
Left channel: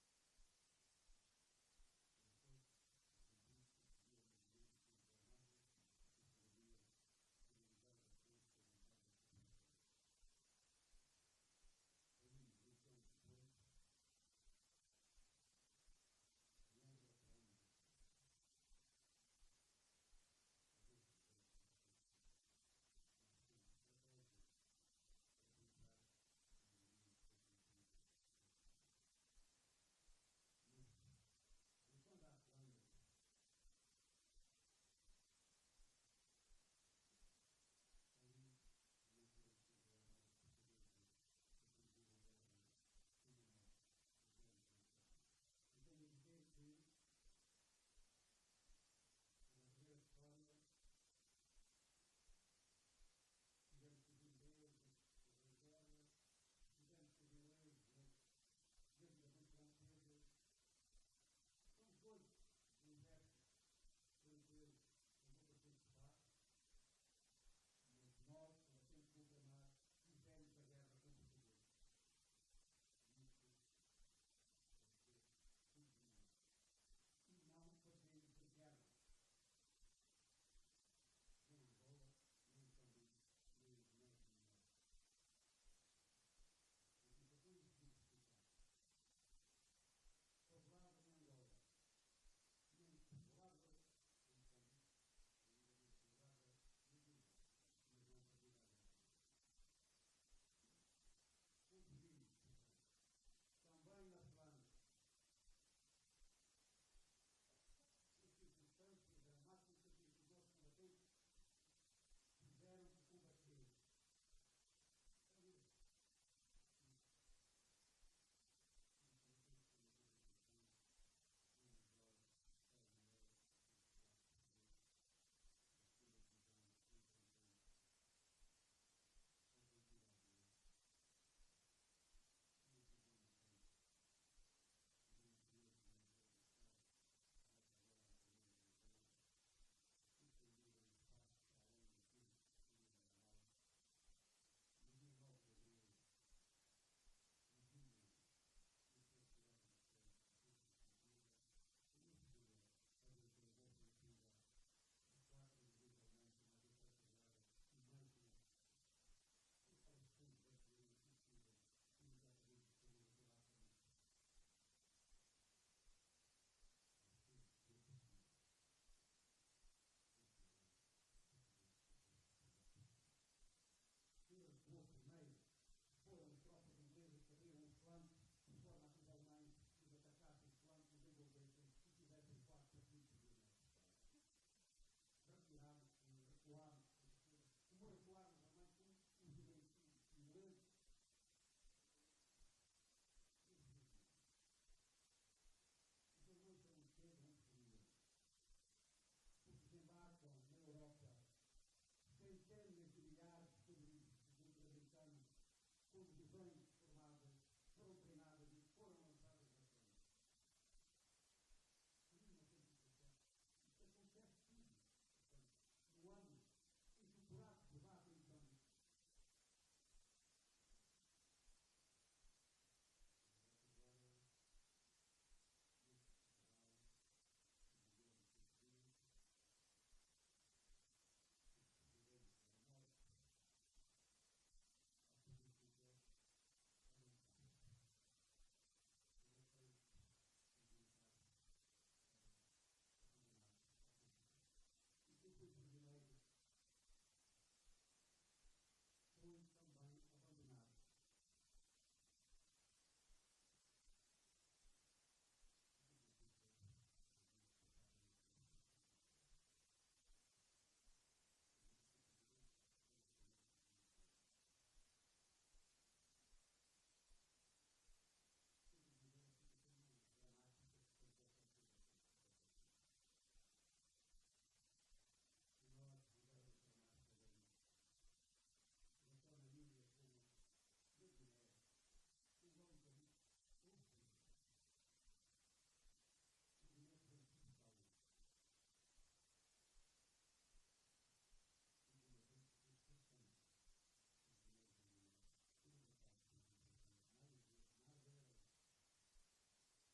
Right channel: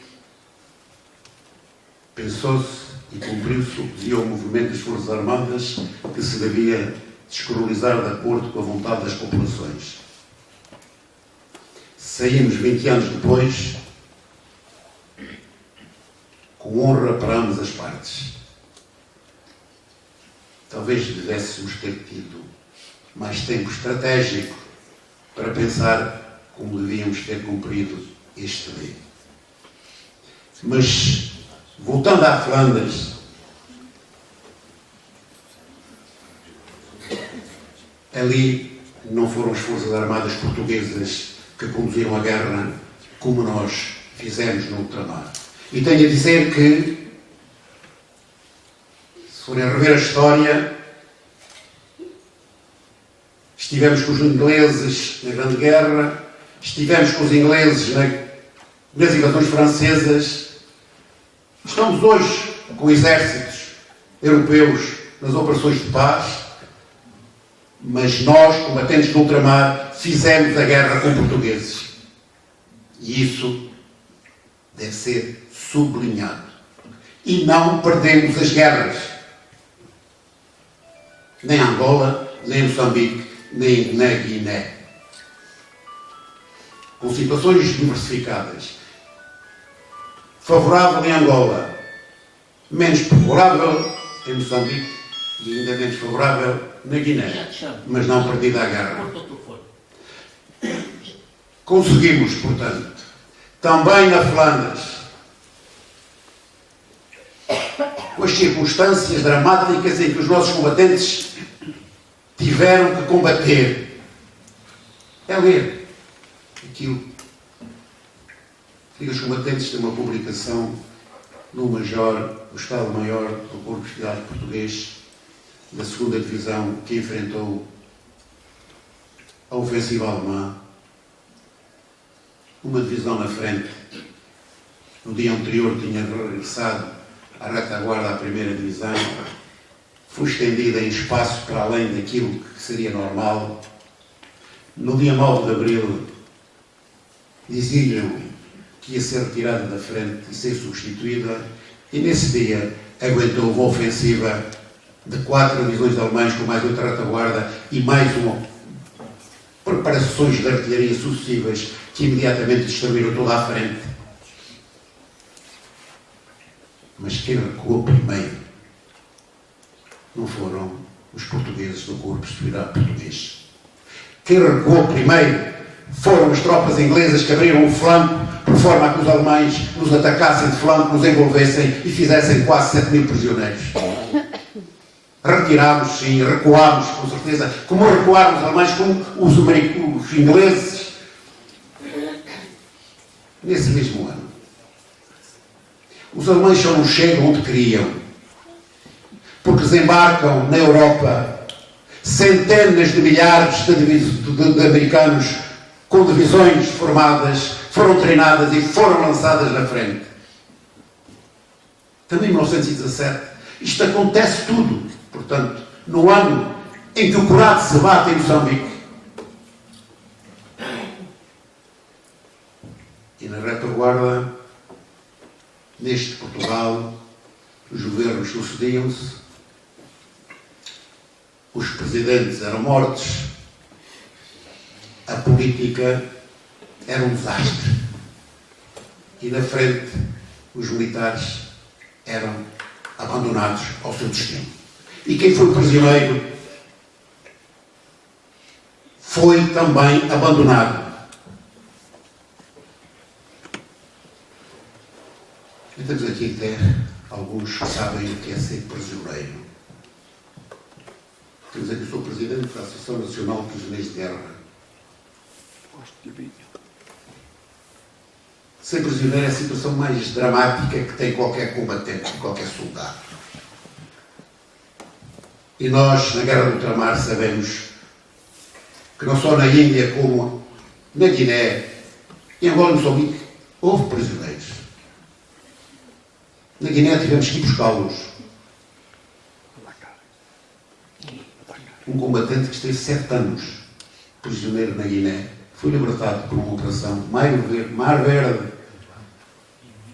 pensou-se e cumpriu-se o que dizia o movimento das Forças Armadas, que se devia descolonizar de acordo com a vontade das populações. Saímos 20 anos depois, com honra para ambas as partes. Talvez devêssemos ter tido mais tempo estratégico para pensar como devíamos ter cumprido este D. Mas, voltando à Flandres, ali não foram as Forças Armadas Portuguesas que conduziram a guerra como nós fizemos no ultramar. E tenho a dizer que, se forem a rever a história, estivemos com os ingleses na Grande Guerra, estivemos com os ingleses nas invasões francesas, estamos hoje com exércitos europeus nas operações de paz, mas nós, combatentes do ultramar, fizemos a guerra com portugueses. E isso deve ser sublinhado. E não perdemos as guerras. Nem Angola, nem Moçambique, nem na Guiné. Com situações diversificadas. Favorável em Angola, menos favorável em Moçambique e ainda menos favorável na Guiné, mas não perdida a guerra. Conseguimos, portanto, também na Flandres, com as circunstâncias dramáticas em que os nossos combatentes tiveram que combater. É ler aquilo que os combatentes têm uma publicação no Major, o Estado-Maior do Corpo de Cidade Português, da 2ª Divisão, que enfrentou a ofensiva alemã. Uma divisão na frente, no dia anterior tinha regressado à retaguarda à 1ª Divisão, foi estendida em espaço para além daquilo que seria normal. No dia 9 de Abril, diziam que ia ser retirada da frente e ser substituída, e nesse dia aguentou uma ofensiva de 4 divisões alemãs com mais outra retaguarda e mais preparações de artilharia sucessivas que imediatamente destruíram toda a frente. Mas quem recuou primeiro não foram os portugueses do Corpo de Seguridade Português. Quem recuou primeiro foram as tropas inglesas que abriram o flanco por forma a que os alemães nos atacassem de flanco, nos envolvessem e fizessem quase 7.000 prisioneiros. Retirámos, sim, recuámos, com certeza, como recuaram os alemães, como os ingleses, nesse mesmo ano. Os alemães só não chegam onde queriam, porque desembarcam na Europa centenas de milhares de americanos com divisões formadas, foram treinadas e foram lançadas na frente. Também em 1917, isto acontece tudo. Portanto, no ano em que o curado se bate em Moçambique. E na retaguarda, neste Portugal, os governos sucediam-se, os presidentes eram mortos, a política era um desastre. E na frente, os militares eram abandonados ao seu destino. E quem foi prisioneiro foi também abandonado. E temos aqui até alguns que sabem o que é ser prisioneiro. Temos aqui o Sr. Presidente da Associação Nacional de Prisioneiros de Guerra. Ser prisioneiro é a situação mais dramática que tem qualquer combatente, qualquer soldado. E nós, na Guerra do Ultramar, sabemos que não só na Índia como na Guiné, em Angola e Moçambique, houve prisioneiros. Na Guiné tivemos que ir buscá-los. Um combatente que esteve 7 anos prisioneiro na Guiné foi libertado por uma operação Mar Verde.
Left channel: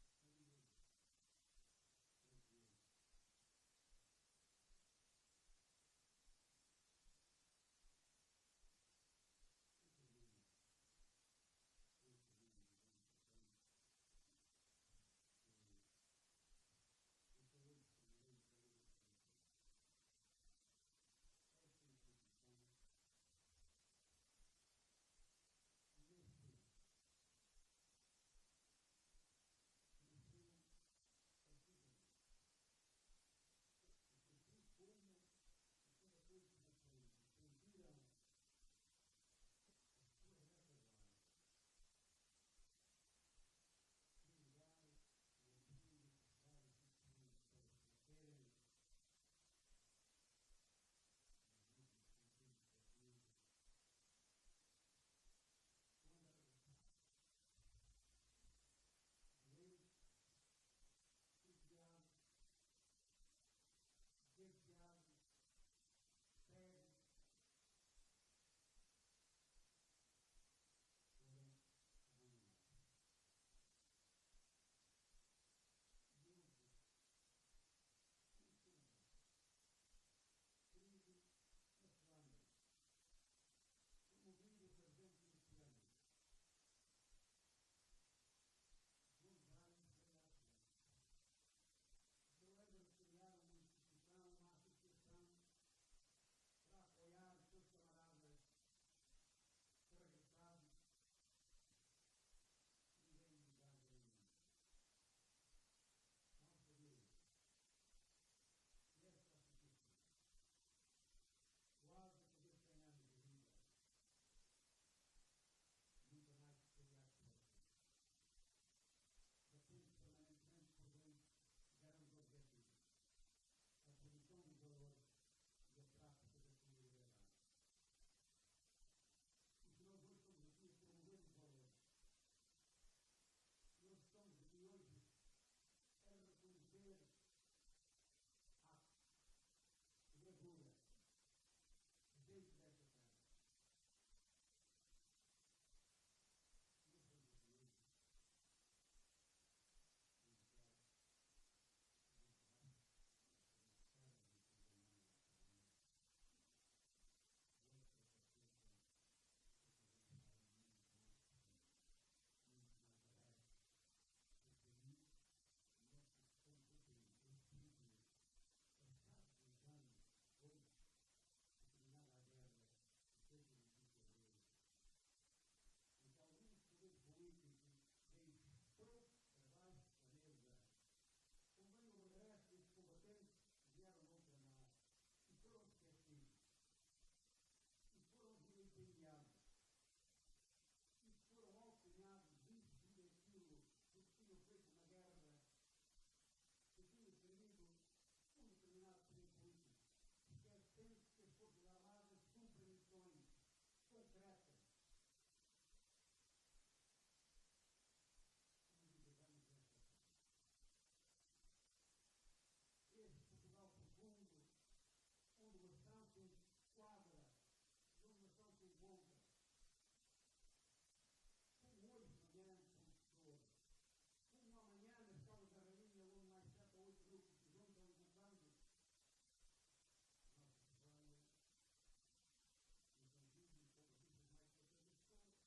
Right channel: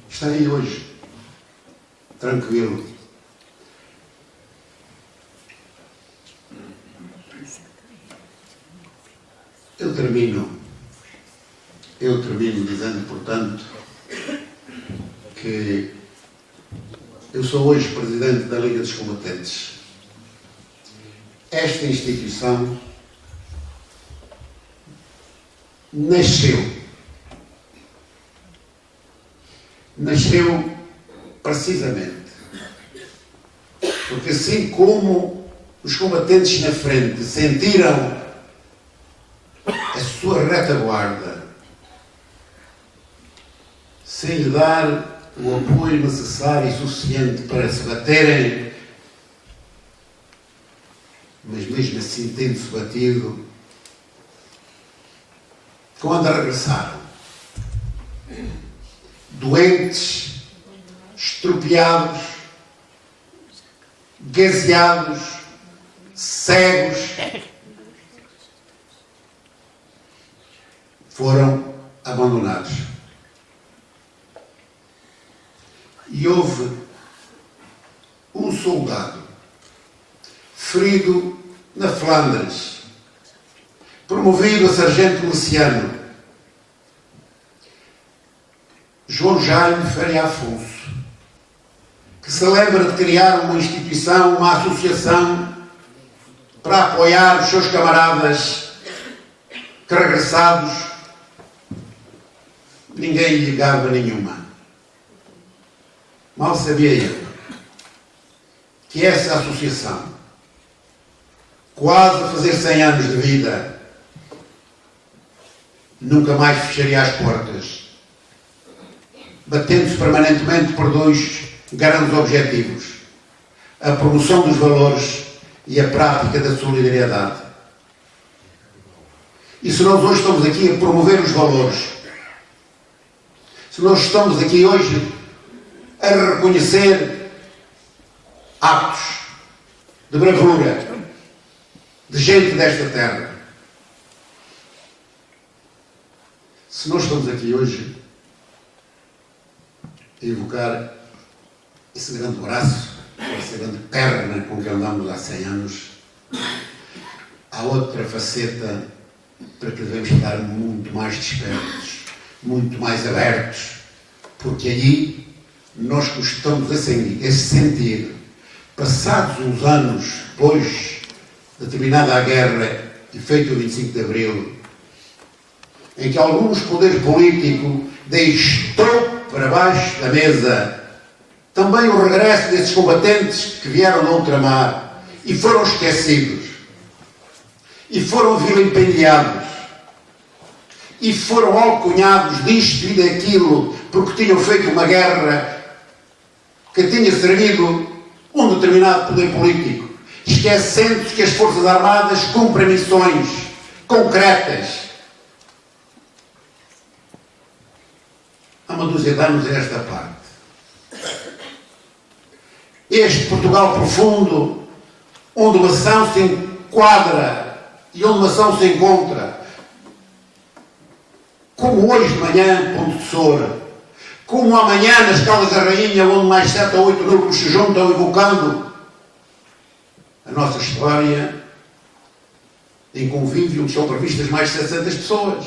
Está aí hoje, tranquilo. Eu termino dizendo, portanto, que eu sou hoje presidente da Liga dos Combatentes. Esta instituição nasceu precisamente porque, assim como os combatentes na frente sentiram a sua retaguarda sem lhe dar o apoio necessário e suficiente para se baterem, mas mesmo assim tendo-se batido, quando regressaram, doentes, estropiados, gaseados, cegos, foram abandonados. E houve um soldado ferido na Flandres, promovido a sargento miliciano, João Jaime Faria Afonso, que se lembra de criar uma instituição, uma associação para apoiar os seus camaradas que, regressados, ninguém lhe gaba nenhuma. Mal sabia ele que essa associação, quase a fazer 100 anos de vida, nunca mais fecharia as portas, batendo-se permanentemente por 2 grandes objetivos: a promoção dos valores e a prática da solidariedade. E se nós hoje estamos aqui a promover os valores, se nós estamos aqui hoje a reconhecer atos de bravura de gente desta terra, se nós estamos aqui hoje a evocar esse grande braço, essa grande perna com que andamos há 100 anos, há outra faceta para que devemos estar muito mais despertos, muito mais abertos, porque aí nós gostamos a sentir, passados uns anos depois de terminada a guerra e feito o 25 de Abril, em que alguns poderes políticos deixou para baixo da mesa também o regresso desses combatentes que vieram do ultramar e foram esquecidos, e foram vilipendiados, e foram alcunhados disto e daquilo, porque tinham feito uma guerra que tinha servido um determinado poder político, esquecendo-se que as Forças Armadas cumprem missões concretas. Há uma dúzia de anos a esta parte, este Portugal profundo, onde uma ação se enquadra e onde uma ação se encontra, como hoje de manhã, Ponte de Soura, como amanhã nas Caldas da Rainha, onde mais 7 ou 8 núcleos se juntam evocando a nossa história, em convívio, onde são previstas mais de 700 pessoas.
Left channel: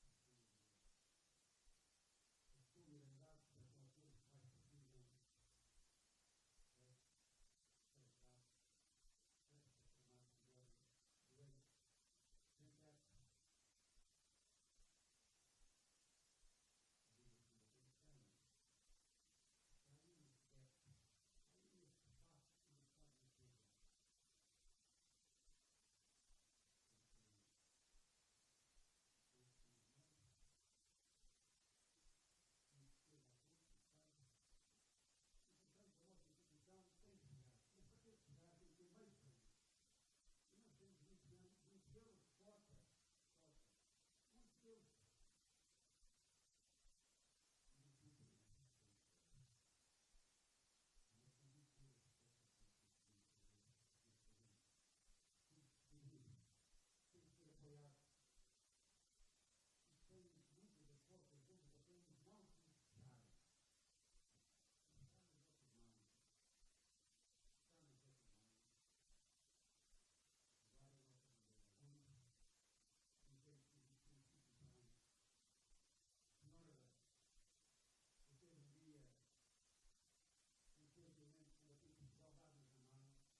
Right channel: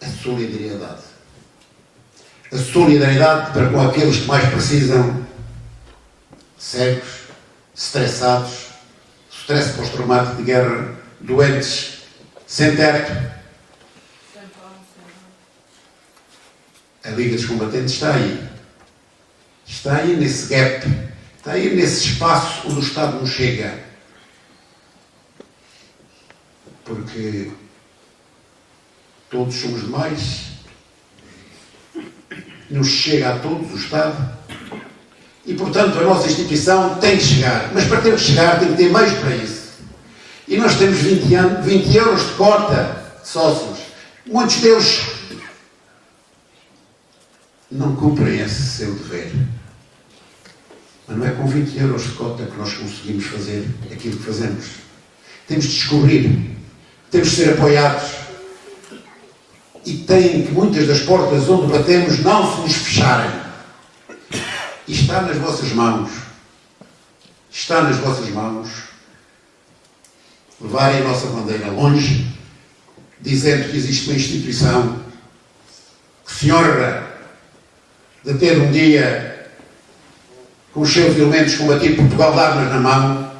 A solidariedade. A solidariedade para com aqueles que mais precisam, cegos, estressados, stress pós-traumático de guerra, doentes, sem teto. A Liga dos Combatentes está aí. Está aí nesse gap. Está aí nesse espaço onde o Estado não chega. Porque todos somos demais. Não chega a todos o Estado. E, portanto, a nossa instituição tem que chegar. Mas para ter que chegar tem que ter meios para isso. E nós temos 20 euros de cota de sócios. Muitos deles não cumprem esse seu dever. Mas não é com 20 euros de cota que nós conseguimos fazer aquilo que fazemos. Temos de descobrir, temos de ser apoiados. E tem que muitas das portas onde batemos não se nos fecharem. E está nas vossas mãos. Está nas vossas mãos levarem a nossa bandeira longe, dizendo que existe uma instituição que se honra de ter um dia com os seus elementos combatido Portugal de armas na mão,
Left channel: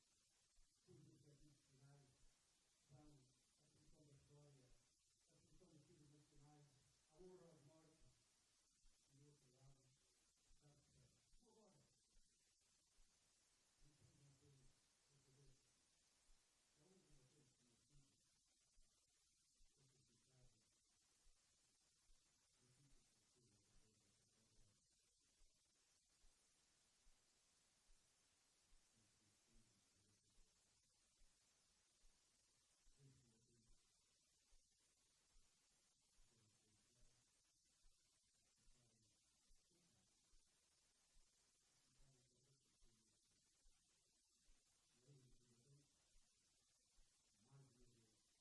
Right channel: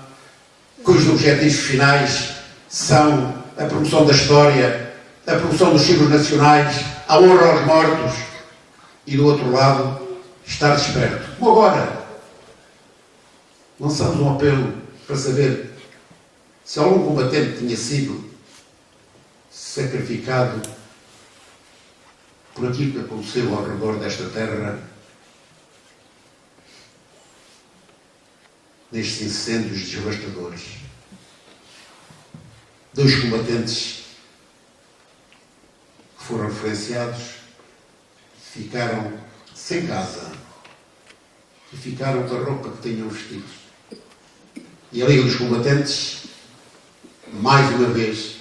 cujos objetivos finais são a promoção da história, a promoção dos símbolos nacionais, a honra aos mortos e, do outro lado, estar desperto. Como agora, lançamos um apelo para saber se algum combatente tinha sido sacrificado por aquilo que aconteceu ao redor desta terra, nestes incêndios devastadores. 2 combatentes que foram referenciados ficaram sem casa e ficaram com a roupa que tinham vestido. E a Liga dos Combatentes, mais uma vez,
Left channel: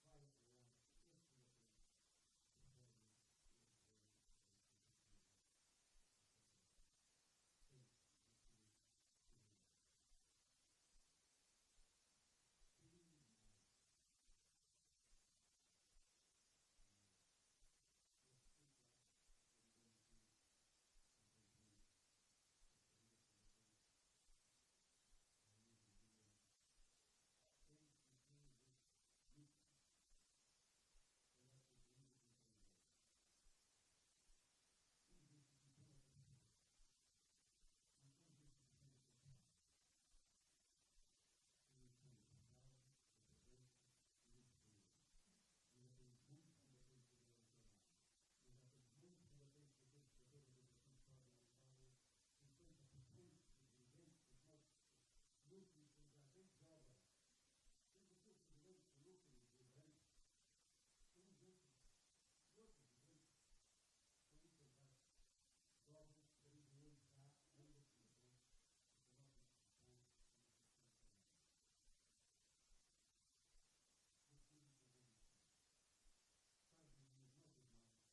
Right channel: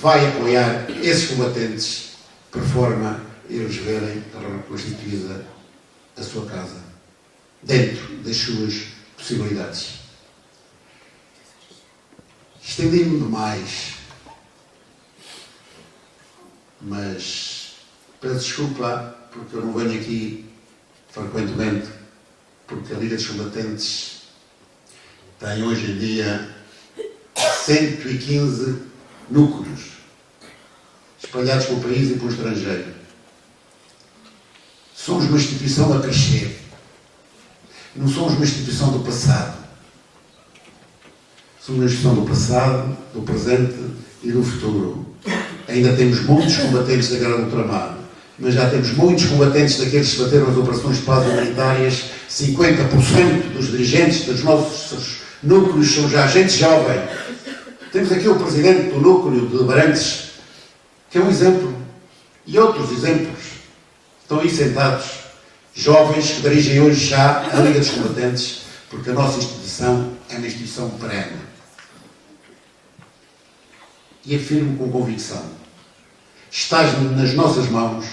vai apoiar esses combatentes por forma a eles verem reconstituída a sua casa, dentro das suas possibilidades. Estendi-me demais, mas peço desculpa porque eu não venho aqui frequentemente, porque a Liga dos Combatentes tem hoje em dia 115 núcleos espalhados pelo país e pelo estrangeiro. Somos uma instituição a crescer. Não somos uma instituição do passado. Somos uma instituição do passado, do presente e do futuro. Ainda temos muitos combatentes da guerra do ultramar, mas já temos muitos combatentes daqueles que bateram as operações de paz humanitárias. 50% dos dirigentes dos nossos núcleos são já gente jovem. Temos aqui o presidente do núcleo de Abrantes, que é um exemplo, e outros exemplos estão aí sentados, jovens que dirigem hoje já a Liga dos Combatentes, porque a nossa instituição é uma instituição perene. E afirmo com convicção, está nas nossas mãos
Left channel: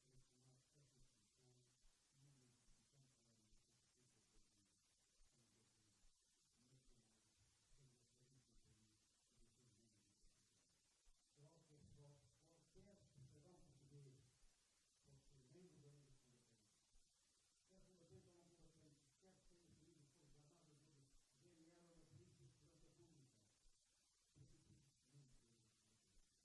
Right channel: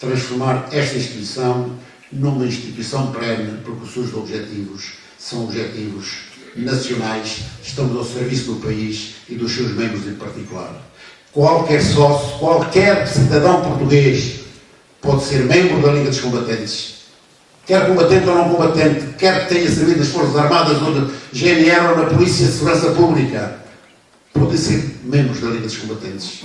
transformar esta instituição numa instituição perene, porque os seus objetivos são objetivos nacionais, estamos ao serviço do país e dos seus membros em particular. Qualquer sócio, qualquer cidadão português pode ser membro da Liga dos Combatentes, quer combatente ou não combatente, quer que tenha servido nas Forças Armadas ou na GNR ou na Polícia de Segurança Pública, podem ser membros da Liga dos Combatentes.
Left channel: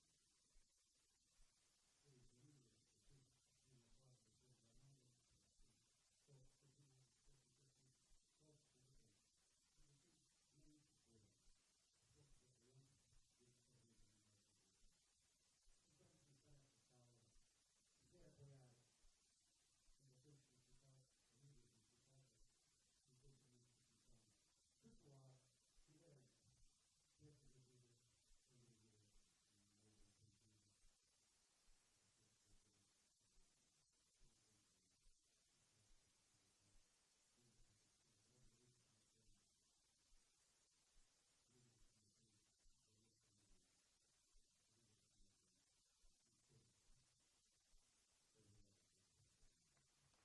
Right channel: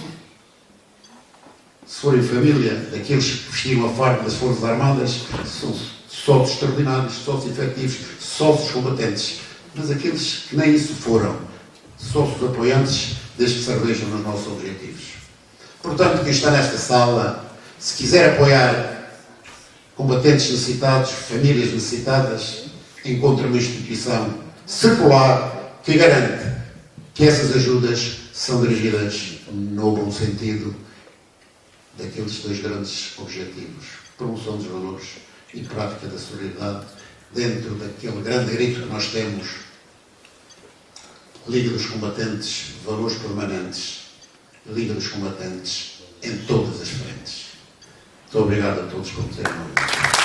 Se forem família daqueles que vestiram a farda das Forças Armadas, são sócios extraordinários, sócios efetivos, sócios combatentes. Mas aqueles que nem isso foram, sócios apoiantes, desde que se revejam nos nossos objetivos. Portanto, quem está nesta sala, se quiser apoiar combatentes necessitados, famílias necessitadas, encontra uma instituição secular que garante que essas ajudas são dirigidas no bom sentido daqueles 2 grandes objetivos: promoção dos valores e prática da solidariedade, dentro daquele grande grito que nós temos: Liga dos Combatentes, valores permanentes, Liga dos Combatentes em todas as frentes. Muito obrigado a todos por terem ouvido.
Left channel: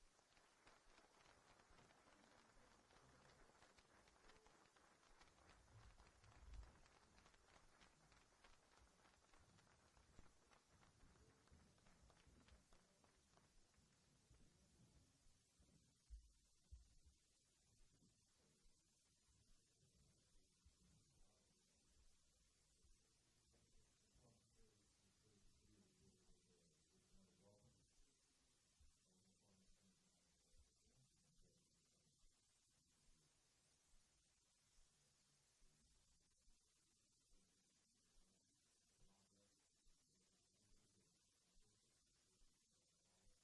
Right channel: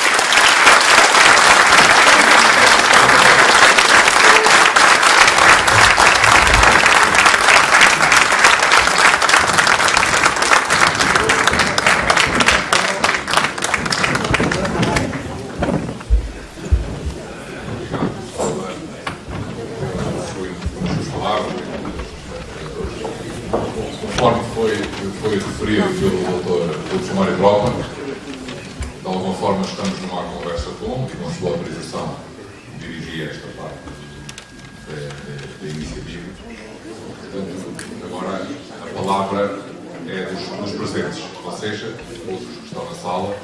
Conforme foi referido pelo Dr. Mário Brockman, de alguma forma estamos numa conversa com sua autorização, dirigir esta parte da iniciativa. Portanto, agora a palavra é dos presentes, ou seja, outros que estão na sala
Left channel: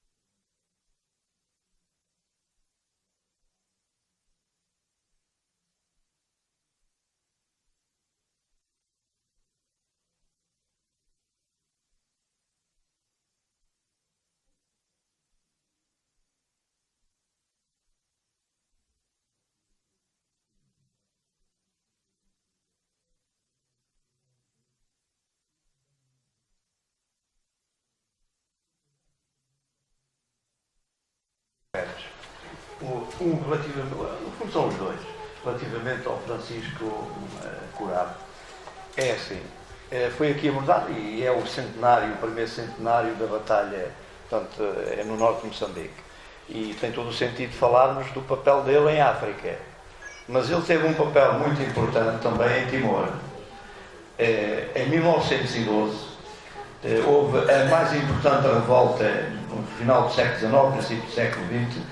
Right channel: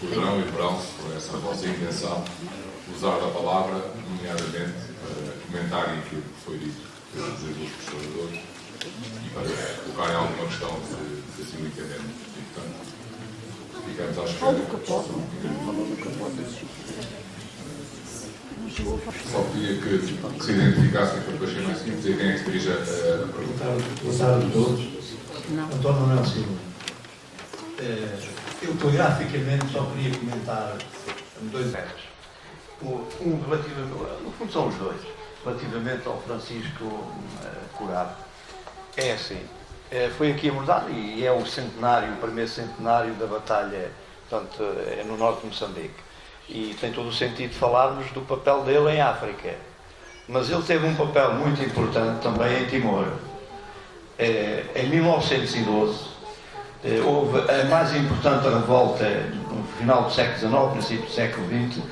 poderão e deverão usar da palavra, nomeadamente para comentarem aquilo que foi dito pelos dois professores e para colocarem alguma questão, se assim o entendemos. E, portanto, ficamos à espera. Só pedia que se identificassem para depois ser mais simples e quem é que se dirige a perguntar. Boa tarde a todos. António Manuel Silva. Eu, telegraficamente, só queria comentar dois aspectos. Um relativamente, no fundo são os dois, relativamente ao Francisco Curado. É assim, foi aqui abordado e é o centenário, o primeiro centenário da batalha, portanto, é no norte de Moçambique. E tem todo o sentido falarmos do papel dele em África. Mas ele teve um papel muito importante também em Timor. Em 1912, houve a mais importante revolta no final do século XIX, princípio do século XX,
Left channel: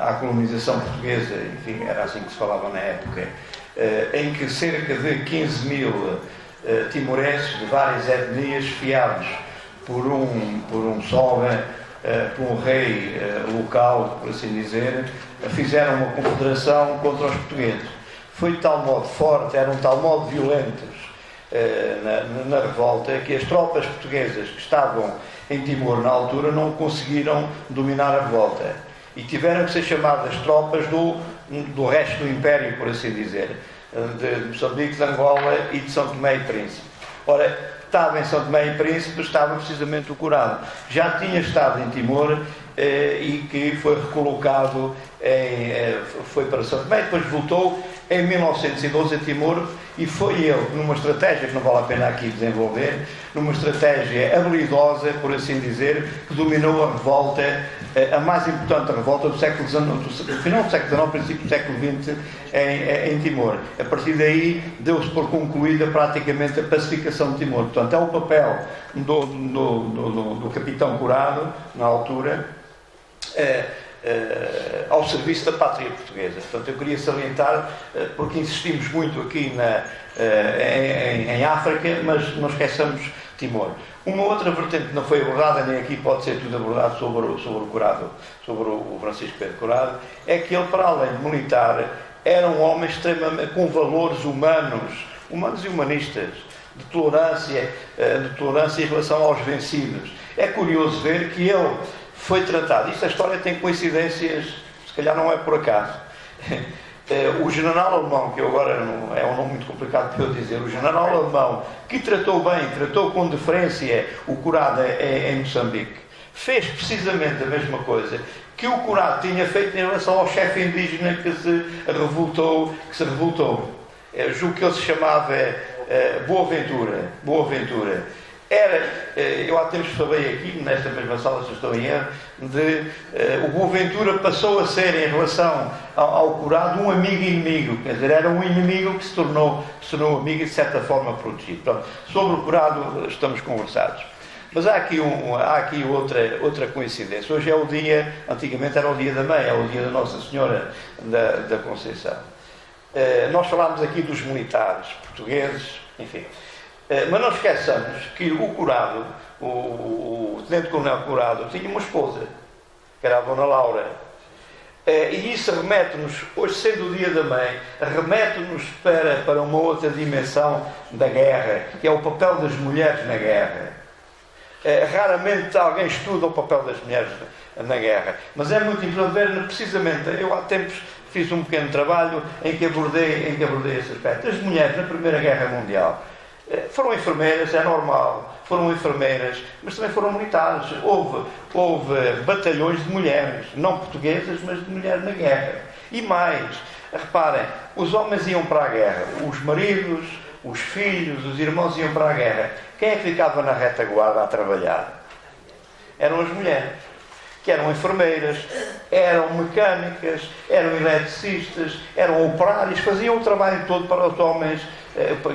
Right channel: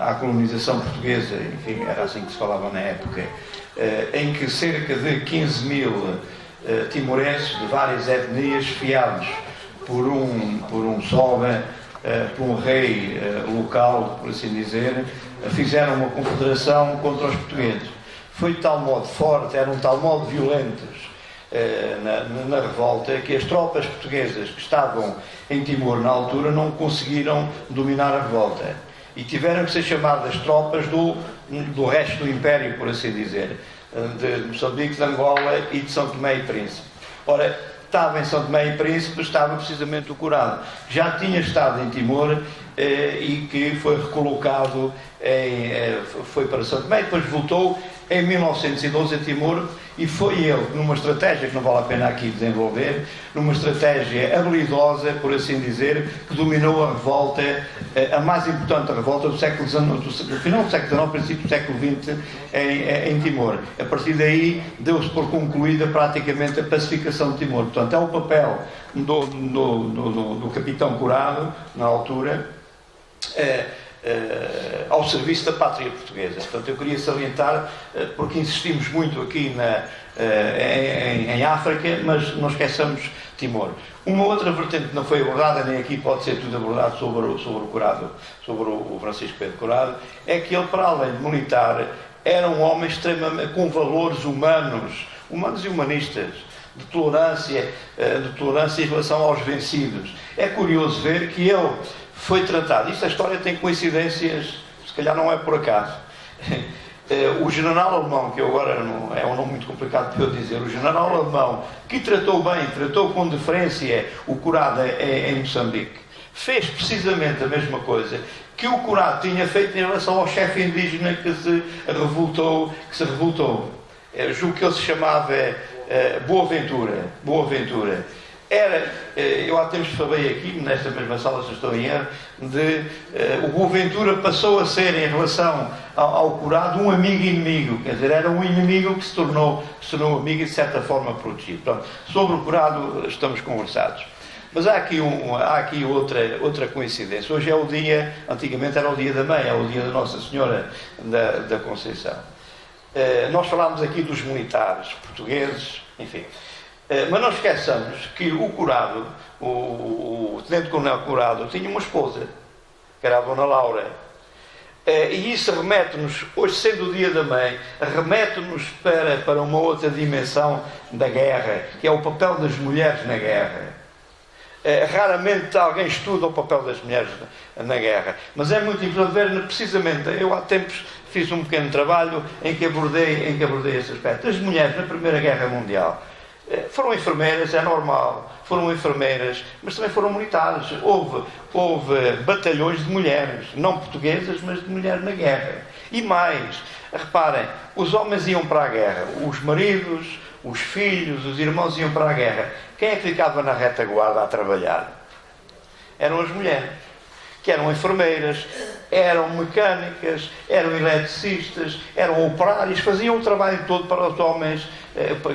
à colonização portuguesa, enfim, era assim que se falava na época, em que cerca de 15 mil timorenses de várias etnias, fiados por um soga, por um rei local, por assim dizer, fizeram uma confederação contra os portugueses. Foi de tal modo forte, eram de tal modo violentos na revolta, que as tropas portuguesas que estavam em Timor na altura não conseguiram dominar a revolta. E tiveram que ser chamadas tropas do resto do Império, por assim dizer, de Moçambique, de Angola e de São Tomé e Príncipe. Ora, estava em São Tomé e Príncipe, estava precisamente o Curado. Já tinha estado em Timor e que foi recolocado, foi para São Tomé, depois voltou em 1912 a Timor, e foi ele, numa estratégia que não vale a pena aqui desenvolver, numa estratégia habilidosa, por assim dizer, que dominou a revolta, a mais importante revolta do século XIX, do final do século XIX, princípio do século XX, em Timor. A partir daí, deu-se por concluída praticamente a pacificação de Timor. Portanto, é o papel do capitão Curado, na altura, ao serviço da pátria portuguesa. Portanto, eu queria salientar, porque insistimos muito aqui em África, mas não esqueçamos Timor. Uma outra vertente que não foi abordada, nem aqui pode ser tudo abordado sobre o Curado, sobre o Francisco Pedro Curado, é que ele, para além de militar, era um homem extremamente com valores humanos e humanistas, de tolerância em relação aos vencidos. É curioso ver que ele foi tratado. Isto, a história tem coincidências, se calhar não é por acaso. O general alemão, que agora é um nome muito complicado para eu dizer, o general alemão, que tratou com deferência o Curado em Moçambique, fez precisamente a mesma coisa que o Curado tinha feito em relação ao chefe indígena que se revoltou. Julgo que ele se chamava Boaventura. Eu há tempos falei aqui, nesta mesma sala, se estou em erro, o Boaventura passou a ser, em relação ao Curado, um amigo inimigo. Quer dizer, era um inimigo que se tornou amigo e, de certa forma, protegido. Pronto, sobre o Curado estamos conversados. Mas há aqui outra coincidência. Hoje é o dia, antigamente era o dia da mãe, é o dia da Nossa Senhora da Conceição. Nós falámos aqui dos militares portugueses, enfim. Mas não esqueçamos que o Curado, o tenente-coronel Curado, tinha uma esposa, que era a Dona Laura. E isso remete-nos, hoje sendo o dia da mãe, remete-nos para uma outra dimensão da guerra, que é o papel das mulheres na guerra. Raramente alguém estuda o papel das mulheres na guerra, mas é muito importante ver, precisamente, eu há tempos fiz um pequeno trabalho em que abordei esse aspecto. As mulheres na Primeira Guerra Mundial foram enfermeiras, é normal, foram enfermeiras, mas também foram militares. Houve batalhões de mulheres, não portuguesas, mas de mulheres na guerra. E mais, reparem, os homens iam para a guerra, os maridos, os filhos, os irmãos iam para a guerra. Quem é que ficava na retaguarda a trabalhar? Eram as mulheres, que eram enfermeiras, eram mecânicas, eram eletricistas, eram operários, faziam o trabalho todo para os homens,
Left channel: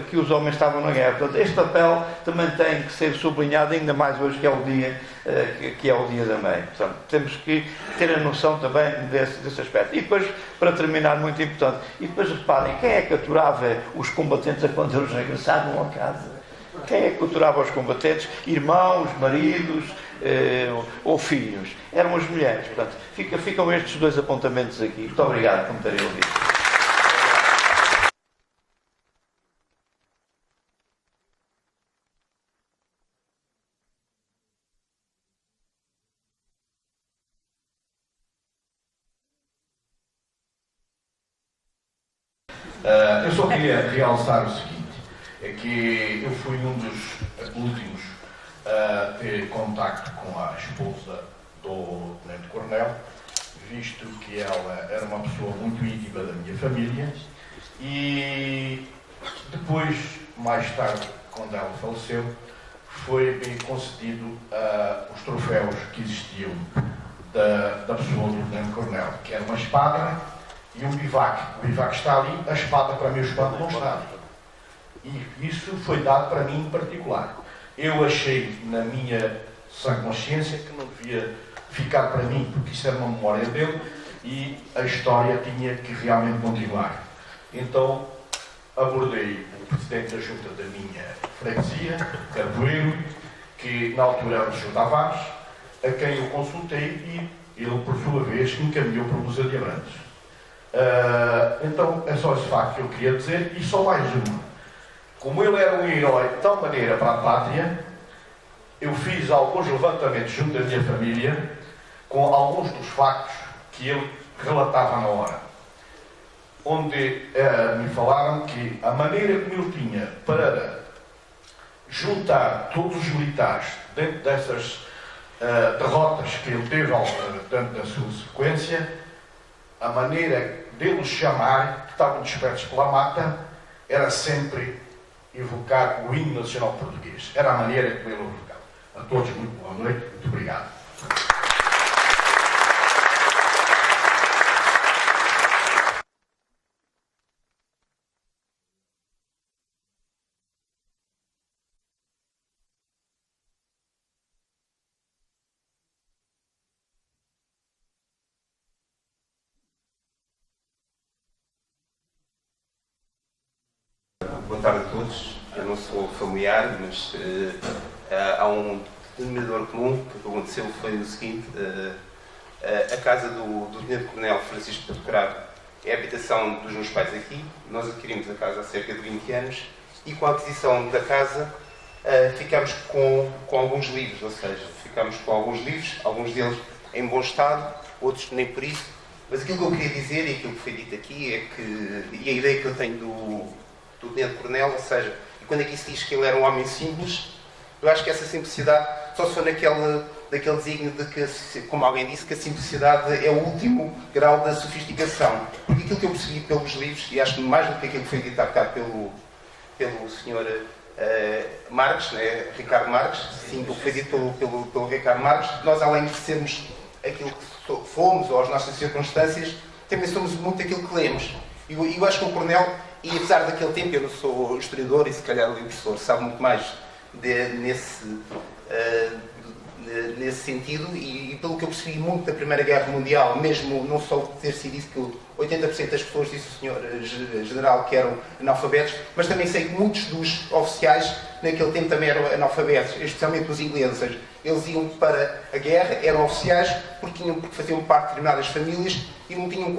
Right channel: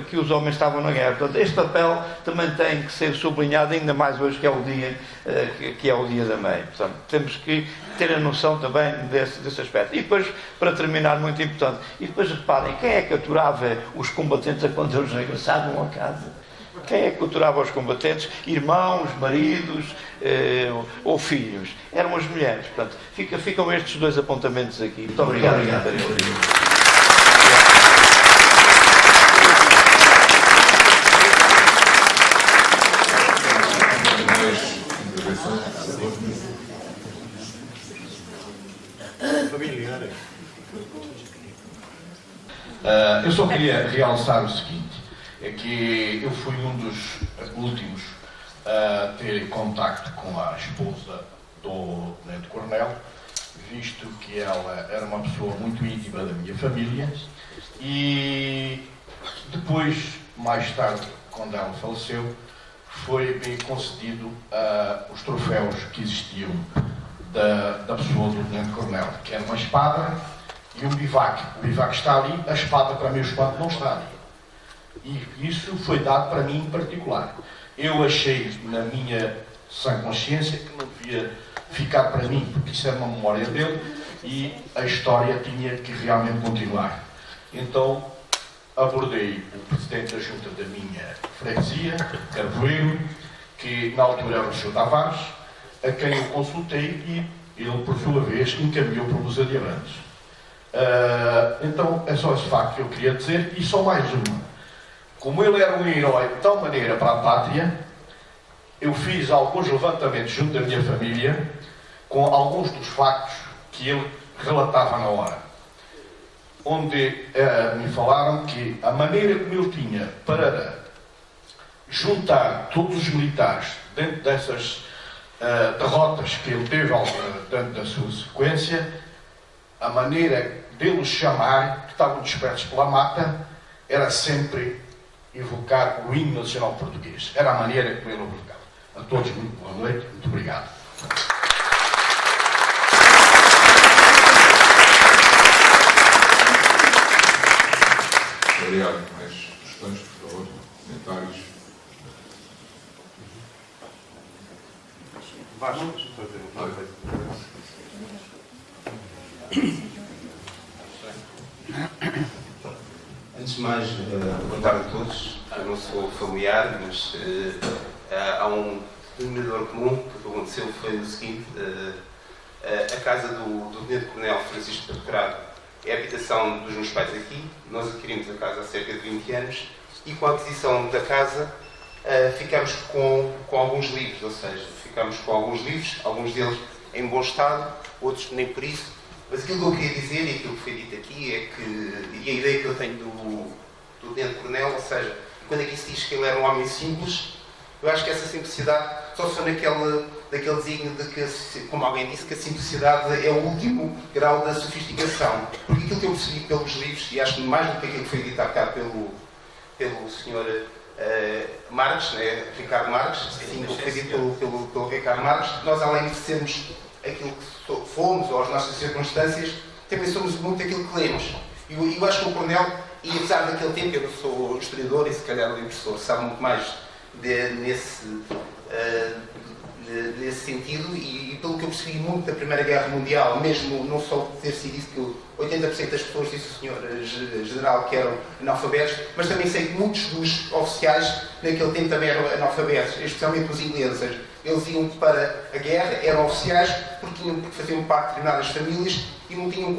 que os homens estavam na guerra. Portanto, este papel também tem que ser sublinhado, ainda mais hoje, que é o dia da mãe. Portanto, temos que ter a noção também desse aspecto. E depois, para terminar, muito importante, e depois reparem, quem é que aturava os combatentes quando eles regressavam a casa? Quem é que torturava os combatentes? Irmãos, maridos ou filhos. Eram as mulheres. Portanto, ficam estes dois apontamentos aqui. Muito obrigado por me terem ouvido. Eu só queria realçar o seguinte, é que eu fui um dos últimos a ter contacto com a esposa do tenente-coronel, visto que ela era uma pessoa muito íntima da minha família, e depois, mais tarde, quando ela faleceu, foi-me concedido os troféus que existiam da pessoa do tenente-coronel, que era uma espada e um bivac. O bivac está ali, a espada, para mim, o espada não está ali. E isso foi dado para mim em particular. Eu achei, na minha sã consciência, que não devia ficar para mim, porque isso era uma memória dele e a história tinha que realmente continuar. Então, abordei o presidente da junta da minha freguesia, Carvoeiro, que na altura era o Sr. Tavares, a quem eu consultei e ele, por sua vez, encaminhou para o Museu de Abrantes. Então, é só esse facto que eu queria dizer, e só mais uma. Como ele era um herói de tal maneira para a pátria, eu fiz alguns levantamentos junto da minha família com alguns dos factos que ele relatava na hora. Onde me falaram que a maneira como ele tinha para juntar todos os militares dentro dessas derrotas que ele teve dentro da sua sequência, a maneira deles chamar, que estavam dispersos pela mata, era sempre evocar o hino nacional português. Era a maneira como ele evocava. A todos, muito boa noite, muito obrigado. Obrigado. Mais questões, por favor? Comentários? Antes de mais, boa tarde a todos. Eu não sou familiar, mas há um denominador comum que aconteceu foi o seguinte: a casa do tenente-coronel Francisco Pedro é a habitação dos meus pais aqui. Nós adquirimos a casa há cerca de 20 anos e com a aquisição da casa ficámos com alguns livros, ou seja, ficámos com alguns livros, alguns deles em bom estado, outros nem por isso. Mas aquilo que eu queria dizer e aquilo que foi dito aqui é que, e a ideia que eu tenho do tenente-coronel, ou seja, quando aqui se diz que ele era um homem simples, eu acho que essa simplicidade só se for naquele desígnio de que, como alguém disse, que a simplicidade é o último grau da sofisticação. Porque aquilo que eu percebi pelos livros, e acho que mais do que aquilo que foi dito há bocado pelo Sr. Marques, né? Ricardo Marques, sim, o que foi dito pelo Ricardo Marques, nós além de sermos aquilo que fomos ou as nossas circunstâncias, também somos muito aquilo que lemos. E eu acho que o Coronel, e apesar daquele tempo, eu não sou historiador e se calhar o professor sabe muito mais nesse sentido, e pelo que eu percebi muito da Primeira Guerra Mundial, mesmo não só ter sido isso que 80% das pessoas, disse o Sr. General, que eram analfabetos, mas também sei que muitos dos oficiais naquele tempo também eram analfabetos, especialmente os ingleses. Ou seja, eles iam para a guerra, eram oficiais porque faziam parte de determinadas famílias e não tinham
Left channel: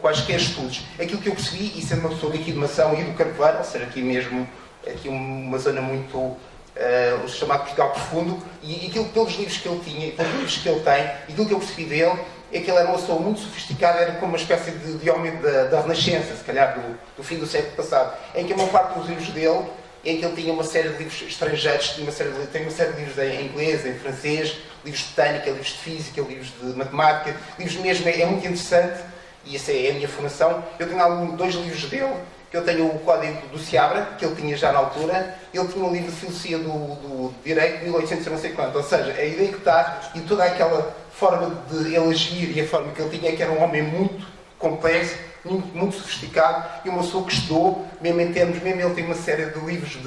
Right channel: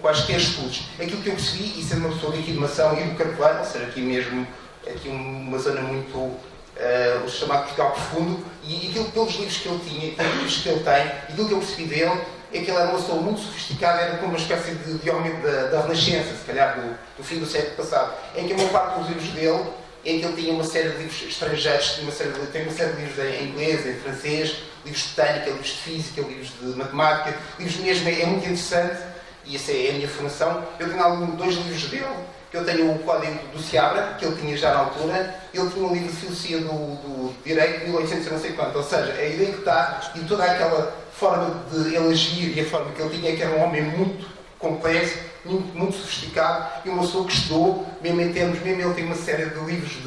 quaisquer estudos. Aquilo que eu percebi, e sendo uma pessoa aqui de Mação e do Carvoeiro, ou seja, aqui uma zona muito o chamado Portugal profundo, e aquilo pelos livros que ele tinha, pelos livros que ele tem, e aquilo que eu percebi dele é que ele era uma pessoa muito sofisticada, era como uma espécie de homem da Renascença, se calhar do fim do século passado, em que a maior parte dos livros dele, em que ele tinha uma série de livros estrangeiros, tem uma série de livros em inglês, em francês, livros de botânica, livros de física, livros de matemática, livros mesmo, é muito interessante, e essa é a minha formação. Eu tenho dois livros dele, que eu tenho o Código do Seabra, que ele tinha já na altura, ele tinha um livro de filosofia do Direito de 1800 não sei quanto, ou seja, a ideia que está, e toda aquela forma de ele agir e a forma que ele tinha, é que era um homem muito complexo, muito sofisticado, e uma pessoa que estudou, mesmo em termos, mesmo ele tem uma série de livros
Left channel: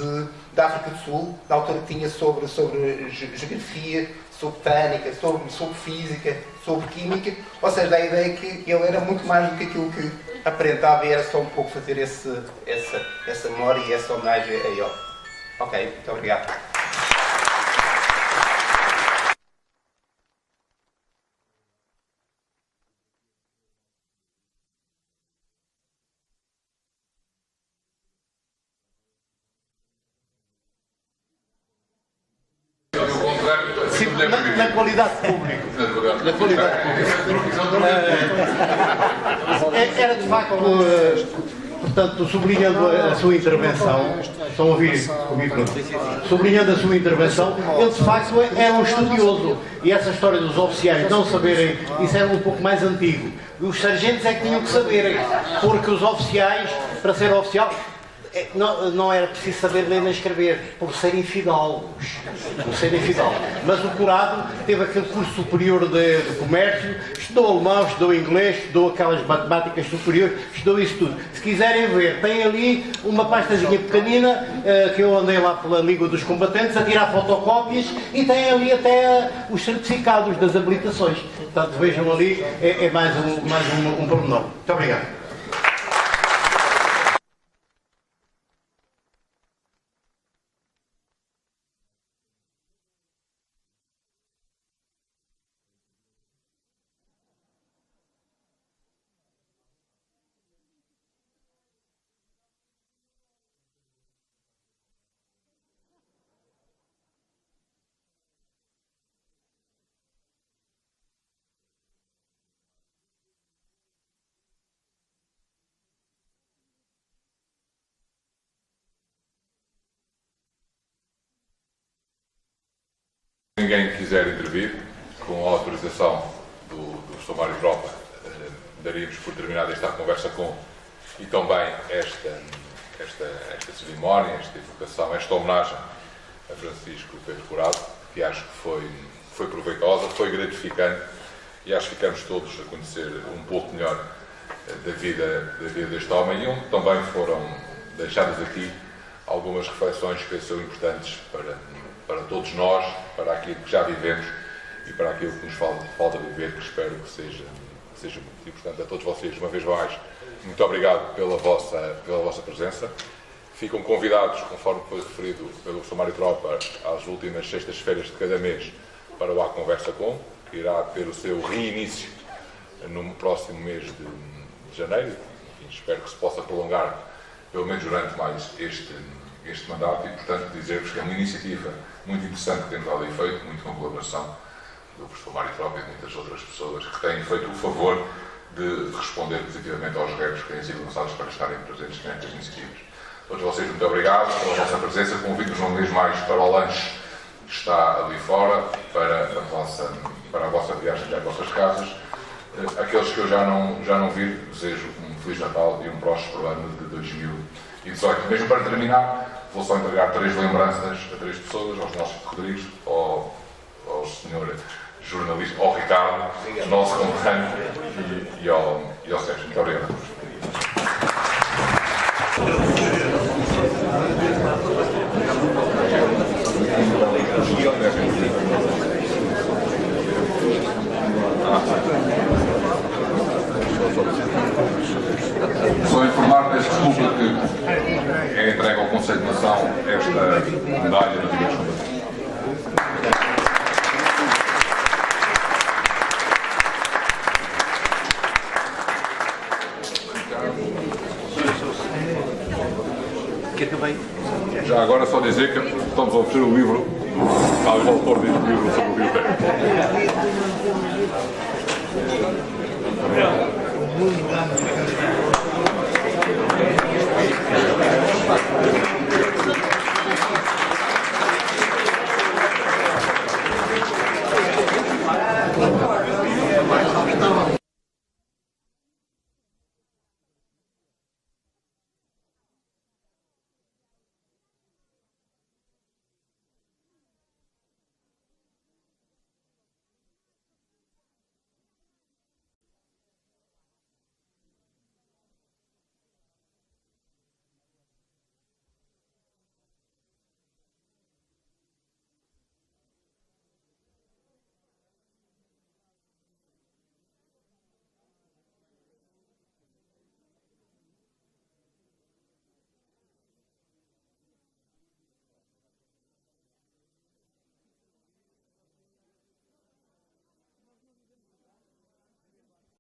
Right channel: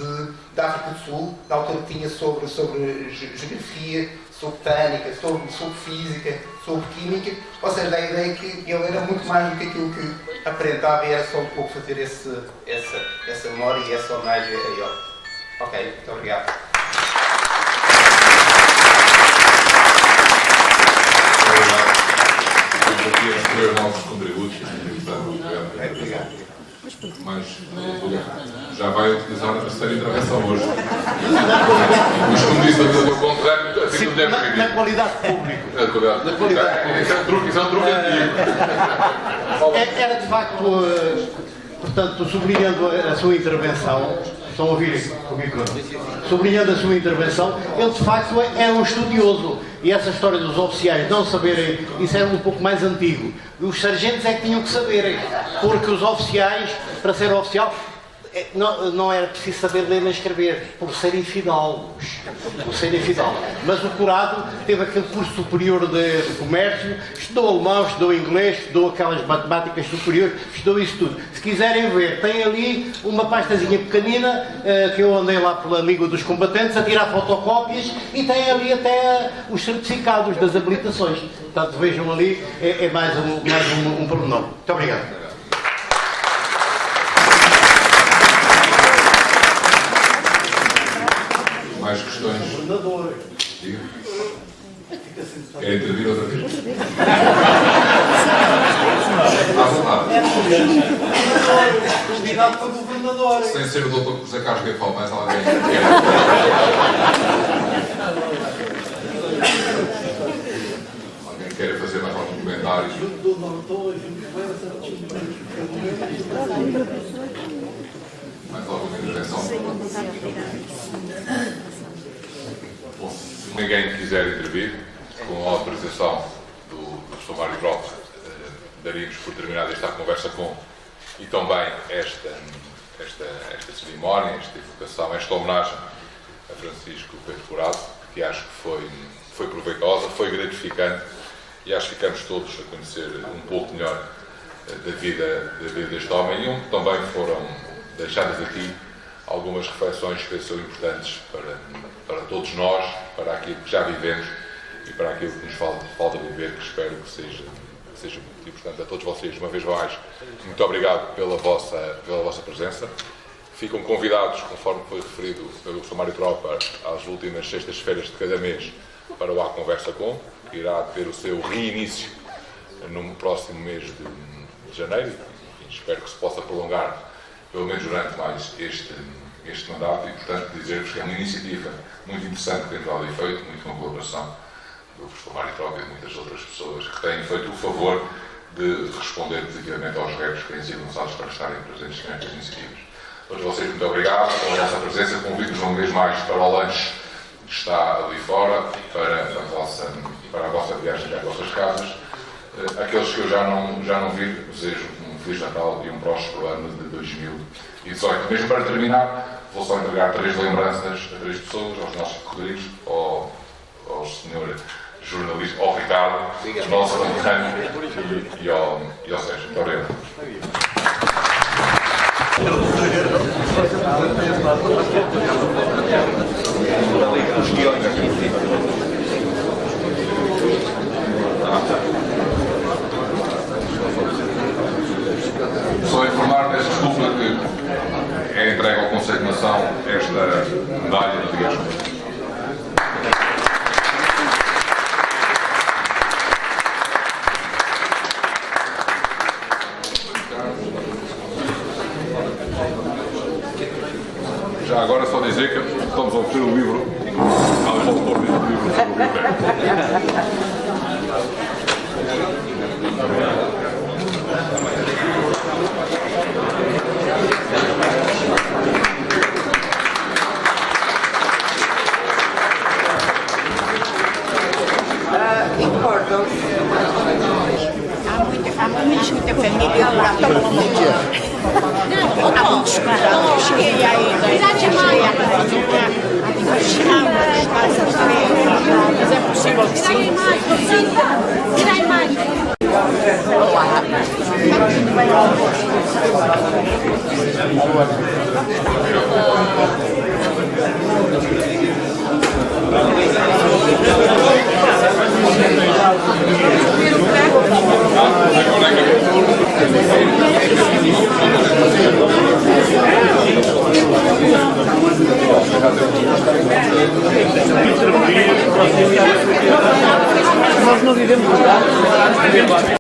da África do Sul, na altura que tinha sobre geografia, sobre botânica, sobre física, sobre química, ou seja, dá a ideia que ele era muito mais do que aquilo que aparentava, e era só um pouco fazer essa memória e essa homenagem a ele. Ok, muito obrigado. Aqui a receber novos contributos. Mas já vai utilizar a terceira intervenção hoje. Mas como disse a vida do contrário, assim como deve vir. Na qualidade de público. Na qualidade de público. Era de facto, portanto, sublinhando a sua intervenção, estão a ouvir comigo? Sublinhando a sua intervenção, ele de facto é um estudioso. E essa história dos oficiais não saberem, isso era um pouco mais antigo. Os sargentos é que tinham que saberem, porque os oficiais, para ser oficial, não era preciso saber ler nem escrever, por serem fidalgos. Mas o curado teve aquele curso superior de comércio, estudou alemão, estudou inglês, estudou aquelas matemáticas superiores, estudou isso tudo. Se quiserem ver, tem ali uma pastazinha pequenina, que eu andei lá pela Liga dos Combatentes a tirar fotocópias, e tem ali até os certificados das habilitações. Portanto, vejam ali, é mais um pormenor. Muito obrigado. Mais questões? Diga. Quer intervir outra vez? Convidado para governador. Sem ser o Dr. José Carlos que fala mais alguém. Alguém quer fazer mais algum comentário? Mais alguma intervenção? Bom, se ninguém quiser intervir, com a autorização do Sr. Mário Tropa, daríamos por terminada esta conversa com e também esta cerimónia, esta evocação, esta homenagem a Francisco Pedro Curado, que acho que foi proveitosa, foi gratificante e acho que ficamos todos a conhecer um pouco melhor da vida deste homem e onde também foram deixadas aqui algumas reflexões que pensou importantes para todos nós, para aquilo que já vivemos e para aquilo que nos falta viver, que espero que seja muito. E, portanto, a todos vocês, uma vez mais, muito obrigado pela vossa presença. Ficam convidados, conforme foi referido pelo Sr. Mário Tropa, às últimas sextas-feiras de cada mês para o A Conversa Com, que irá ter o seu reinício no próximo mês de janeiro. Enfim, espero que se possa prolongar pelo menos durante mais este mandato e, portanto, dizer-vos que é uma iniciativa muito interessante que temos ali feito, muito com colaboração do professor Mário Tropa e de muitas outras pessoas que têm feito o favor de responder positivamente aos retos que têm sido lançados para estarem presentes nestas iniciativas. A todos vocês, muito obrigado pela vossa presença. Convido-vos uma vez mais para o lanche que está ali fora, para a vossa viagem às vossas casas. Aqueles que eu já não vi, desejo um Feliz Natal e um próspero ano de 2018. Mesmo para terminar, vou só entregar 3 lembranças a 3 pessoas, aos nossos Rodrigues, ao Sr. jornalista, ao Ricardo, nosso conterrâneo, e ao Sérgio. Muito obrigado. Só informar, peço desculpa, que é entregue ao Conselho de Nação esta medalha de Dias. Já agora só dizer que estamos a oferecer o livro ao autor deste livro sobre o Rio Tejo. Há muita família lá. Há muitos parentes. Cheguei aí, cheguei à Maranhão, mas é possível que sim. Obrigado.